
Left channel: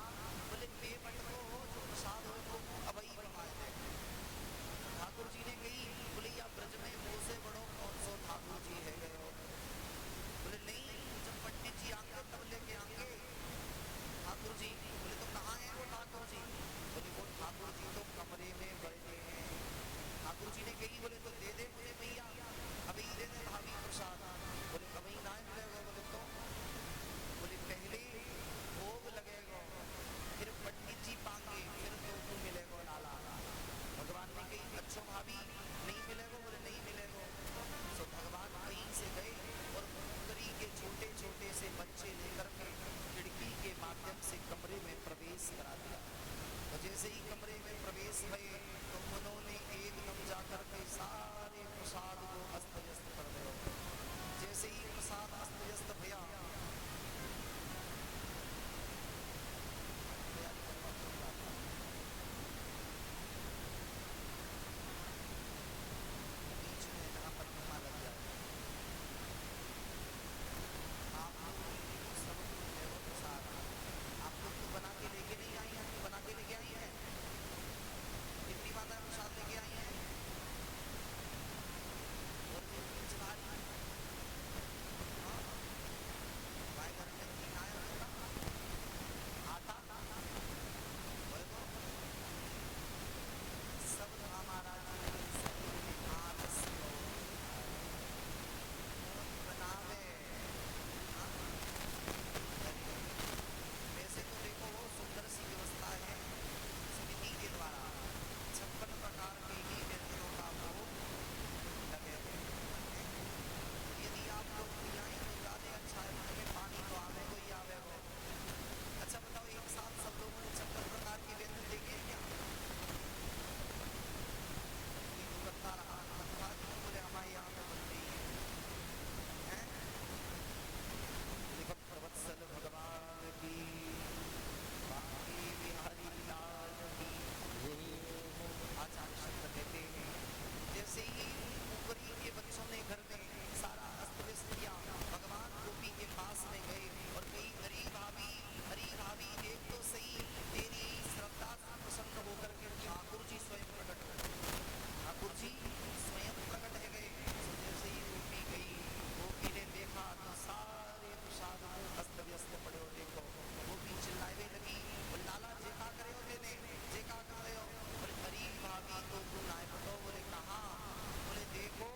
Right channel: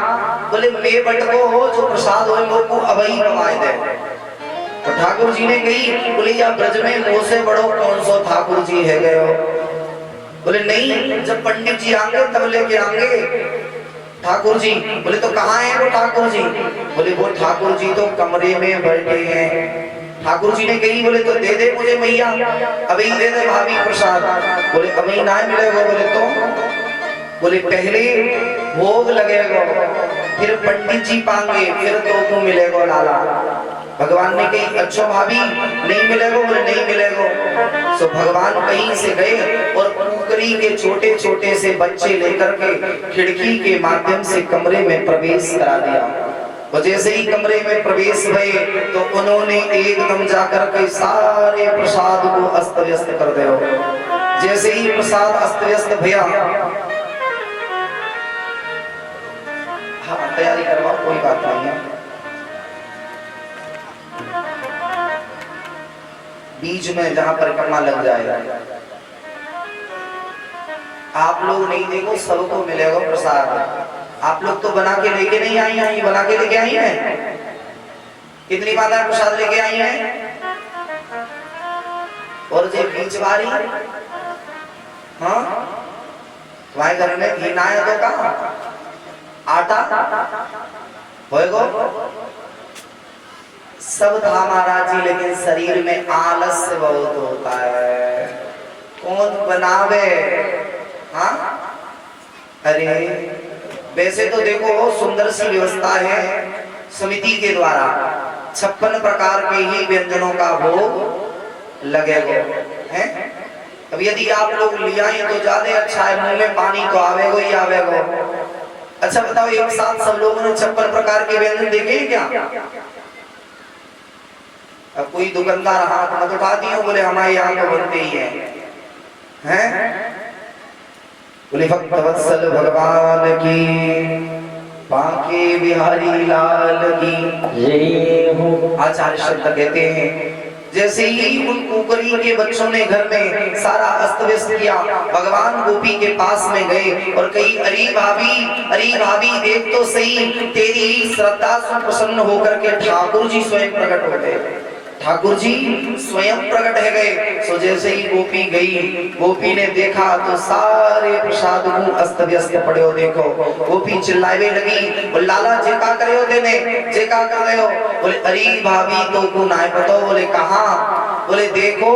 बोले मैं बटको हो जो प्रसाद हो लोग को अबई कमाए दे। तो ठाकुर जी ने कही, बोले या ब्रज में मुँह से बड़ो कौन सो ठाकुर जी है गए हो। बोले नहीं, जब पंडित जी आएंगे तब लेके आएंगे ठाकुर जी। बोले तो कहाँ है वो ठाकुर जी। बोले वो ठाकुर जी तो कमरे में बैठे हैं। ठाकुर जी ने कही, बोले तो दे दे मुझे मैया, अभी दे दे भाभी प्रसाद। बोले अभी ना मिलेगा। बोले तो बोले पहले भोग लगेगा, फिर पंडित जी पाएंगे, फिर तो को मिलेगा लाला। भगवान ने कही अच्छा भाभी नहीं मिलेगा। बोले नहीं मिलेगा। तो भगवान कहीं से गए और कुकरी के छोटे छोटे से बच्चे लेकर के खिड़की के माध्यम से कमरे में प्रवेश करा दिया। और जैसे ही कमरे में प्रवेश हुए तो उन्होंने एकदम जाकर के सारे प्रसाद को अस्त व्यस्त कर दिया। जैसे ही प्रसाद अस्त व्यस्त भैया, हाँ तैयारी करवाओ कोई बात नहीं है। बीच में जहां परिक्रमा लग जाएगा, आप लोग नहीं देखो सबको मिलेगा प्रसाद। आप लोग तो बना के लेके नहीं आई हैं, बना के लेके आई हैं। कितनी मात्रा प्रसाद लेके आई हैं। और जो बीच वाली, हाँ तुम्हारे घर में घी ना है तो कहा आटा होएगो सब था महाराज जी, लेकिन शरीर में आलस्य बहुत होता है। कौन बनावे। हाँ अरे वैसे तो देखो सुंदर सी व्यवस्था है समिति के द्वारा, 56 प्रकार के ही व्यंजनों का भोग लगेगा है। अब यदि आप लोग लिया है तो ज्यादा अच्छा है, मुंह में पानी तो आवेगो ही आवेगो। अच्छा बताओ एक साथ सब लोगों ने 56 प्रकार के व्यंजन देखे हैं क्या। अब कोई दुकानदार हाथ मत उठा दिए, बोले हमारे यहाँ तो बनते ही हैं। बोले भक्त वत्सल भगवान की, बांके बिहारी लाल की जय हो। आचार्य शब्द कहते हैं जैसे ही उन कुकरी के बच्चों ने घर में सारा अस्त व्यस्त किया, भगवान गोपी के पास में गए और कही अरे भाभी देख तो सही, तेरी श्रद्धा से प्रसन्न होकर के ठाकुर जी स्वयं प्रकट हो गए। ठाकुर जी स्वयं प्रकट है गए। सो जैसे ही गोपी गई, गोपी ने देखा तो सारे प्रसाद को अस्त व्यस्त पड़े हो। देखो गोपी चिल्लावे लगी, लाला जे का करे हो देने, जे का कर रहे हो। बोले अरे भाभी तो को ना पता। बोले कहा। बोले देखो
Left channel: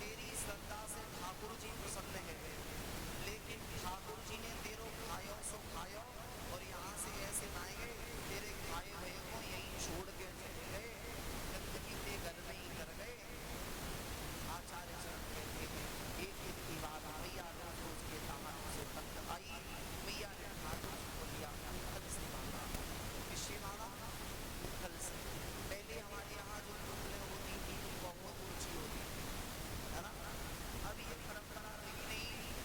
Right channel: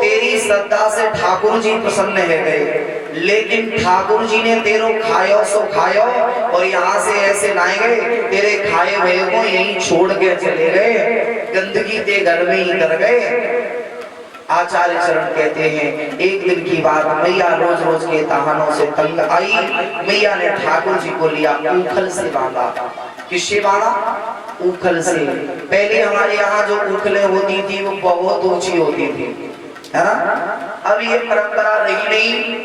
तेरी श्रद्धा से ठाकुर जी प्रसन्न है गए, लेकिन ठाकुर जी ने तेरो खायो सो खायो और यहाँ से ऐसे ना गए, तेरे खाए हुए को यहीं छोड़ के चले गए, गंदगी ते घर में ही कर गए। आचार्य चरण कहते हैं एक दिन की बात, मैया रोज रोज के ताहानों से तंग आई। मैया ने ठाकुर जी को लिया, ऊखल से बांधा। किससे बांधा। ऊखल से। पहले हमारे यहाँ जो ऊखलें होती थी वो बहुत ऊंची होती थी, है ना। अब ये परंपरा रही नहीं।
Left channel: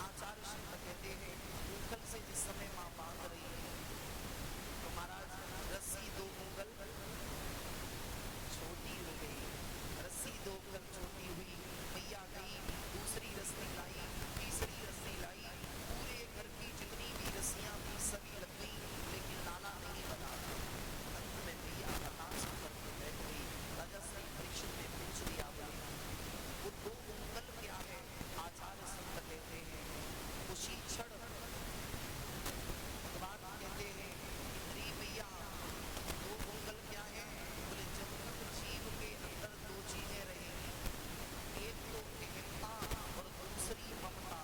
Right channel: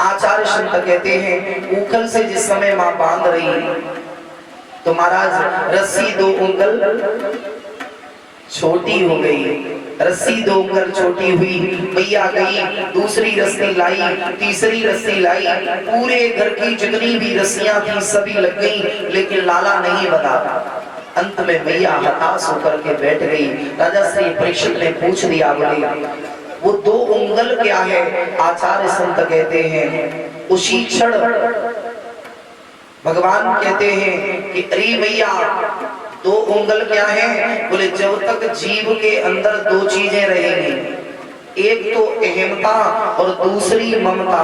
आचार्य संत कहते हैं ऊखल से जिस समय मां बांध रही तो महाराज रस्सी 2 उंगल छोटी हो गई। रस्सी 2 उंगल छोटी हुई, मैया गई, दूसरी रस्सी लाई, तीसरी रस्सी लाई, पूरे घर की जितनी भी रस्सियां थी सभी लग गई, लेकिन लाला नहीं बता। अंत में मैया हताश होकर के बैठ गई। राजा श्री परीक्षित ने पूछ दिया, बोले वो 2 उंगल क्या है। आचार्य संत कहते हैं उसी क्षण भगवान कहते हैं कि अरे मैया 2 उंगल क्या है। बोले जब तक जीव के अंदर 2 चीजें रहेंगी, एक तो अहमता और दूसरी ममता।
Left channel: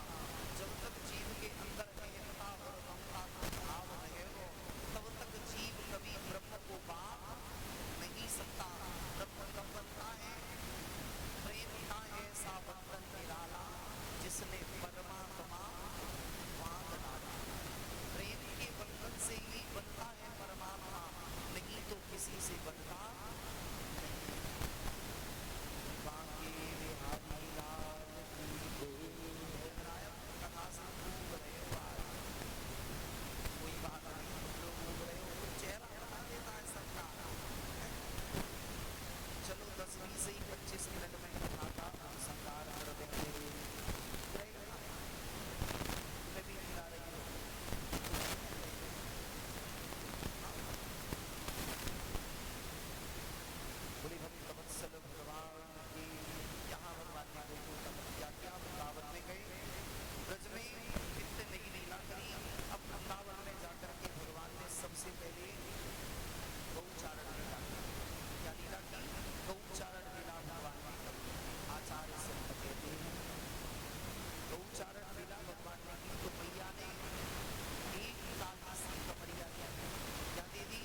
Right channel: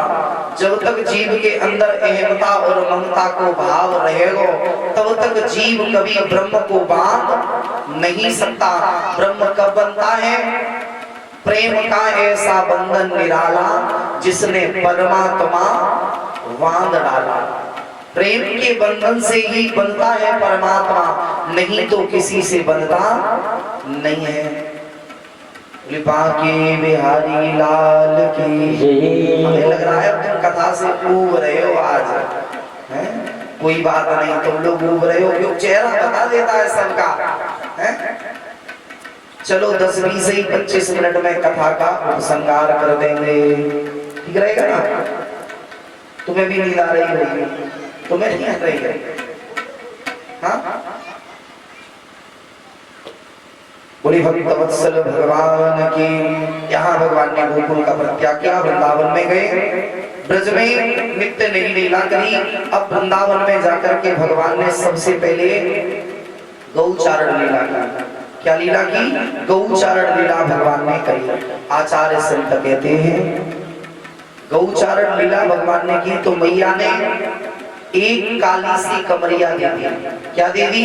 जब तक जीव के अंदर अहमता और ममता को भाव रहेगा तब तक जीव कभी ब्रह्म को बांध नहीं सकता। ब्रह्म कब बनता है? प्रेम का ऐसा बंधन निराला जिसने परमात्मा बांध डाला। प्रेम के बंधन से ही बनता है परमात्मा, नहीं तो किसी से बनता नहीं है। बाके बिहारी लाल की। हमें लग रहा है तुम कथा से ऊब रहे हो आज, है? कोई बात नहीं, तुम लोग ऊब रहे हो क्यों? चेहरा बता देता है सबका, है? चलो 10-20 से 25 मिनट में कथा का उपसंहार कर देंगे, ठीक रहेगा ना? तुम्हें भी नींद आ रही होगी, तुम्हें नहीं आ रही है? हाँ, बोली भक्त वत्सल भगवान की। यहाँ भगवान ने गोकुल का परित्याग किया, वृंदावन में गए, ब्रज में नित्य नई लीला करी। अब वृंदावन में जाकर के भगवान ने सबसे पहले गौचारण लीला की। क्या लीला की? गौचारण लीला भगवान ने करी। आचार्य संत कहते हैं गौचारण लीला भगवान ने की तो मैया ने एक काली सी कमरिया दे दी। क्या दे दी?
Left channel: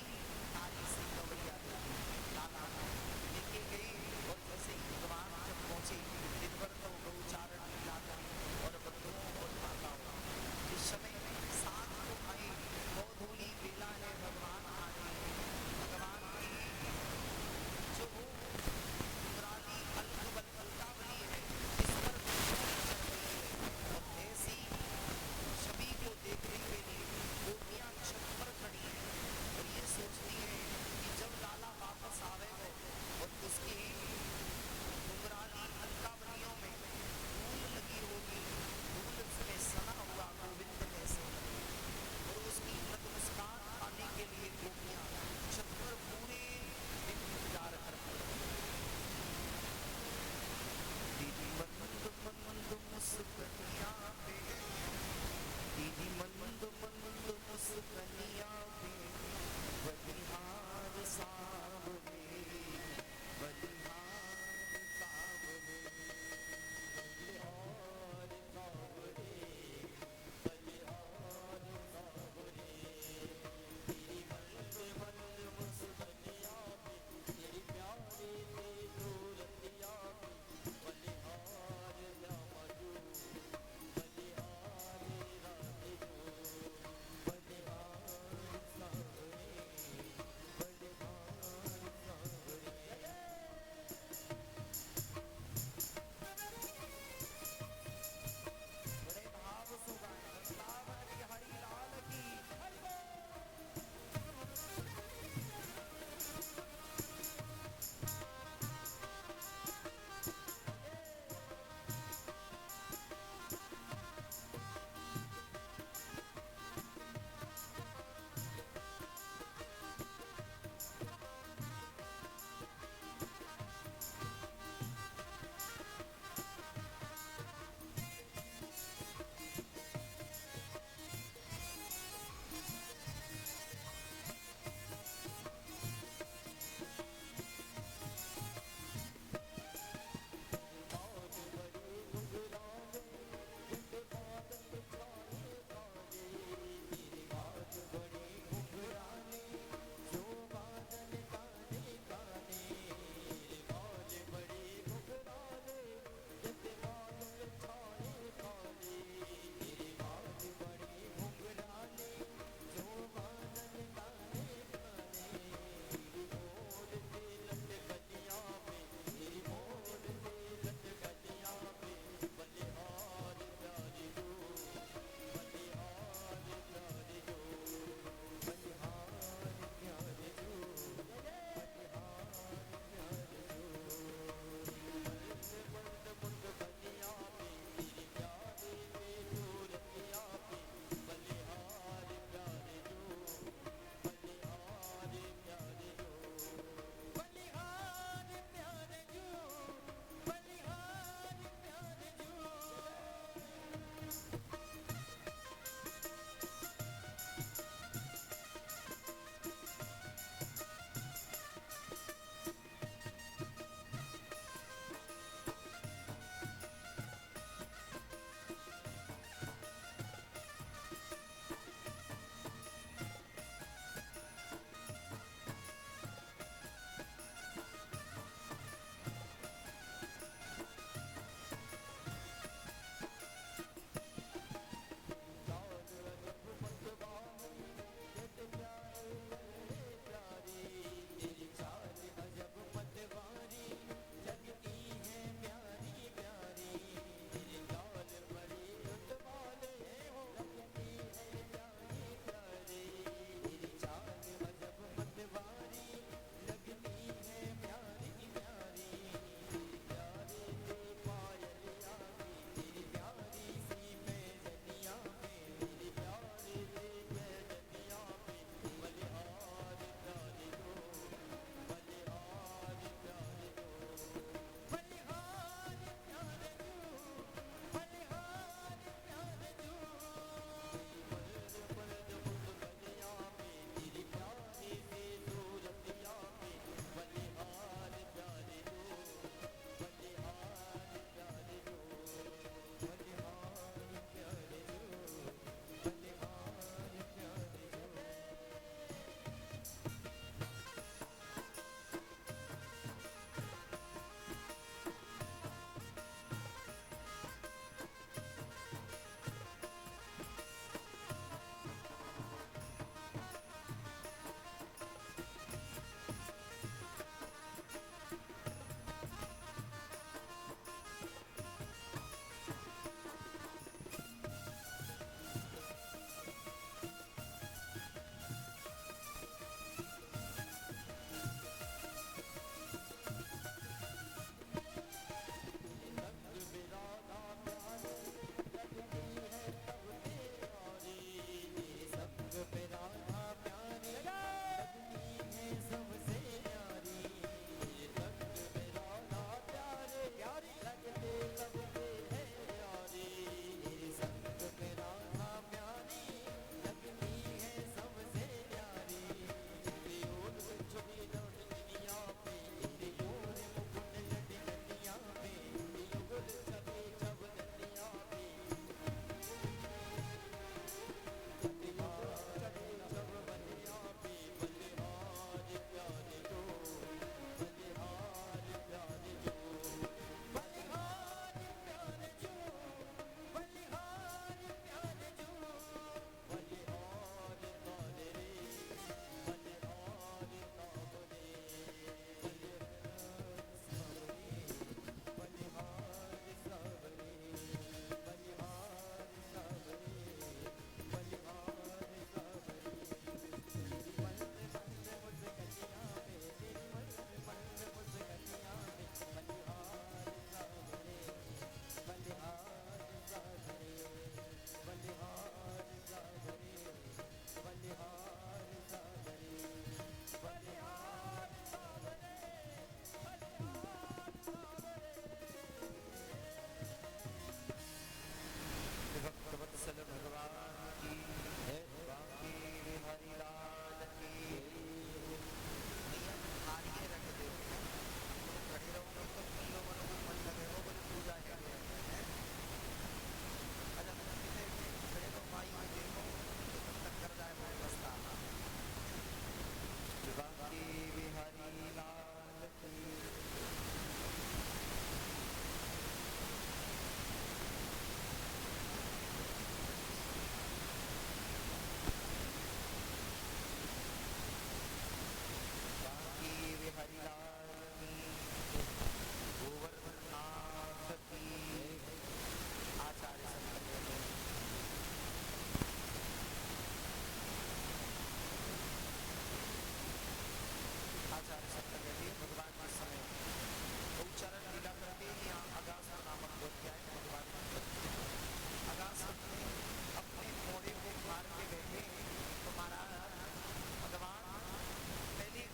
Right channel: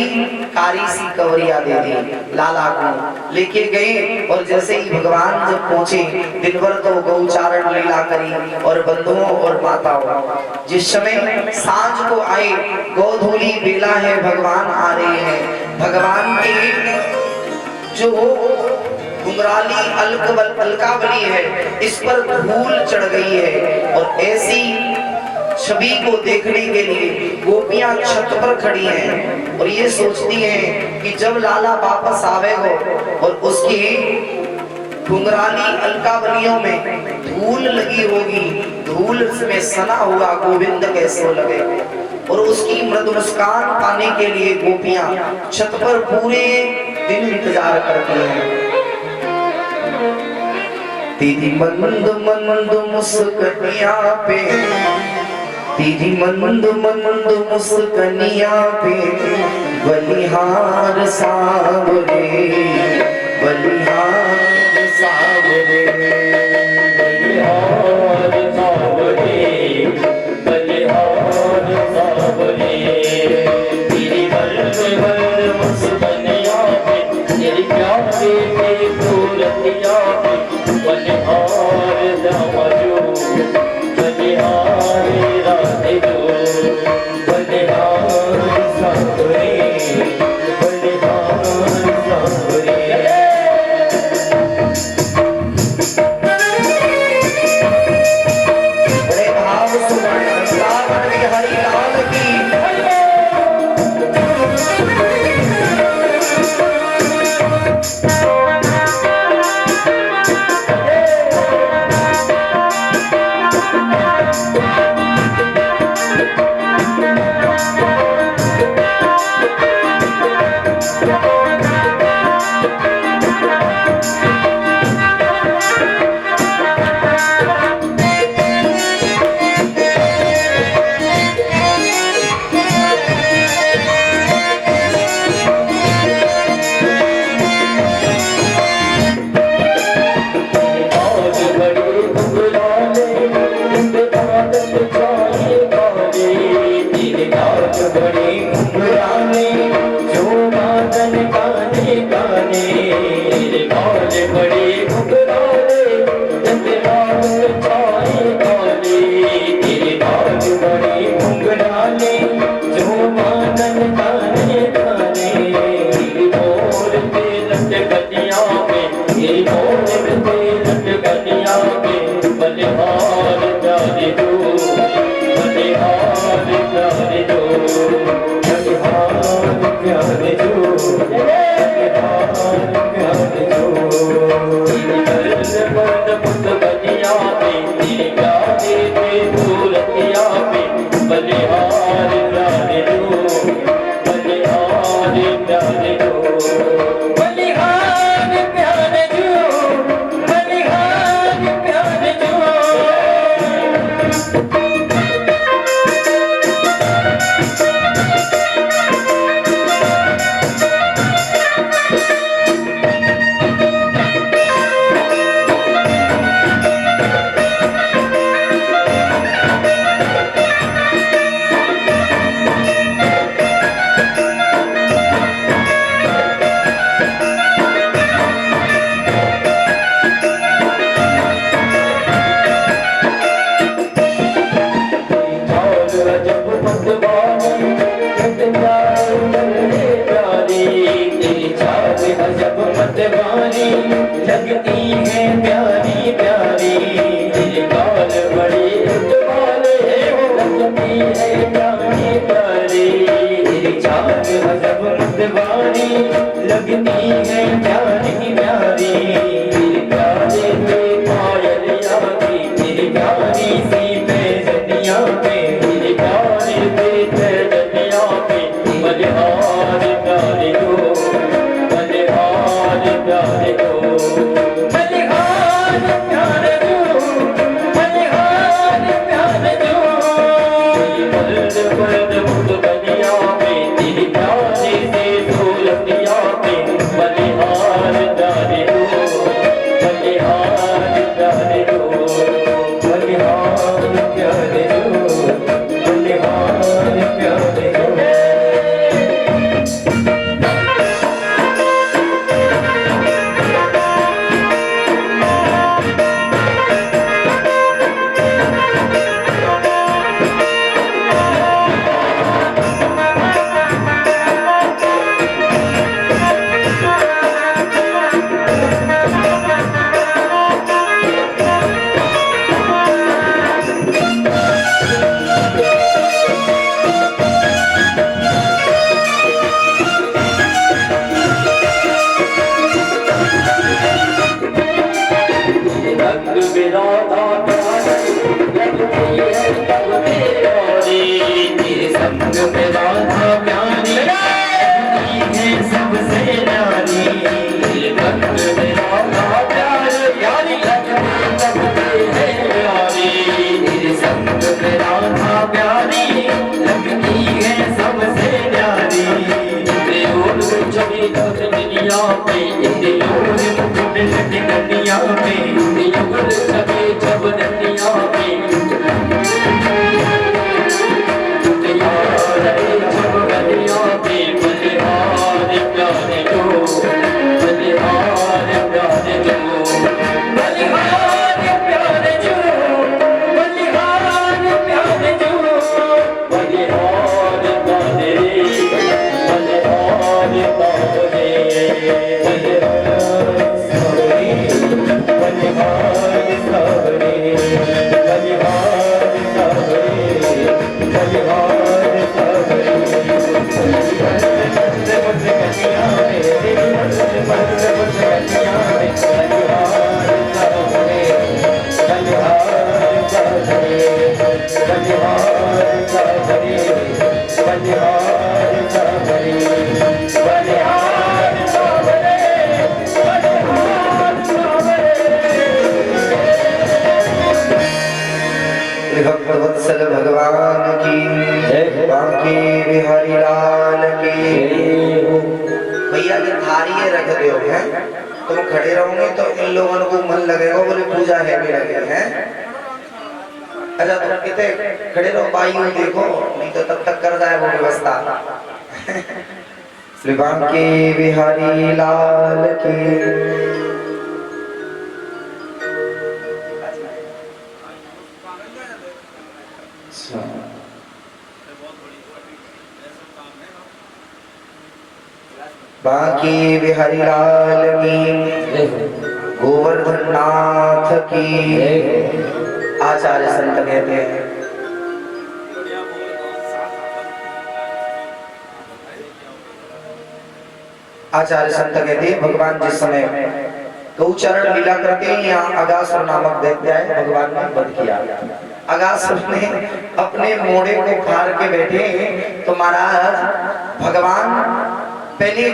काली सी कमरिया दे दी। लाला को लेके गए और जैसे ही भगवान जब पहुंचे, दिन भर तो गौचारण लीला करी और बंधुओं और माताओं। जिस समय सांझ को आए, गोधूली बेला है, भगवान आ रहे हैं। भगवान के जो घुंघराली अलकावली है, इस पर धूल चढ़ गई है और ऐसी छवि को देखने के लिए गोपियां छत पर खड़ी हैं और ये सोचती हैं कि जब लाला वापस आवेगा और उसकी घुंघराली अलकावलियों में धूल लगी होगी, धूल में सना हुआ गोविंद कैसे लगे। और उसकी मृदु मुस्कान पाने के लिए गोपियां छत पर पूरे दिन इंतजार करती हैं। तेरी मंद मंद मुस्कनिया पे, तेरी मंद मंद मुस्कनिया पे बलिहार सावरे, बलिहार सावरे, बलिहार सावरे, बलिहार सावरे। तेरी मंद मंद मुस्कनिया पे, तेरी प्यारे की सूरतिया पे बलिहार दामजो, बलिहार राधे जो, बलिहार सावरे, बलिहार सावरे। बड़े भाव से वृंदावन बिहारी लाल की। संग मेरा था प्यारी लगती है तब प्यारी तेरे संग मेरा था प्यारी लगती है सबसे प्यारी तेरे संग मेरा था प्यारी प्यारी लगती तब है प्यारी तेरे संग मेरा था प्यारी लगती है सबसे प्यारी तेरे ओर छवि दुनिया पे तेरे ओर दुनिया पे तेरे ओर छवि जब दुनिया पे यार जब दुनिया पे बलिहार प्यारे जो बलिहार प्यारे जो बलिहार प्यारे जो बलिहार प्यारे जो बलिहार प्यारे भक्तवत्सल भगवान की बांके बिहारी लाल की। भैया जब थारी रख दो है तुम खड़े रहोगे तो इन लोगों को मन लगेगा, बोले पूजा है भी लगे हैं। अच्छा तुम कितने खड़े रहो पाई हो देखो, नहीं तो तब तक कर जाए वो व्यवस्था। श्री बांके बिहारी लाल की। बांके बिहारी लाल की, गोवर्धन नाथ की। आचार्य संत कहते हैं आचार्य संत कहते हैं भगवान जिस समय गौचरण लीला करते हैं, यहाँ अगासुर नामक दैत्य है, भगवान ने वध किया। अगासुर ने अपने मोड़े को फाड़ के बैठे तो महाराज भगवान पहले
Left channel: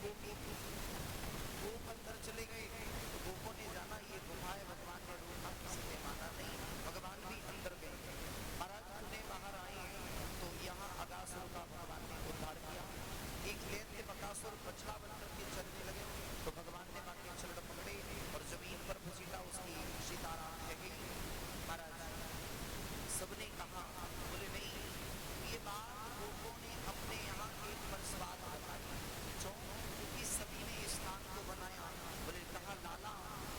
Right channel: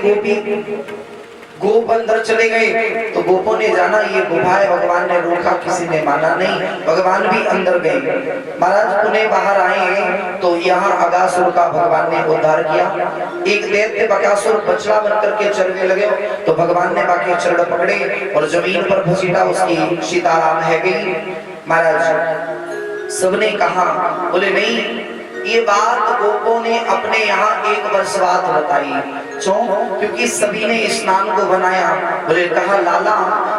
गोप अंदर चले गए तो गोपों ने जाना ये गुफा है, भगवान ने रोका, किसी ने माना नहीं, भगवान भी अंदर गए। महाराज पुनः बाहर आए तो यहाँ अगासुर का भगवान ने उद्धार किया। एक दैत्य बकासुर बछड़ा बनकर के चलने लगे तो भगवान ने बाकी चरण पकड़े और जमीन पर घसीटा, उसकी सीताराम है गई। महाराज सबने कहा, बोले नहीं ये बात गोपों ने अपने यहाँ 1 वर्ष बाद बताई। क्यों? क्योंकि सभी ने स्नान को बनाया। बोले कहा लाला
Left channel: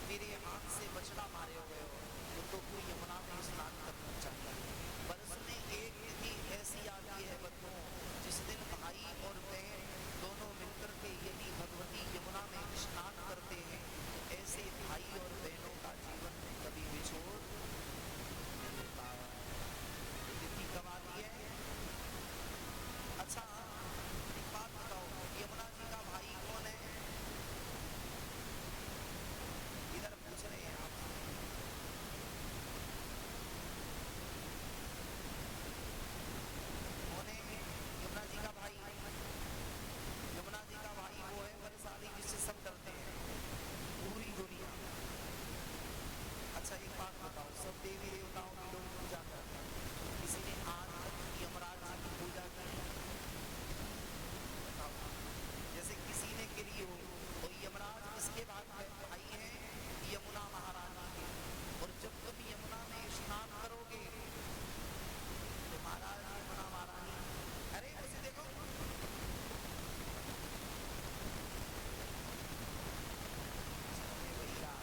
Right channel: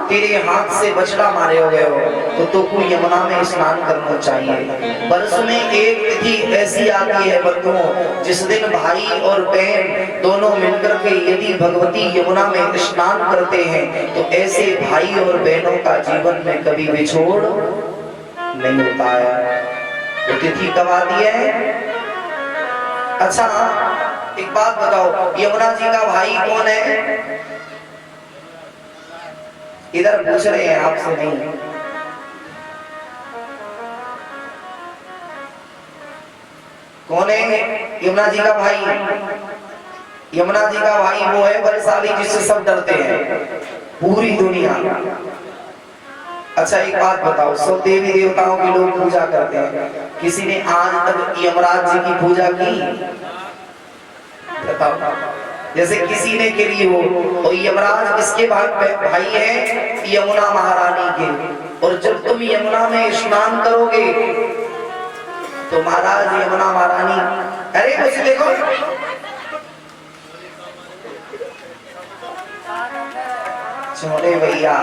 तेरे हाथ से बछड़ा मारे हो गए हो तो तुमको यमुना में स्नान करना चाहिए। वर्ष में एक तिथि ऐसी आती है बंधुओं जिस दिन भाई और बहन दोनों मिलकर के यदि भगवती यमुना में स्नान करते हैं तो ऐसे भाई और बहनों का जीवन में कभी विछोड़ नहीं होता है। तो तिथि कब आती है? अच्छा एक बात बताओ, यमुना जी का भाई कौन है? इधर पूछ रहे हैं आपसे नहीं। कौन है यमुना जी का भाई? यमुना जी का भाई वो है बलशाली जिससे सब डरते हैं पूरी दुनिया। अच्छा एक बात बताओ, सब देवी देवताओं की लोग पूजा करते हैं, किसी ने आज तक यमराज जी की पूजा की? बताओ। जैसे किसी ने करी हो, और यमराज किसके भाई है? यमुना महारानी के। और जब तुम यमुना में स्नान करोगे तो महाराज यमुना महारानी, अरे मुझे देखो छोड़े भैया,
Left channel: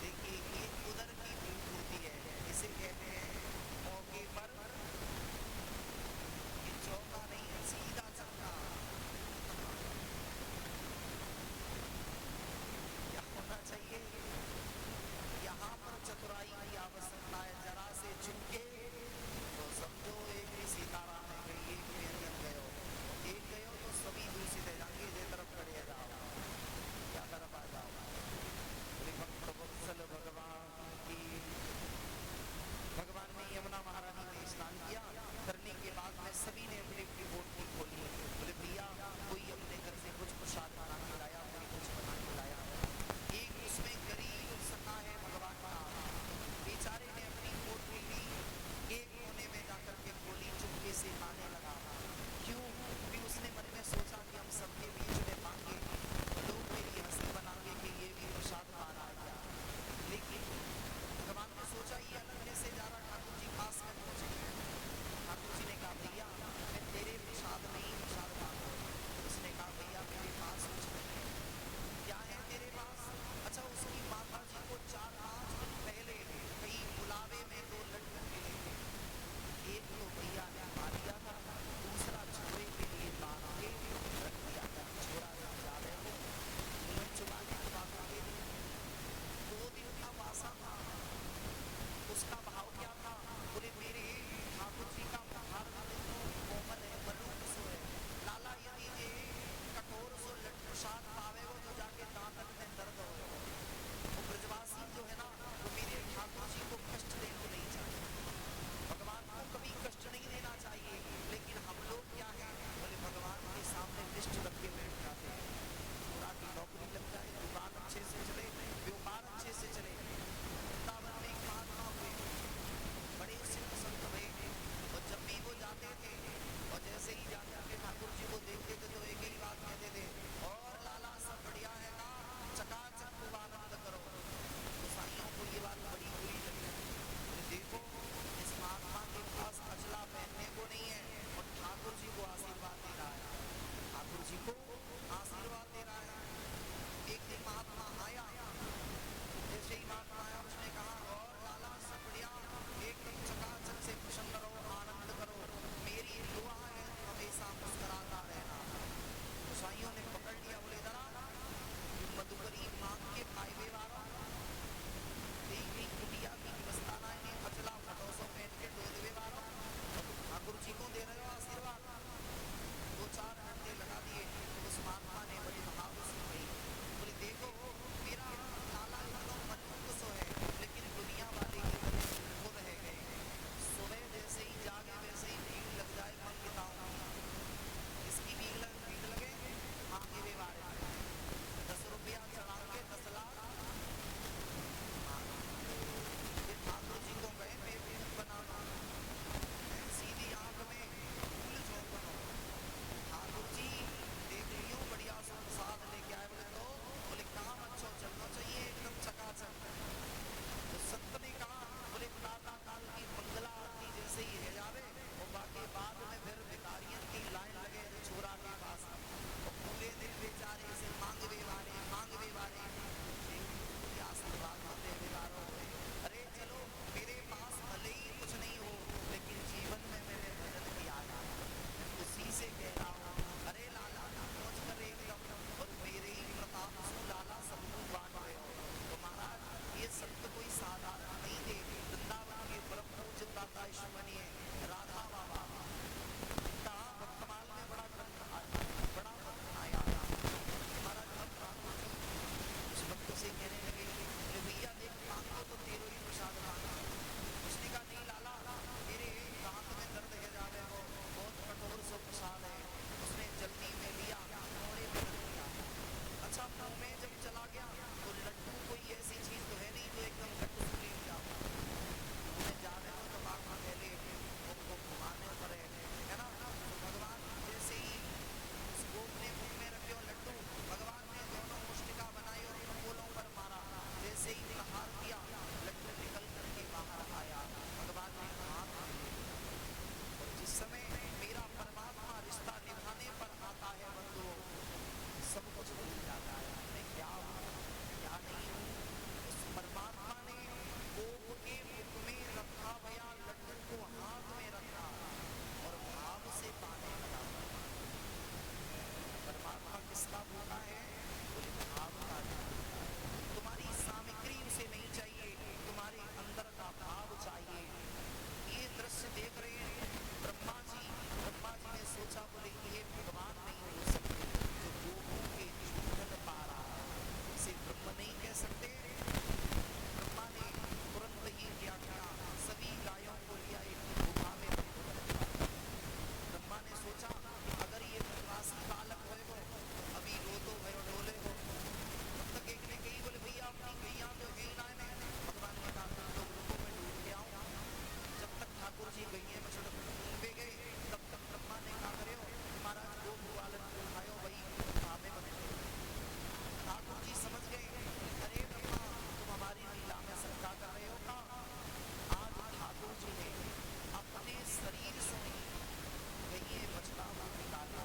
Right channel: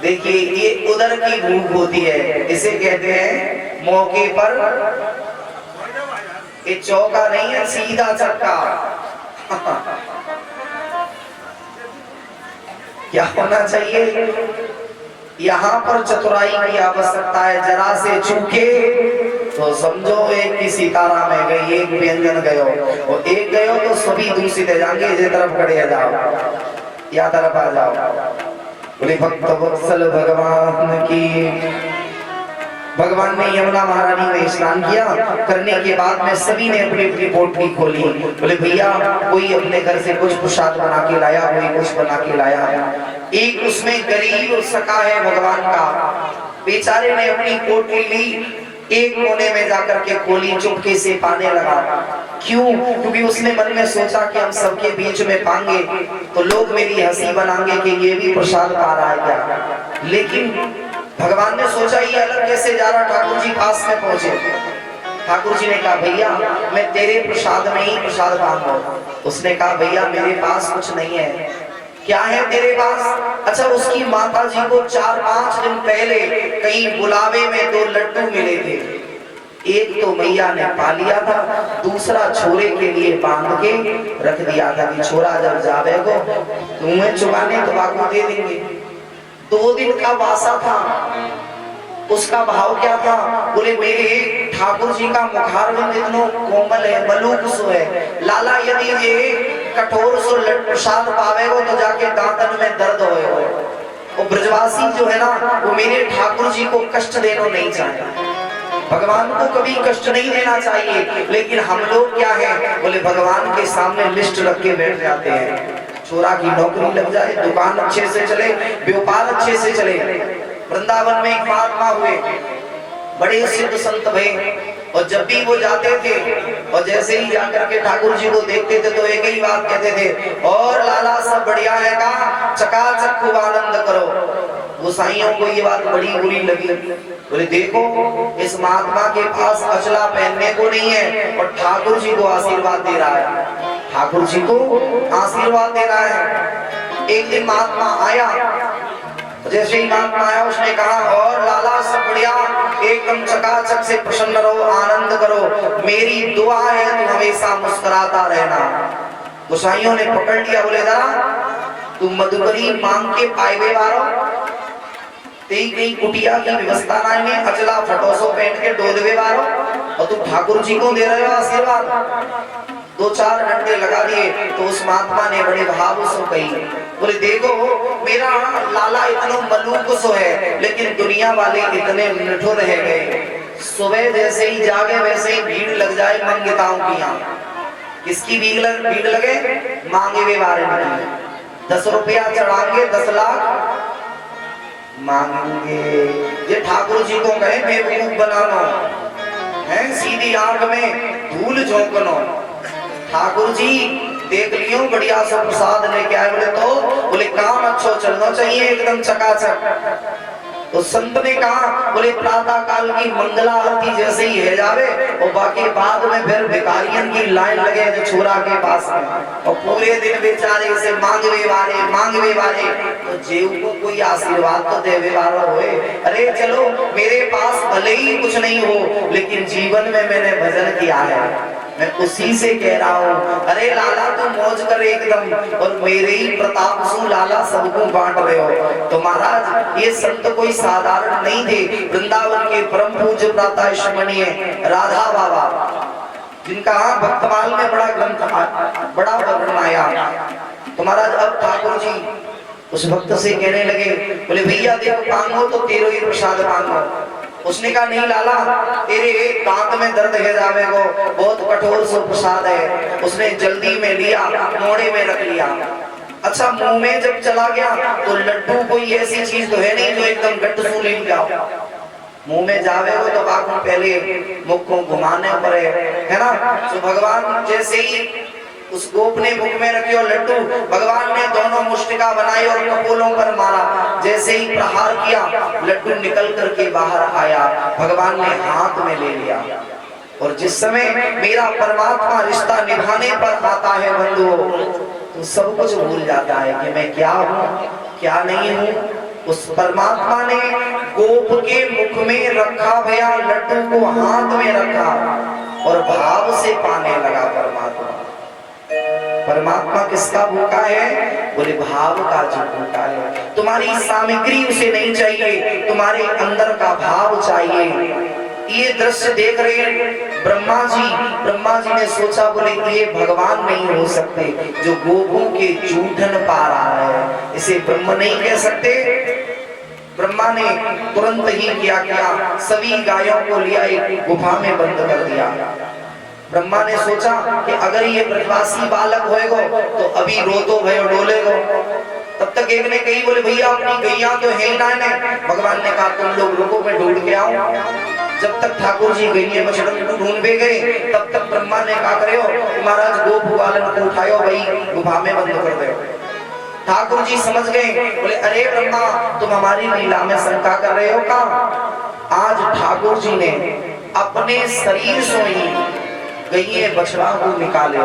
देखिए ये उधर की भूख होती है, इसे कहते हैं मौके पर ये चौका नहीं है, सीधा चक्का। क्या होना चाहिए? यहाँ पर चतुराई की आवश्यकता है। जरा से चूके तो समझो एक की सीताराम है गई, एक व्यंजन गयो, और एक गयो तो सभी दूषित है जाएंगे। इस तरफ खड़े जाओ या तरफ आ जाओ। बोले भक्त वत्सल भगवान की। भगवान ने यमुना महारानी में स्नान किया, करने के बाद में सभी ने अपनी अपनी पोटली खोली। बोले भैया कोई अपने घर से कुछ प्रसाद बना के लाया, कोई कुछ बना के लाया। एक उसमें गरीब सखा है भगवान का, बेचारे ने अपनी पोटली ली, एक कोने में जाकर के खोली, चुपके से पाने लगा। क्यों? क्योंकि उसने मन में सोचा कि हम सबके बीच में पाएंगे तो लोग मेरी हंसी बनाएंगे कि ये भी प्रसाद पा रहा है क्या। लेकिन भगवान ने सोचा ये अलग कैसे जा रहा, ठाकुर जी पास में पहुंचे। ठाकुर जी ने कहा भैया मैं तेरे प्रसाद में ही प्रसाद पाऊंगा। उसने कहा भैया मेरे पास कुछ नहीं है। क्या है तेरे पास? अच्छा उसकी माता जी को 4-5 दिन पहले कहीं बुलावे में 2 लड्डू मिले थे। एक तो मैया ने पा लिया था, दूसरा छोरे के लिए बांध के रख दिया था कि छोरा जब जावे को तुम्हें चुगाने तो बाकू दे देंगे। 2 दिन का वासा था। उसका भाव क्या था? बोले मेरे ठाकुर जी का मुखारविंद इतना कोमल है, मलूक सो है, लाला यदि ये कठोर सो प्रसाद पावेगो तो जाके दांतन में दर्द होएगा। वो ब्रजवासी जो है ना वो मेरे ठाकुर जी को कष्ट देना नहीं चाहते। भगवान को कभी कष्ट नहीं देना चाहिए, लेकिन हम लोग क्या है, बोले भगवान के सामने लिस्ट रख के बैठ जाते हैं। छोरा की नौकरी लग जाए, दुकान अच्छे से चले, व्यापार अच्छे से चले। वृंदावन में एक महात्मा हुए, बड़े सिद्ध संत भये, और जब भी वो जाते थे और जैसे ही जाकर के ठाकुर जी को देखते थे तो एक ही बात कहते थे, और लाला सब बढ़िया है का, चकाचक खूब आनंद करो। गोसाइयों को ये बात बड़ी बुरी लगी। बोले देखो इस महात्मा के पास अचला पहनने को नहीं है और ठाकुर जी को आशीर्वाद दे रहा है, ठाकुर जी को आशीर्वाद दे रहा है। एक दिन महात्मा आया, जैसे ही महात्मा आया उसने कहा और लाला सब बढ़िया, एकदम चकाचक से प्रसन्न रहो, आनंद करो, मेरी दुआ है तू हमेशा मुस्कुराता रहना। गोसाइयों ने पकड़ लिया, बोले जरा तू मधुकरी मांग के पाए वारो, कई कुटिया की व्यवस्था नहीं है, अचला फटोसो पहन के डोदवे वारो और तू ठाकुर जी को दे रहे हो आशीर्वाद। 2-4 डंडे लगा दिए तो उस महात्मा ने बड़े भाव से कही, बोले देखो मेरा लाला इतना मलूक सो है, लेकिन दुनिया वाले इतने निठुर रह गए। सुबह जैसे ही जागे वैसे ही भीड़ लग जाए मंगिताओं की। यहाँ किसकी भीड़ लगे? मांगे वे बारे में 10 रुपया चढ़ाएंगे 10 लाख मांगेंगे। ये ठाकुर जी को कहे बेवकूफ बनाना है, सीधी आंख में धूल झोंकनो। ठाकुर जी देख लियो बढ़िया सा प्रसाद लेके आए, बोले तो बोले काम अच्छा चलना चाहिए एकदम चकाचक। तो संत ने कहा, बोले प्रातः काल की मंगला आरती जैसे ही है जावे और बाकी बाद में फिर भिखारियन की लाइन लगे जो छोरा के पास में, और पूरे दिन बेचारे से मांगवे वाले तो जेऊ को कोई आशीर्वाद तो देवे वाला होए। अरे चलो मेरे पास भले ही कुछ नहीं हो, लेकिन जीवन में मैंने भजन किया है, मैं उसी से कह रहा हूँ। अरे लाला तुम मौज कर एकदम, और मेरे ही प्रताप से लाला सबको बांट रहे हो। तो महाराज ये संत कोई साधारण नहीं थे। वृंदावन के परम पूज्य प्रातःस्मरणीय राधा बाबा, जिनका भक्तमाल में बड़ा ग्रंथ बड़ा वर्णन आया। तो महाराज अब ठाकुर जी उस भक्त से कहने लगे, बोले भैया देखो मांगो तो तेरो ही प्रसाद मांगो। उसने कहा नहीं लाला तेरे दांत में दर्द है जावे को, बहुत कठोर सो प्रसाद है। उसने जल्दी में लिया, मोड़े में रख लिया। अच्छा मुंह में जब चला गया तो लड्डू कोई ऐसी चीज तो है नहीं जो एकदम गट्ट सू ले जाओ। मुंह में जावे हो तो बाकी पहले मुख को घुमाने पर है ना। तो भगवान जैसे ही उस गोप ने मुख में रखी और लड्डू, भगवान ने दोनों मुष्टिका बनाई और कपोलों पर मारा। जैसे ही प्रहार किया लड्डू निकल करके बाहर आया, भगवान ने हाथ में ले लिया। और जिस समय मेरा परमात्मा रिश्ता निभाने पर आता है बंधुओं, तो सब कुछ भूल जाता है कि मैं क्या हूँ क्या नहीं हूँ। उस परमात्मा ने गोप के मुख में रखा भैया लड्डू को, हाथ में रखा और भाव से पाने लगा। परमात्मा किसका भूखा है? बोले भाव का जो भूखा है। तुम्हारी सामग्री उसे नहीं चाहिए, तुम्हारे अंदर का भाव चाहिए। ये दृश्य देख रहे हैं ब्रह्मा जी ने सोचा, बोले ये भगवान नहीं हो सकते जो गोपों के जूठन पा रहा है, इसे ब्रह्म नहीं कह सकते। ब्रह्मा ने तुरंत ही क्या सभी गायों को लिया एक गुफा में बंद कर दिया। ब्रह्मा ने सोचा कि अगर ये ब्रजवासी बालक होएगो तो अभी रोतो भयो डोलेगो। तब तक एक ने कही, बोले भैया अपनी गैया तो है ही ना। भगवान ने कहा तुम लोग रुको, मैं ढूंढ के आऊं। जब तक ठाकुर जी गैये बछड़ों को ढूंढे गए, तब तक ब्रह्मा ने कहा करे हो महाराज गोपू बालन को उठायो, भाई गुफा में बंद कर दो। ठाकुर जी समझ गए, बोले अरे ब्रह्मा तुम हमारी लीला में शंका कर रहे हो का? आज ठाकुर जी ने अपने शरीर से ही गैये बछड़ा को निकाले,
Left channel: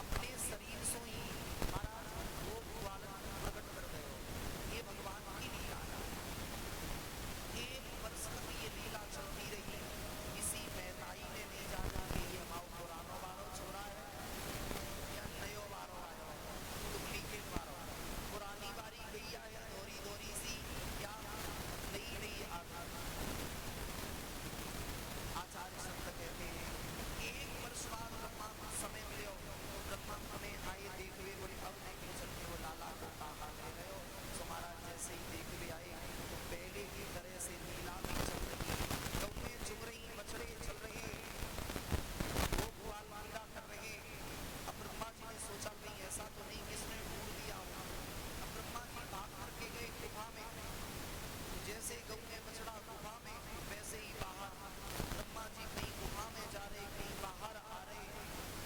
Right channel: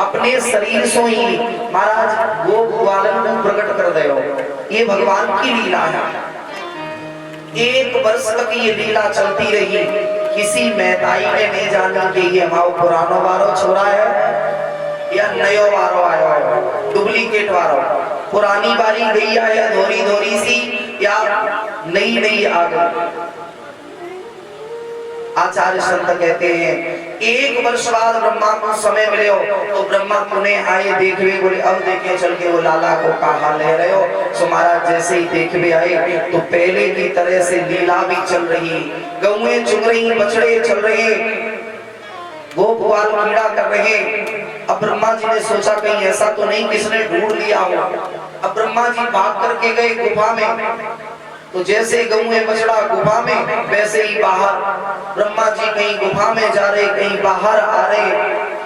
अपने शरीर से ही महाराज गोप बालन को प्रकट कर दो। ये भगवान की लीला है। 1 वर्ष तक ये लीला चलती रही। किसी मैदाई ने नहीं जाना कि ये हमारा पुरानो वारो छोरा है या नयो वारो आयो है, डुप्लीकेट वारो। पुरानी बारी गई है या धोरी सी या नई आ गई। आचार्य संत कहते हैं 1 वर्ष बाद ब्रह्मा को समय मिले हो तो ब्रह्मा पुनः आए देखवे, बोले अब देखे चल के वो लाला को कहा ले रहे हो। सो महाराज जैसे ही देखवे आए तो पहले की तरह से लीला भी चल रही, गौएं चुग रही, बछड़े चल रहे, गोप बाल कीड़ा कर रहे। अब ब्रह्मा जी ने सोचा कहीं ऐसा तो नहीं किसने ढूंढ लिया हो। अब ब्रह्मा जी भाग करके गए गुफा में, तो जैसे गौएं बछड़ा गुफा में वैसे ही बाहर। ब्रह्मा जी कहीं गुफा में जा रहे, कहीं बाहर आ रहे।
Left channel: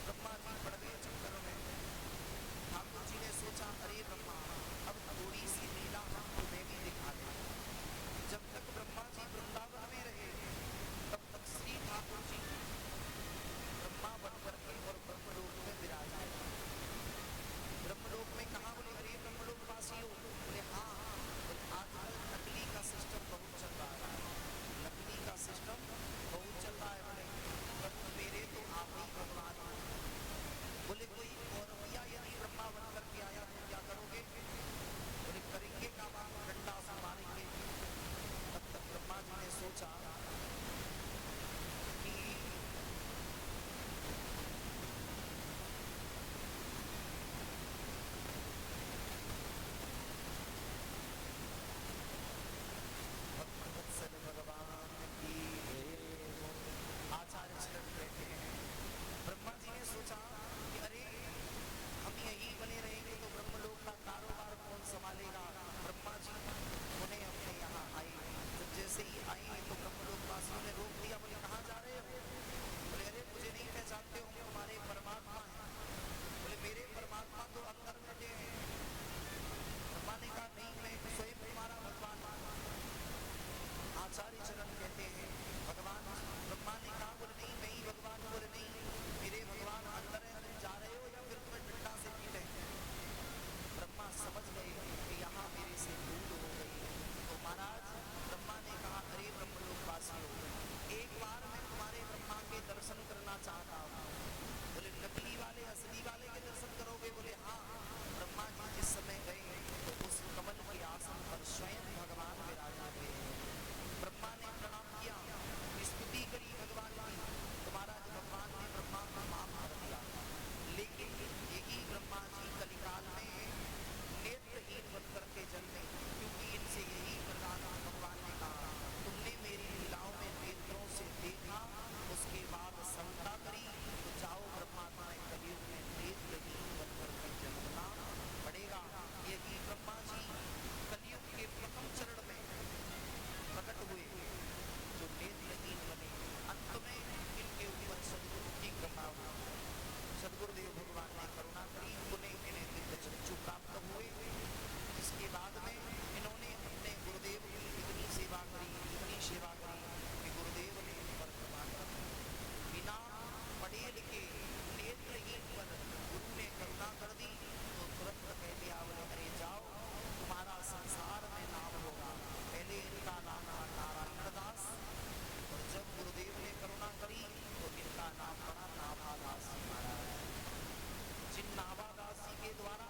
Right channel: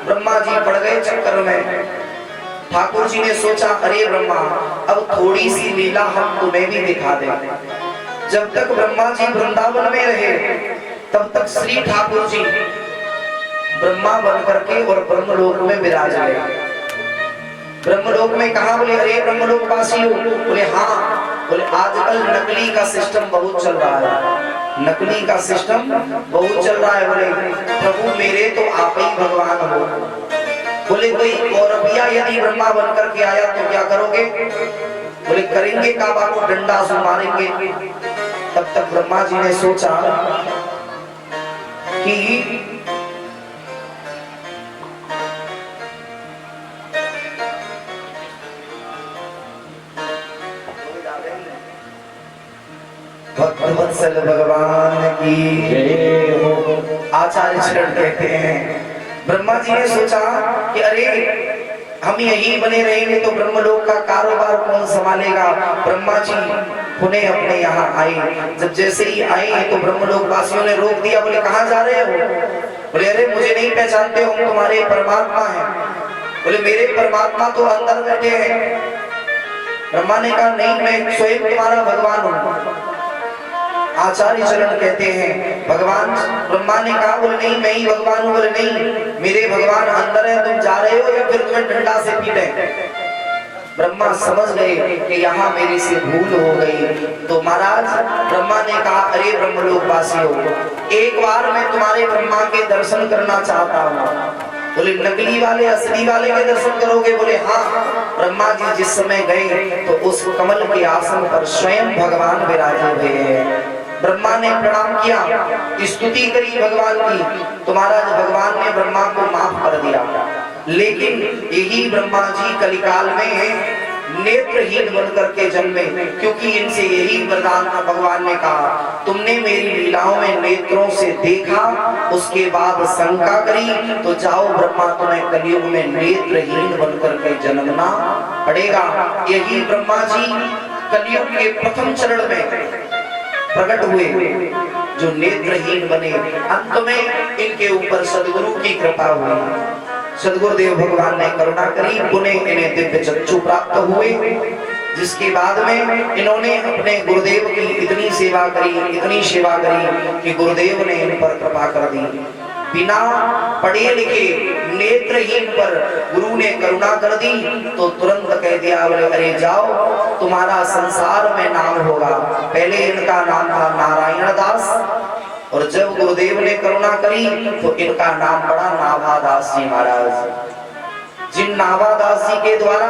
ब्रह्मा जी पड़ गए चक्कर में। ठाकुर जी ने सोचा अरे ब्रह्मा अब थोड़ी सी लीला हम तुम्हें भी दिखा दें। जब तक ब्रह्मा जी वृंदावन में रहे तब तक श्री ठाकुर जी ब्रह्मा बन करके और ब्रह्मलोक में विराज गए। ब्रह्मलोक में कहा? बोले अरे ब्रह्मलोक वासी हो? बोले हाँ। बोले आजकल नकली का सिस्टम बहुत चल रहा है, नकली का सिस्टम बहुत चल रहा है। बोले प्रभु मेरे तो आप ही भगवान हो। बोले कोई कौरविया यदि ब्रह्मा बन करके आया तो क्या करोगे? बोले करेंगे काबा को डंडा से मारेंगे। तब तक ब्रह्मा जी ने सोचा कि भक्तवत्सल भगवान की जय हो। आचार्य चरण कहते हैं ब्रह्मा जी ने सोचा कि अरे हम यही बने रहेंगे तो ब्रह्मलोक का कारोबार कौन संभालेगा। ब्रह्मा जी पुनः अपने यहाँ आए। जब जैसे ही आए तो ब्रह्मलोक वासियों ने रोक दिया। बोले कहाँ जा रहे हो? बोले अरे मुझे नहीं पहचानते हो, तुम्हारे परमात्मा हैं। बोले मेरे परमात्मा तो अंदर बैठे हैं। ब्रह्मा ने कहा नहीं मैं स्वयं तुम्हारा भगवान हूँ। आचार्य चरण कहते हैं भगवान ब्रह्मा ने कहा बोले नहीं मैं ही भगवान हूँ। बोले नहीं मेरे भगवान अंदर है, तुम जा रहे हो या फिर तुम्हें डंडा से पीटे। ब्रह्मा समझ गए कि यहाँ मेरे से भूल हो गई। तो महाराज ब्रह्मा ने कहा अरे ब्रह्मलोक वासियों एक बार मैं तुम्हारे ब्रह्मा के दर्शन करना चाहता हूँ। बोले नकली वाले असली वाले के दर्शन करोगे? बोले हाँ। ब्रह्मा जी जिस समय गए तो उस कमल के आसन पर स्वयं भगवान विराजे हुए हैं। ब्रह्मा ने प्रणाम किया, स्तुति करी भगवान की, तो महाराज भगवान ने ब्रह्मा को माफ कर दिया। लेकिन यही ब्रह्मा जी कलिकाल में नेत्रहीन बन करके जन्मे, क्योंकि इनसे यही वरदान था। भगवान ने कहा तुमने मेरी लीलाओं में नेत्रों से देखा, उसके बाद शंका करी, तो जाओ ब्रह्मा तुम्हें कलयुग में नेत्रहीन बन करके जन्मना पड़ेगा। यही ब्रह्मा जी कलयुग के प्रथम चरण में प्रकट हुए जो नेत्रहीन बने। अंत में इनके ऊपर सदगुरु की कृपा हुई। सदगुरुदेव भगवान ने करुणा करी, पुनः इन्हें दिव्य चक्षु प्राप्त हुए। जिसके बाद में इन्होंने अपने गुरुदेव की इतनी सेवा करी कि गुरुदेव ने इन पर कृपा कर दी। बिना पढ़े लिखे नेत्रहीन पर गुरु ने करुणा कर दी तो तुरंत कह दिया बोले अरे जाओ तुम्हारा संसार में नाम होगा। पहले इनका नाम था नारायण दास, और जब गुरुदेव ने करुणा करी तो इनका नाम पड़ा नाभादास जी महाराज। जिन नाभादास जी के द्वारा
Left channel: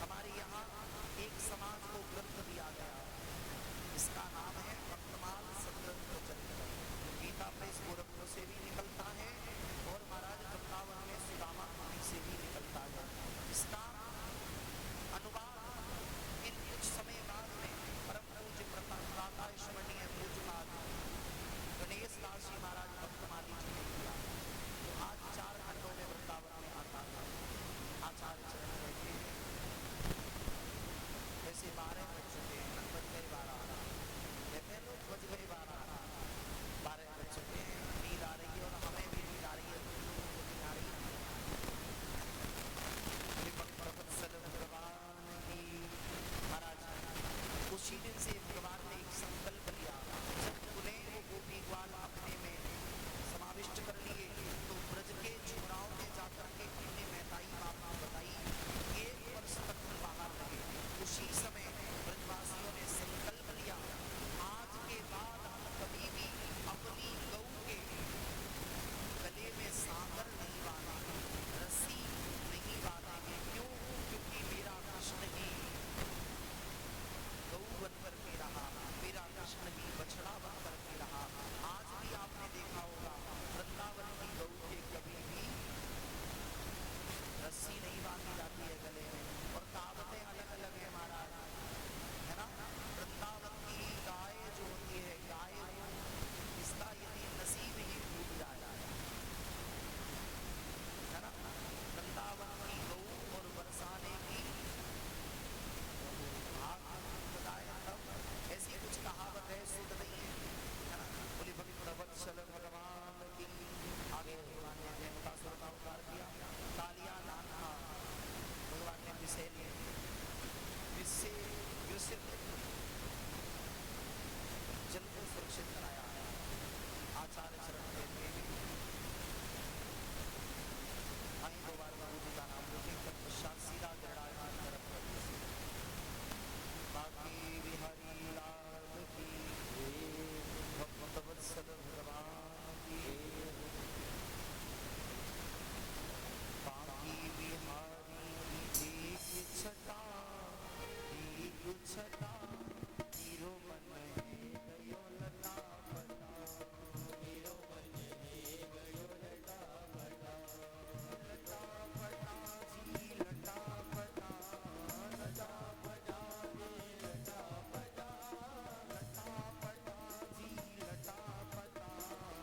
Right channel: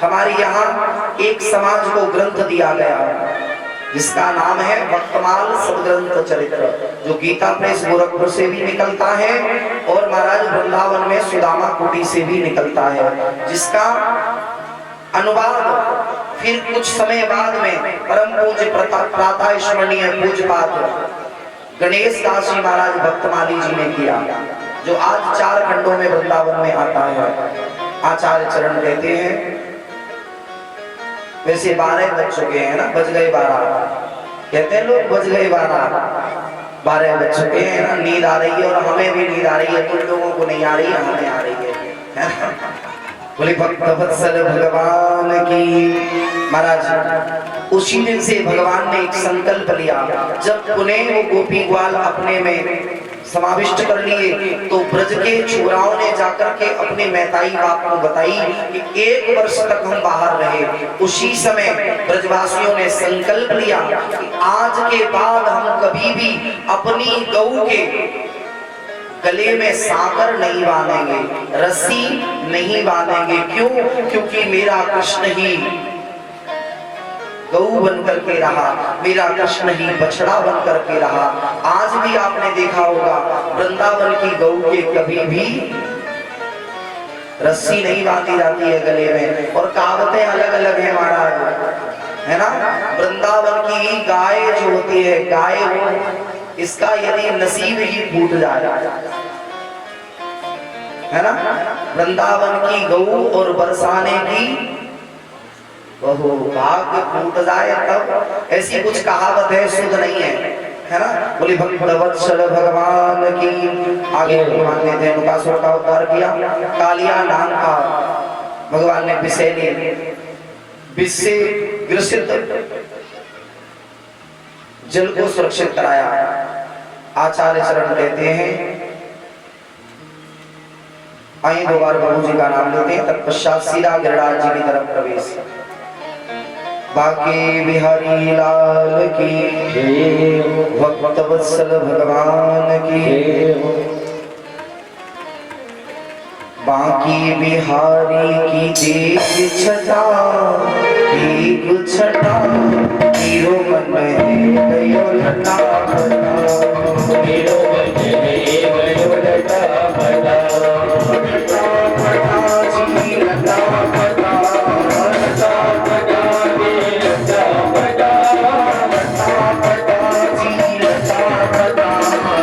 हमारे यहाँ एक समाज को ग्रंथ दिया गया। जिसका नाम है भक्तमाल सदग्रंथ चरित्र, जो गीता प्रेस गोरखपुर से भी निकलता है और महाराज वृंदावन में सुदामा कुटी से भी निकलता है, जिसका अनुवाद फिर कुछ समय बाद में परम पूज्य प्रातः स्मरणीय पूज्यपाद गणेश दास जी महाराज भक्तमाली जी ने किया, जो आज 4 खंडों में वृंदावन में आता है। आचार्य चरण कहते हैं, वैसे 12 बज चुके हैं ना, बज गए 12, कहते हैं लोग बज गए 12 बज चुके हैं ना, नींद आ रही है और हमें भी नींद आ रही है, कुछ लोगों को नहीं आ रही है, हमें आ रही है। बोले भक्तवत्सल भगवान की। महाराज उसी दिन से भगवान ने एक संकल्प लिया, जब उन्हें वो गोपी ग्वाल अपने में समाविष्ट कर लिए तो ब्रज के छोराओं ने जाकर के अपने मैताई बाप को बताई कि 1 वर्ष तक हम बाहर रहे। उसी समय ब्रजवासियों ने संकल्प लिया कि आज के बाद हम कभी भी अपनी गऊ के गले में साकर नहीं बांधेंगे, रस्सी नहीं बांधेंगे। क्यों? क्योंकि मेरा कृष्ण ही गऊ बन करके रहा, मेरा कृष्ण ही बछड़ा बन करके रहा। आज भी आपने देखा होगा वृंदावन की गऊ के कभी भी रस्सी नहीं बांधी जाती है गले में, और कहावतें अलग अलग है महाराज, है ना। वृंदावन की गाय जो होती है, गाय वो इसका यदि नसीब ही फूट जाए, है ना, वृंदावन की गऊ और बरसाने की बहु भाग्य फूट जाए तब, ऐसी कुछ कहावत है, शुद्ध नहीं है ना। बोली भक्तवत्सल भगवान की। आगे भगवान ने धेनुकासुर का उद्धार किया, कालिया नाम का भगवान ने विष से ग्रसित जल को सुरक्षित कराया। आचार्य चरण कहते हैं, आइए 2 बार प्रभु जी का नाम लेते हैं, तत्पश्चात सीधा गिरिराज जी की तरफ प्रवेश। बाकी बिहारी लाल की, भक्तवत्सल भगवान की। बाकी बिहारी की देख छटा, एक छटा, हीरो मन है गयो लटा फटा, हीरो मन है गयो लटा फटा, लटा फटा जी लटा फटा, लटा फटा जी लटा फटा, लटा फटा जी लटा फटा,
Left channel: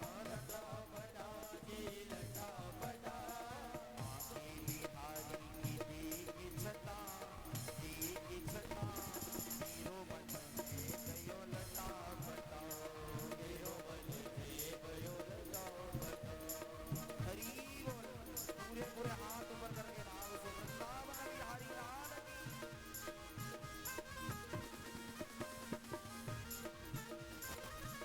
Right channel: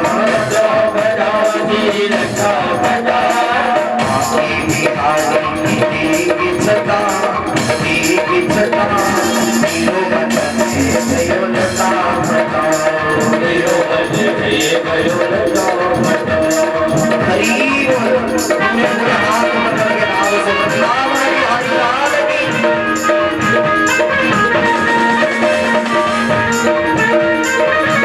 लटा फटा जी लटा फटा। बाकी बिहारी की देख छटा, एक छटा, हीरो मन है गयो लटा फटा, हीरो मन है गयो लटा फटा।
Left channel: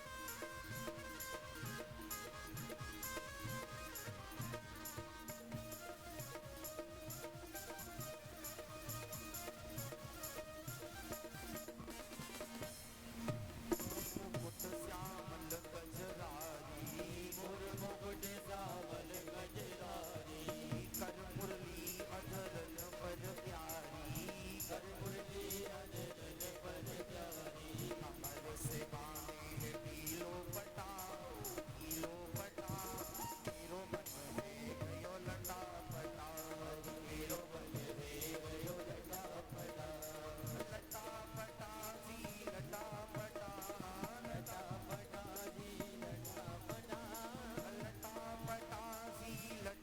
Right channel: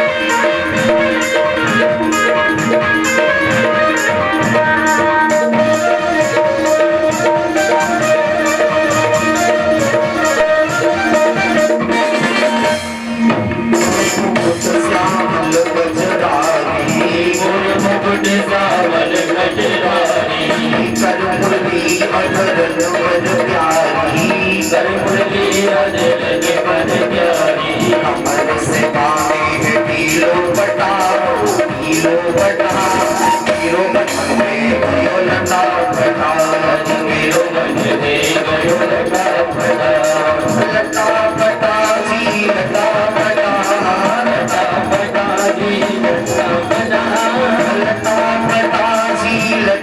हरि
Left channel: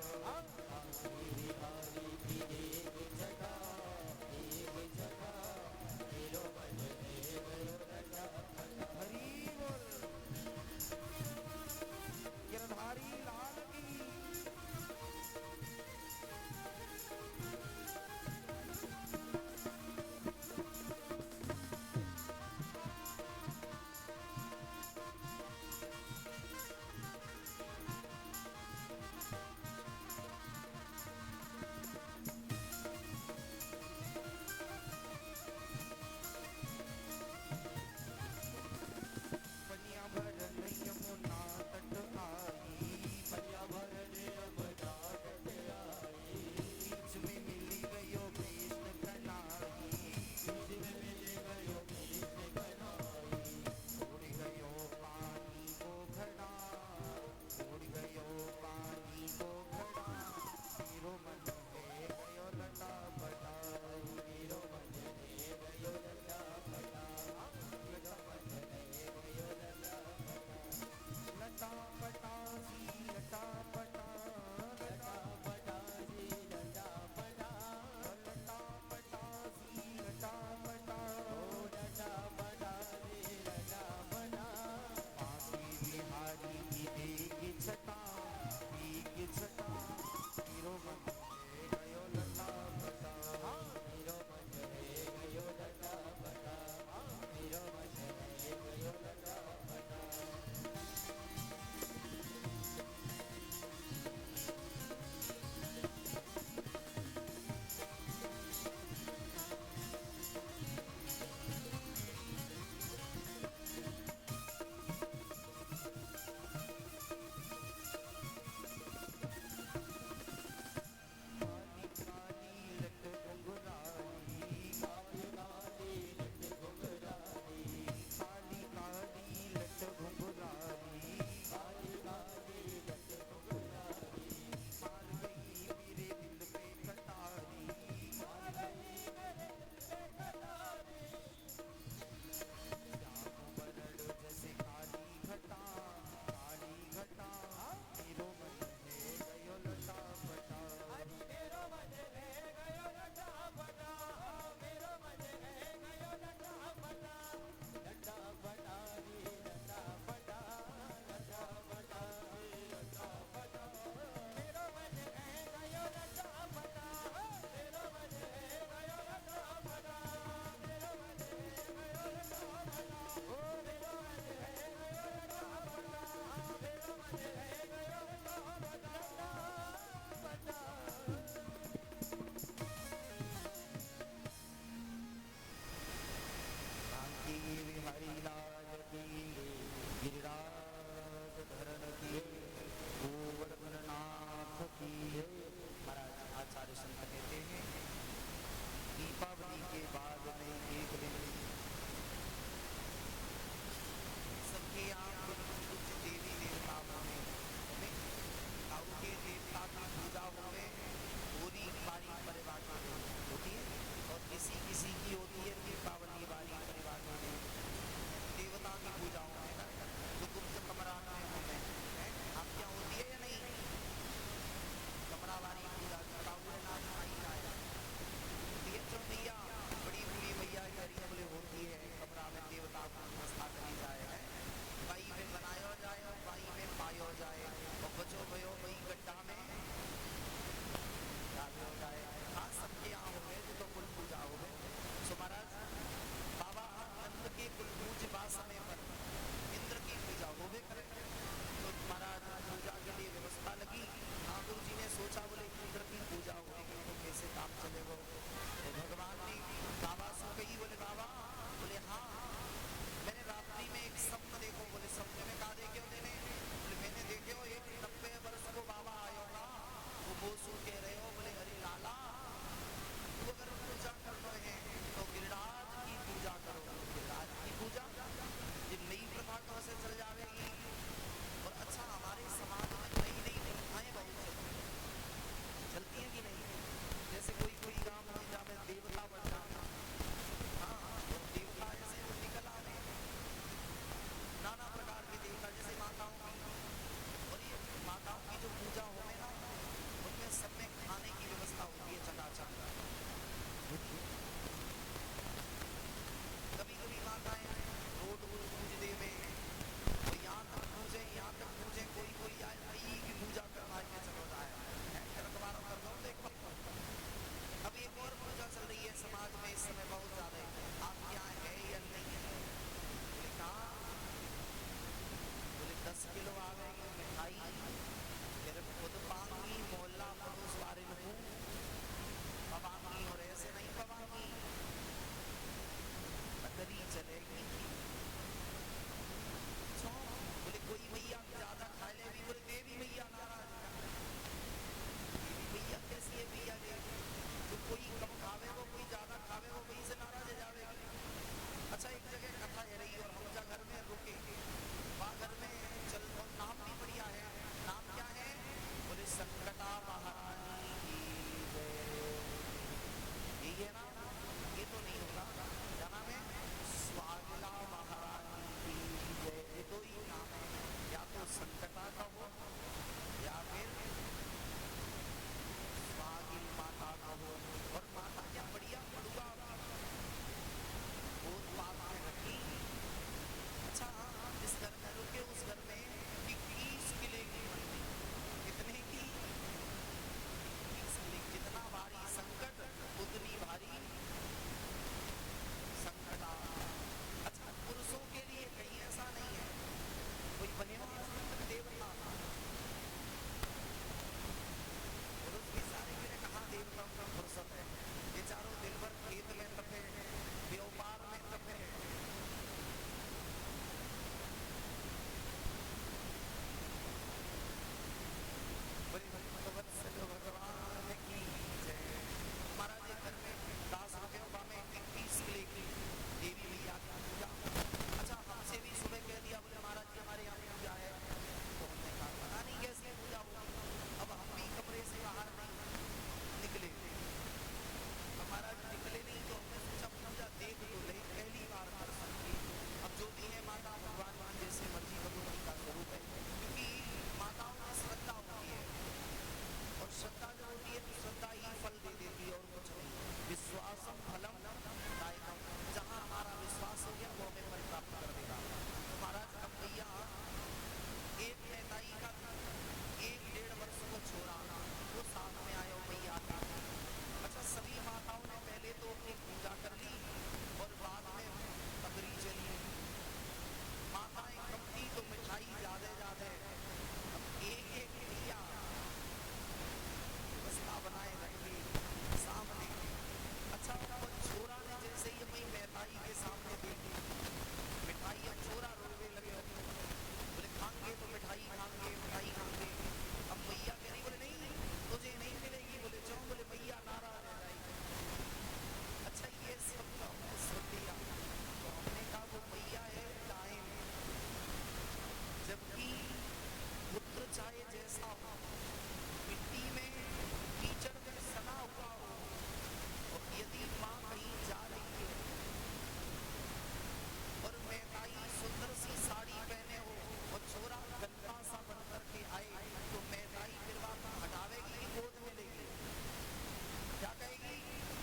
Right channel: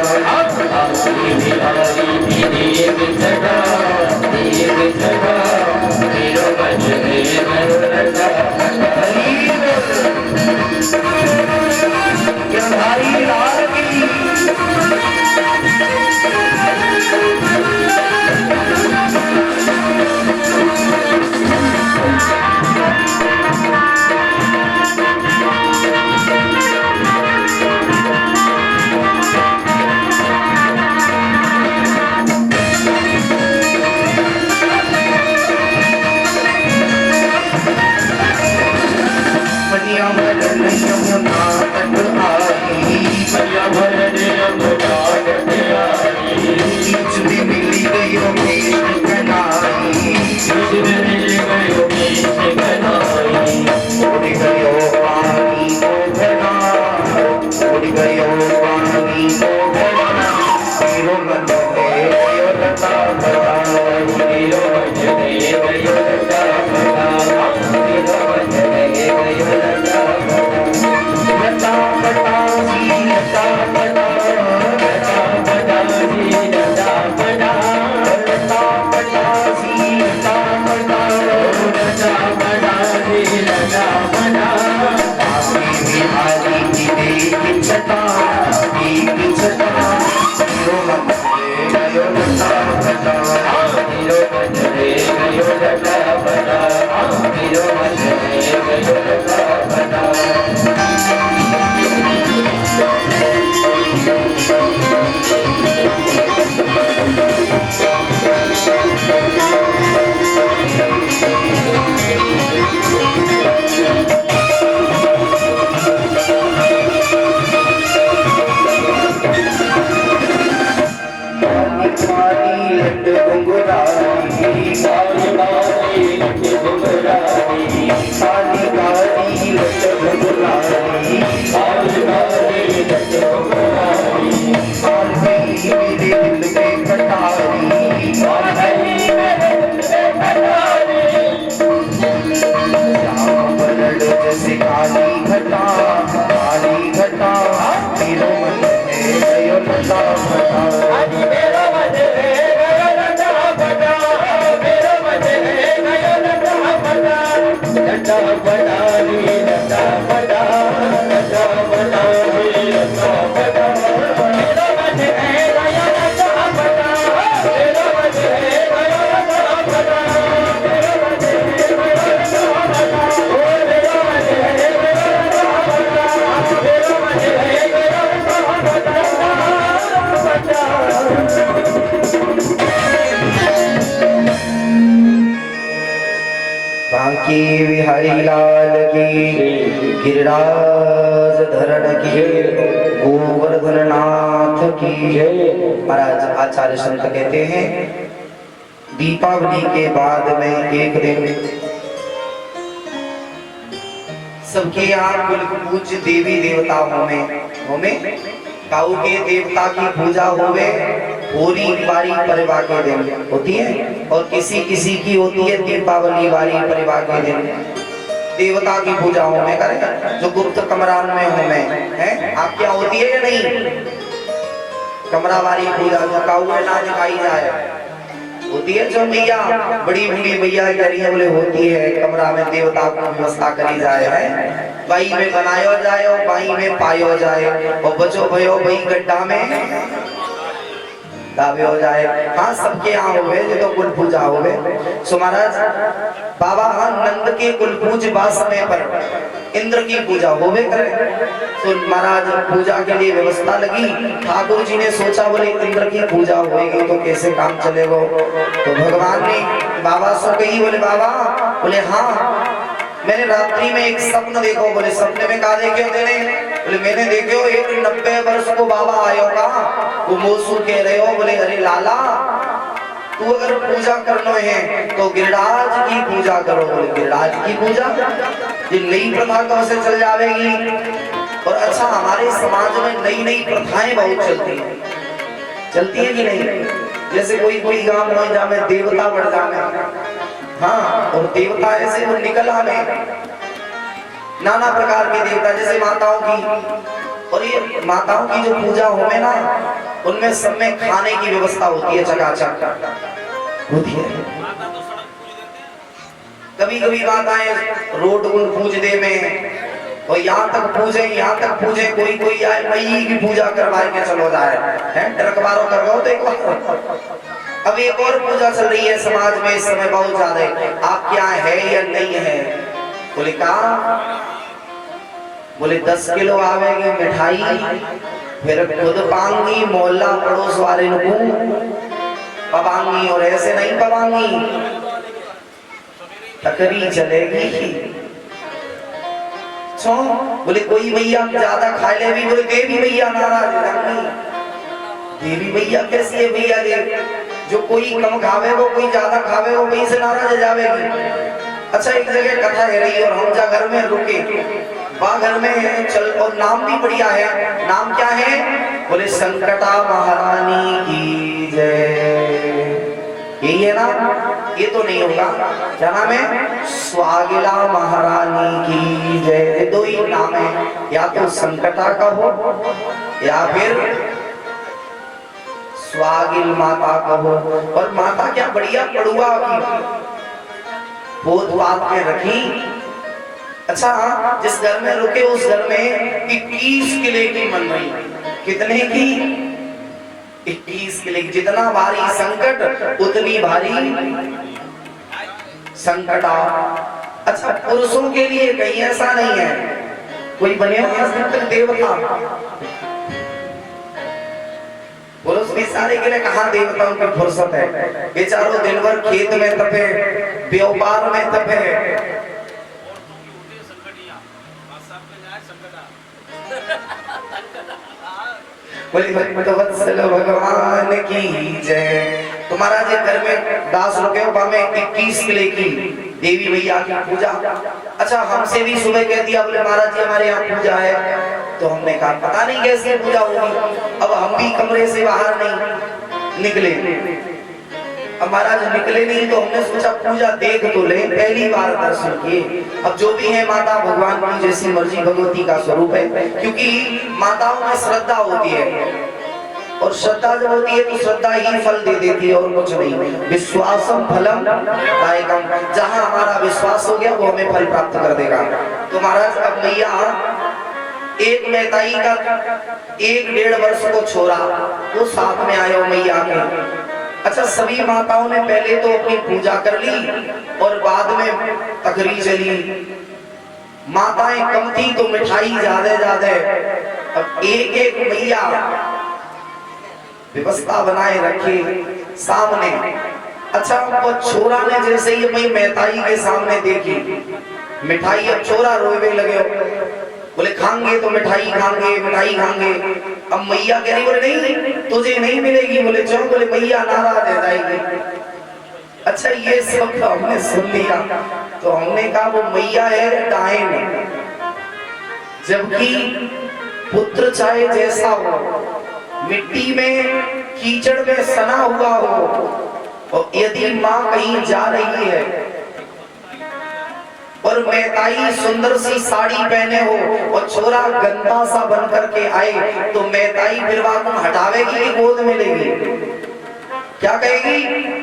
बोल, हाथ पकड़ के नाम से बदलाव हरि लाल की। लटा बड़ा बांके बिहारी की देख छटा देख छटा हीरो मंजरे गयो लटा बड़ा हीरो मंजरे गयो लटा बड़ा हीरो मंजरे गयो लटा बड़ा बांके बिहारी लाल की गिरिराज धरण की गोवर्धन नाथ की महाराज आचार्य संत कहते हैं दीपावली के बाद में एक दिन सबके यहाँ कुल पूज्य देवी देवता होमे काऊ के देवता की पूजा होवे होरी बारी परिवार के दिन होती है और किसी किसी की होती है दीपावली वाली परिवार के दिन देवता की पूजा होमे करें जो गुप्त कमरा में होमे है आप क्या होती है या नहीं कमरा वाली पूजा जो काऊ में ना दिखाई जाए होती है जो मैया बड़ी बूढ़ी मैया कह रही है बोले होती है कमरा में देवता की व्यवस्था करी जाए है बाई में बनायो जाए और बाई में पायो जाए और बचो भयो भाई गड्ढा में दावे हो जाए। हाँ सबके यहाँ हो गए तो कुल पूजा हो गए। सो महाराज बाबा हाँ नंद के कुल पूज बा समय पर इंद्र की पूजा हो गए करे तो महाराज पूजा के लिए व्यवस्था लगी। ठाकुर जी ने सोचा बोले इंद्र की पूजा होगी तो कैसे काम चलेगा तो भगवान ने बाबा से कही बोले बाबा बोले हाँ मैंने रात्रि में एक सपन देखो बोले सपने में कहा देखे तेने बोले मैंने देखो एक 90 वर्ष को बाबा आयो का वो मोसू कह रहे हो बोले अरे लाला तू अगर पूजा करना है तो गिरिराज की पूजा करो बोले गिरिराज की पूजा ये नई प्रथा कहाँ से चल जाएगी। और अच्छा हमारे समाज में नई नई प्रथाएं बहुत चलती है कि नहीं। जैसे कोई गांव में जामे देवता बढ़ जामे हाँ और देवता ऐसे वो निकल आवे नाना प्रकार के देवता जैसे माताओं की और ये माताओं की जो पूजा होवे ना उनमें सब में खाने की व्यवस्था होती है चकाचक होती है। कभी कभी माताएं रोड पूज दे में और यहाँ तक पूजे कोई आए मई की पूजा करवा के चलो जाए है ट्रकवारों करवाओ तो एक बार अब एक और पूजा चल रही है समाज में इस समय बहुत ज्यादा आप क्या है या नहीं है बोले कहा बोले 10 किलो आवेगी मिठाई फिर खुद पाऊंगी मोहल्ला पड़ोस वाले को पवांगी और ऐसे नहीं पवांगी तकरी चलेगी। बोले कोई भैया ज्यादा खा ले भी बोले देवी भैया नाराज देवी भैया कैसी है भैया देव जो कोई कम खावे वो कोई ज्यादा खावे वो वहीं से नाराज जावेगी। अच्छा एक जगह कथा है रही और हम जा घर में रुके वहां घर में चल और नाम भी बढ़िया है। नाम क्या है बोले संकटा महारानी की जय यही है ना ये तो नहीं होगा क्या नाम है स्वागिला महारानी की जय दो ही नाम है या तो संकटा का हो या फिर स्वागिल माता कहो। और माता क्या बढ़िया पड़ुआ की पोत पात के रखी अच्छा, जिस घर में रुके उस घर में 21 किले की मनमानी। कितने की? 21 किले। जितना भारी संकट उतनी भारी संकट आ। अच्छा, पुरुषों के लिए कहीं ऐसा नहीं है, कोई बने हो देवता, पुरुष भी सारे के लिए कहाँ देवताओं की फुर्सत है। बेचारों दिन भर खेत में तपे, व्यापार में तपे। बोली भक्तवत्सल भगवान की जय। तुम्हारा जो घर में दास रुके हो में 21 किले की देवी मैया की पूजा। अच्छा, हमसे भी सुबह कह दिया, बोले महाराज जी हमारे यहाँ पूजा है। तो हमने कहा पता नहीं कैसे पूजा होगी। अब हम भी कमरे से बाहर नहीं निकले। अब महाराज निकले नहीं तो हमने सोचा पूजा देख तो ले, पहली बार दर्शन किए। अब जो भी है माता भगवान की जैसी मर्जी भगवती का स्वरूप है, क्योंकि माताओं में श्रद्धा होती है और श्रद्धा जब होती है तो श्रद्धा ही फल दे देती है और कुछ नहीं। विश्वासम फलम दायकम, जहां हमारा विश्वास हो गया वो हमें फल प्राप्त कर देगा। तो महाराज अब मैया एक मैताई का 1-1.5 वर्ष को छोड़ा, वो साथ में आयो मैया के। अच्छा, सभी माताओं ने पहले तो अपनी पूजा कर ली और बाद में तकरी चली। माताएं कम थी तो मिठाई ज्यादा। अब एक मैया व्यवस्था बनाए रखी सामने। अच्छा, वो छोरा ने जैसे ही मैं मैताई के सामने देखी मिठाई, अब छोरा रोवे लगे, बोले खाएंगे तो मिठाई खाएंगे, मिठाई खाएंगे। अब मैया कह रही, बोले नहीं तुझे नहीं मिलेगी। बोले क्यों? बोले मैया नाराज हो जाएगी। अच्छा, ये सब तो हमने सुन लिया तो हमने कहा वो मैया है डायन, जबकि पुत्र चाहे जैसा हो, मिट्टी में कीचड़ में सना हुआ हो, और यदि माँ कहीं जा रही है और मैताई सुंदर सी साड़ी पहने हो और छोरा गंदा सा बन करके आए, तो मैताई फिर तुम हटावेगी कि गोद में लेगी? क्या कहेगी?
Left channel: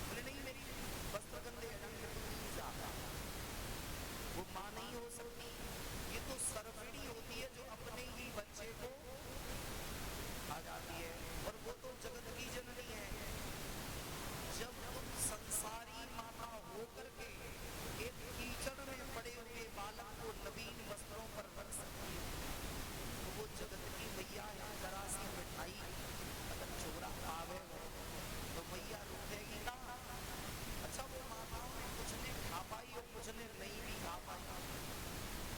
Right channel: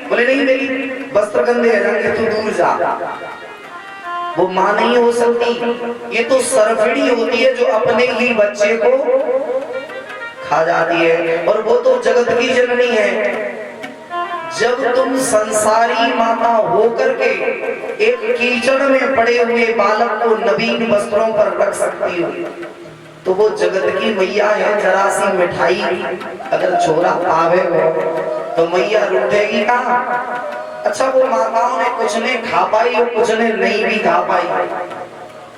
बोले नहीं मेरी वस्त्र गंदे है, तू दूर जा। वो माँ नहीं हो सकती। ये तो सरफड़ी होती है जो अपने ही बच्चे को खा जाती है, और वो तो जगत की जननी है। जब तुम संसारी माता होकर के एक कीचड़ में पड़े हुए बालक को नवीन वस्त्रों पर रख सकती हो, तो वो जगत की मैया है। जरा सी मिठाई अगर छोरा पावे हो तो मैया रूठेगी कहाँ? अच्छा, वो माताओं ने कुछ ने खा पाई और कुछ ने नहीं भी खा पाई,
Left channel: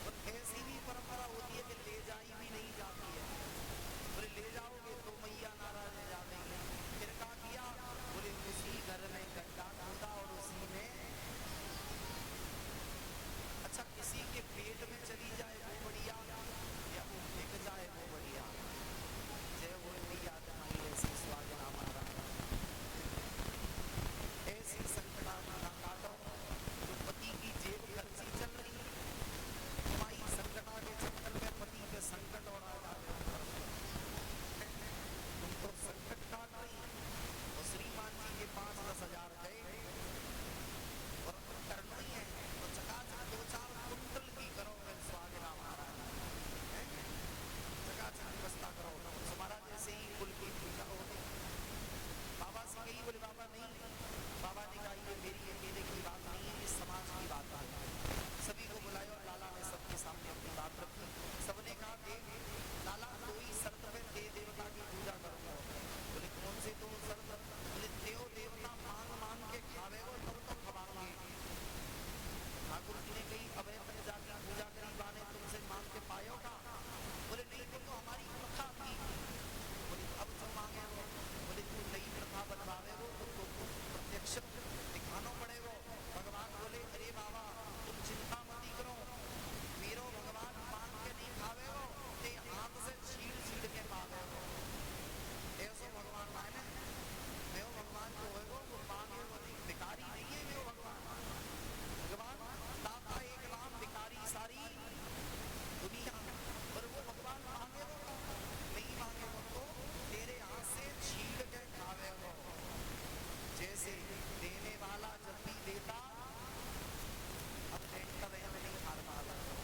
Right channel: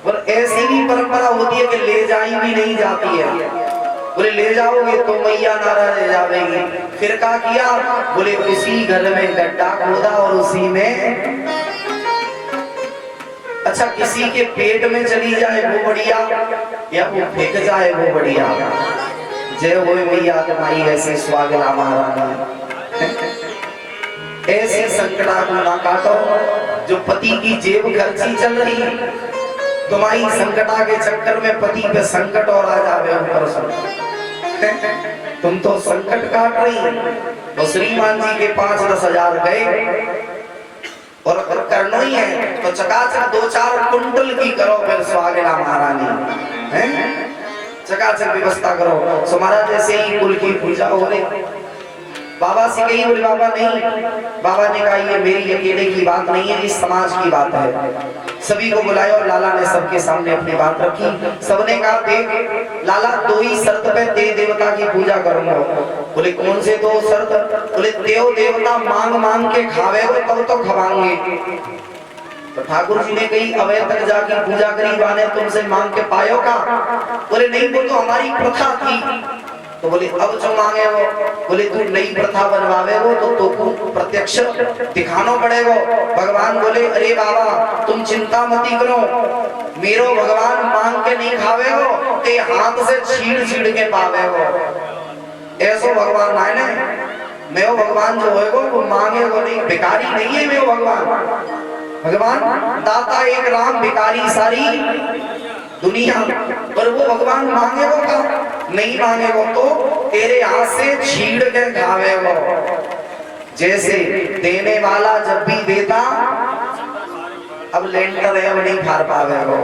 और ऐसी भी परंपरा होती है कि ले जाई भी नहीं जाती है। बोले ले जाओगे तो मैया नाराज हो जाएगी। फिर क्या किया? बोले उसी घर में गड्ढा खोदा और उसी में, अच्छा किसी के पेट में चली जाए वो बढ़िया, या वो फेंक जाए वो बढ़िया। जय हो मैया तुम्हारी ऐसे स्वागला महारानी। ऐसे संकटा को ना काटो, जो पति की जेब खर्ची चल रही, तुम्हारी संकटा के चक्कर में पति पे संकट और आ जावे ऊपर से। तुम तो संकट काट रही। तो श्रीमान जी के 5-10 हजार गए और करना ही है तो चकाचक 2-4 कुंटल की करो फिर स्वागला महारानी है, चकाचक व्यवस्था करो। सो महाराज जैसे ही कुल की पूजा हो रही, बाबा से कही, बोले बाबा नहीं। बाबा ने कहा ये मेरी अकेले की बात नहीं है, इस समाज की बात है। सभी को बुलाया और लाला ने सबके सामने अपनी बात रखी। सबने कहा देख लाला, 2 ही शर्त पे देव देवता की पूजा करूंगा। बोले कौन से 2 शर्त? बोले देव देवता मांग मांग के खावे हो तब तो खवाएंगे। तो ठाकुर जी ने कही अवय तक जाके पूजा करी बाने तुमसे मांग के पायो का? बोले नहीं, वो तो हमारी प्रथा थी। तो बोले अब जो मांगे हो? बोले तू नई प्रथा बनवावे हो तो प्रत्यक्ष दिखाना पड़ेगा। भगवान बोले अरे बाबा तुम चिंता मती करो, मेरो भगवान मांग के नहीं खावे हो, ते हाथ से छीड़ छीड़ के पावे हो। ऐसो भगवान है ना, मेरो भगवान जो होएगो वो मांगेगो नहीं, भिखारी नहीं है मेरो भगवान। भगवान दाता एक राम, भिखारी सारी दुनिया। पर वो भगवान मांगेगो का? नहीं मांगेगो तो तेरे हाथ से छीड़ के खावेगो। जैसे देने वाला जब भी देता, अब लेंटर है अब नहीं खा पावेगो,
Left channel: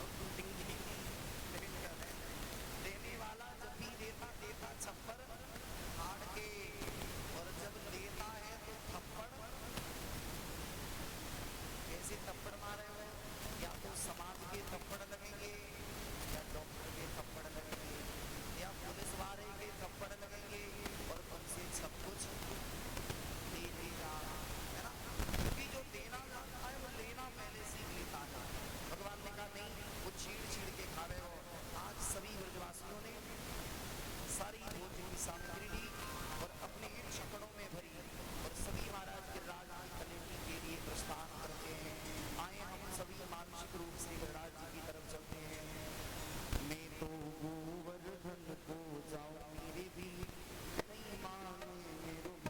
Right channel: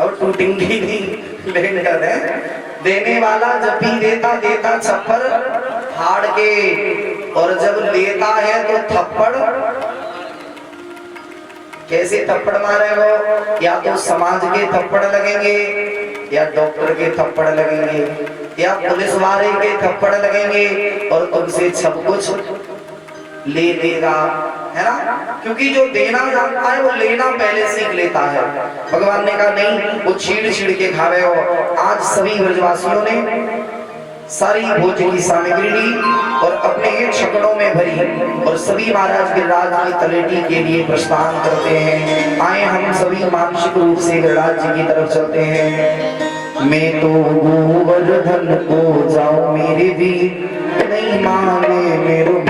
अब टूटेंगी नहीं लेकिन कर रहे देने वाला जब भी देता देता छप्पर हाड़ के, और जब लेता है तो थप्पड़। कैसे थप्पड़ मारे हो? या तो समाज के थप्पड़ लगेंगे, या डॉक्टर के थप्पड़ लगेंगे, या पुलिस वाले के थप्पड़ लगेंगे, और तुमसे सब कुछ ले लेगा, है ना? क्योंकि जो देना जानता है वो लेना पहले सीख लेता है। भगवान ने कहा नहीं, वो छीड़ छीड़ के खावे हो। आज सभी ब्रजवासियों ने सारी भोज की सामग्री ली और अपने छकड़ों में भरी, और सभी महाराज गिरिराज की तलेटी के लिए प्रस्थान करते हैं। आए हम सभी मानसिक रूप से गिरिराज जी की तरफ चलते हैं। मैं तो गोवर्धन को जाऊं मेरे भी नहीं माने मेरे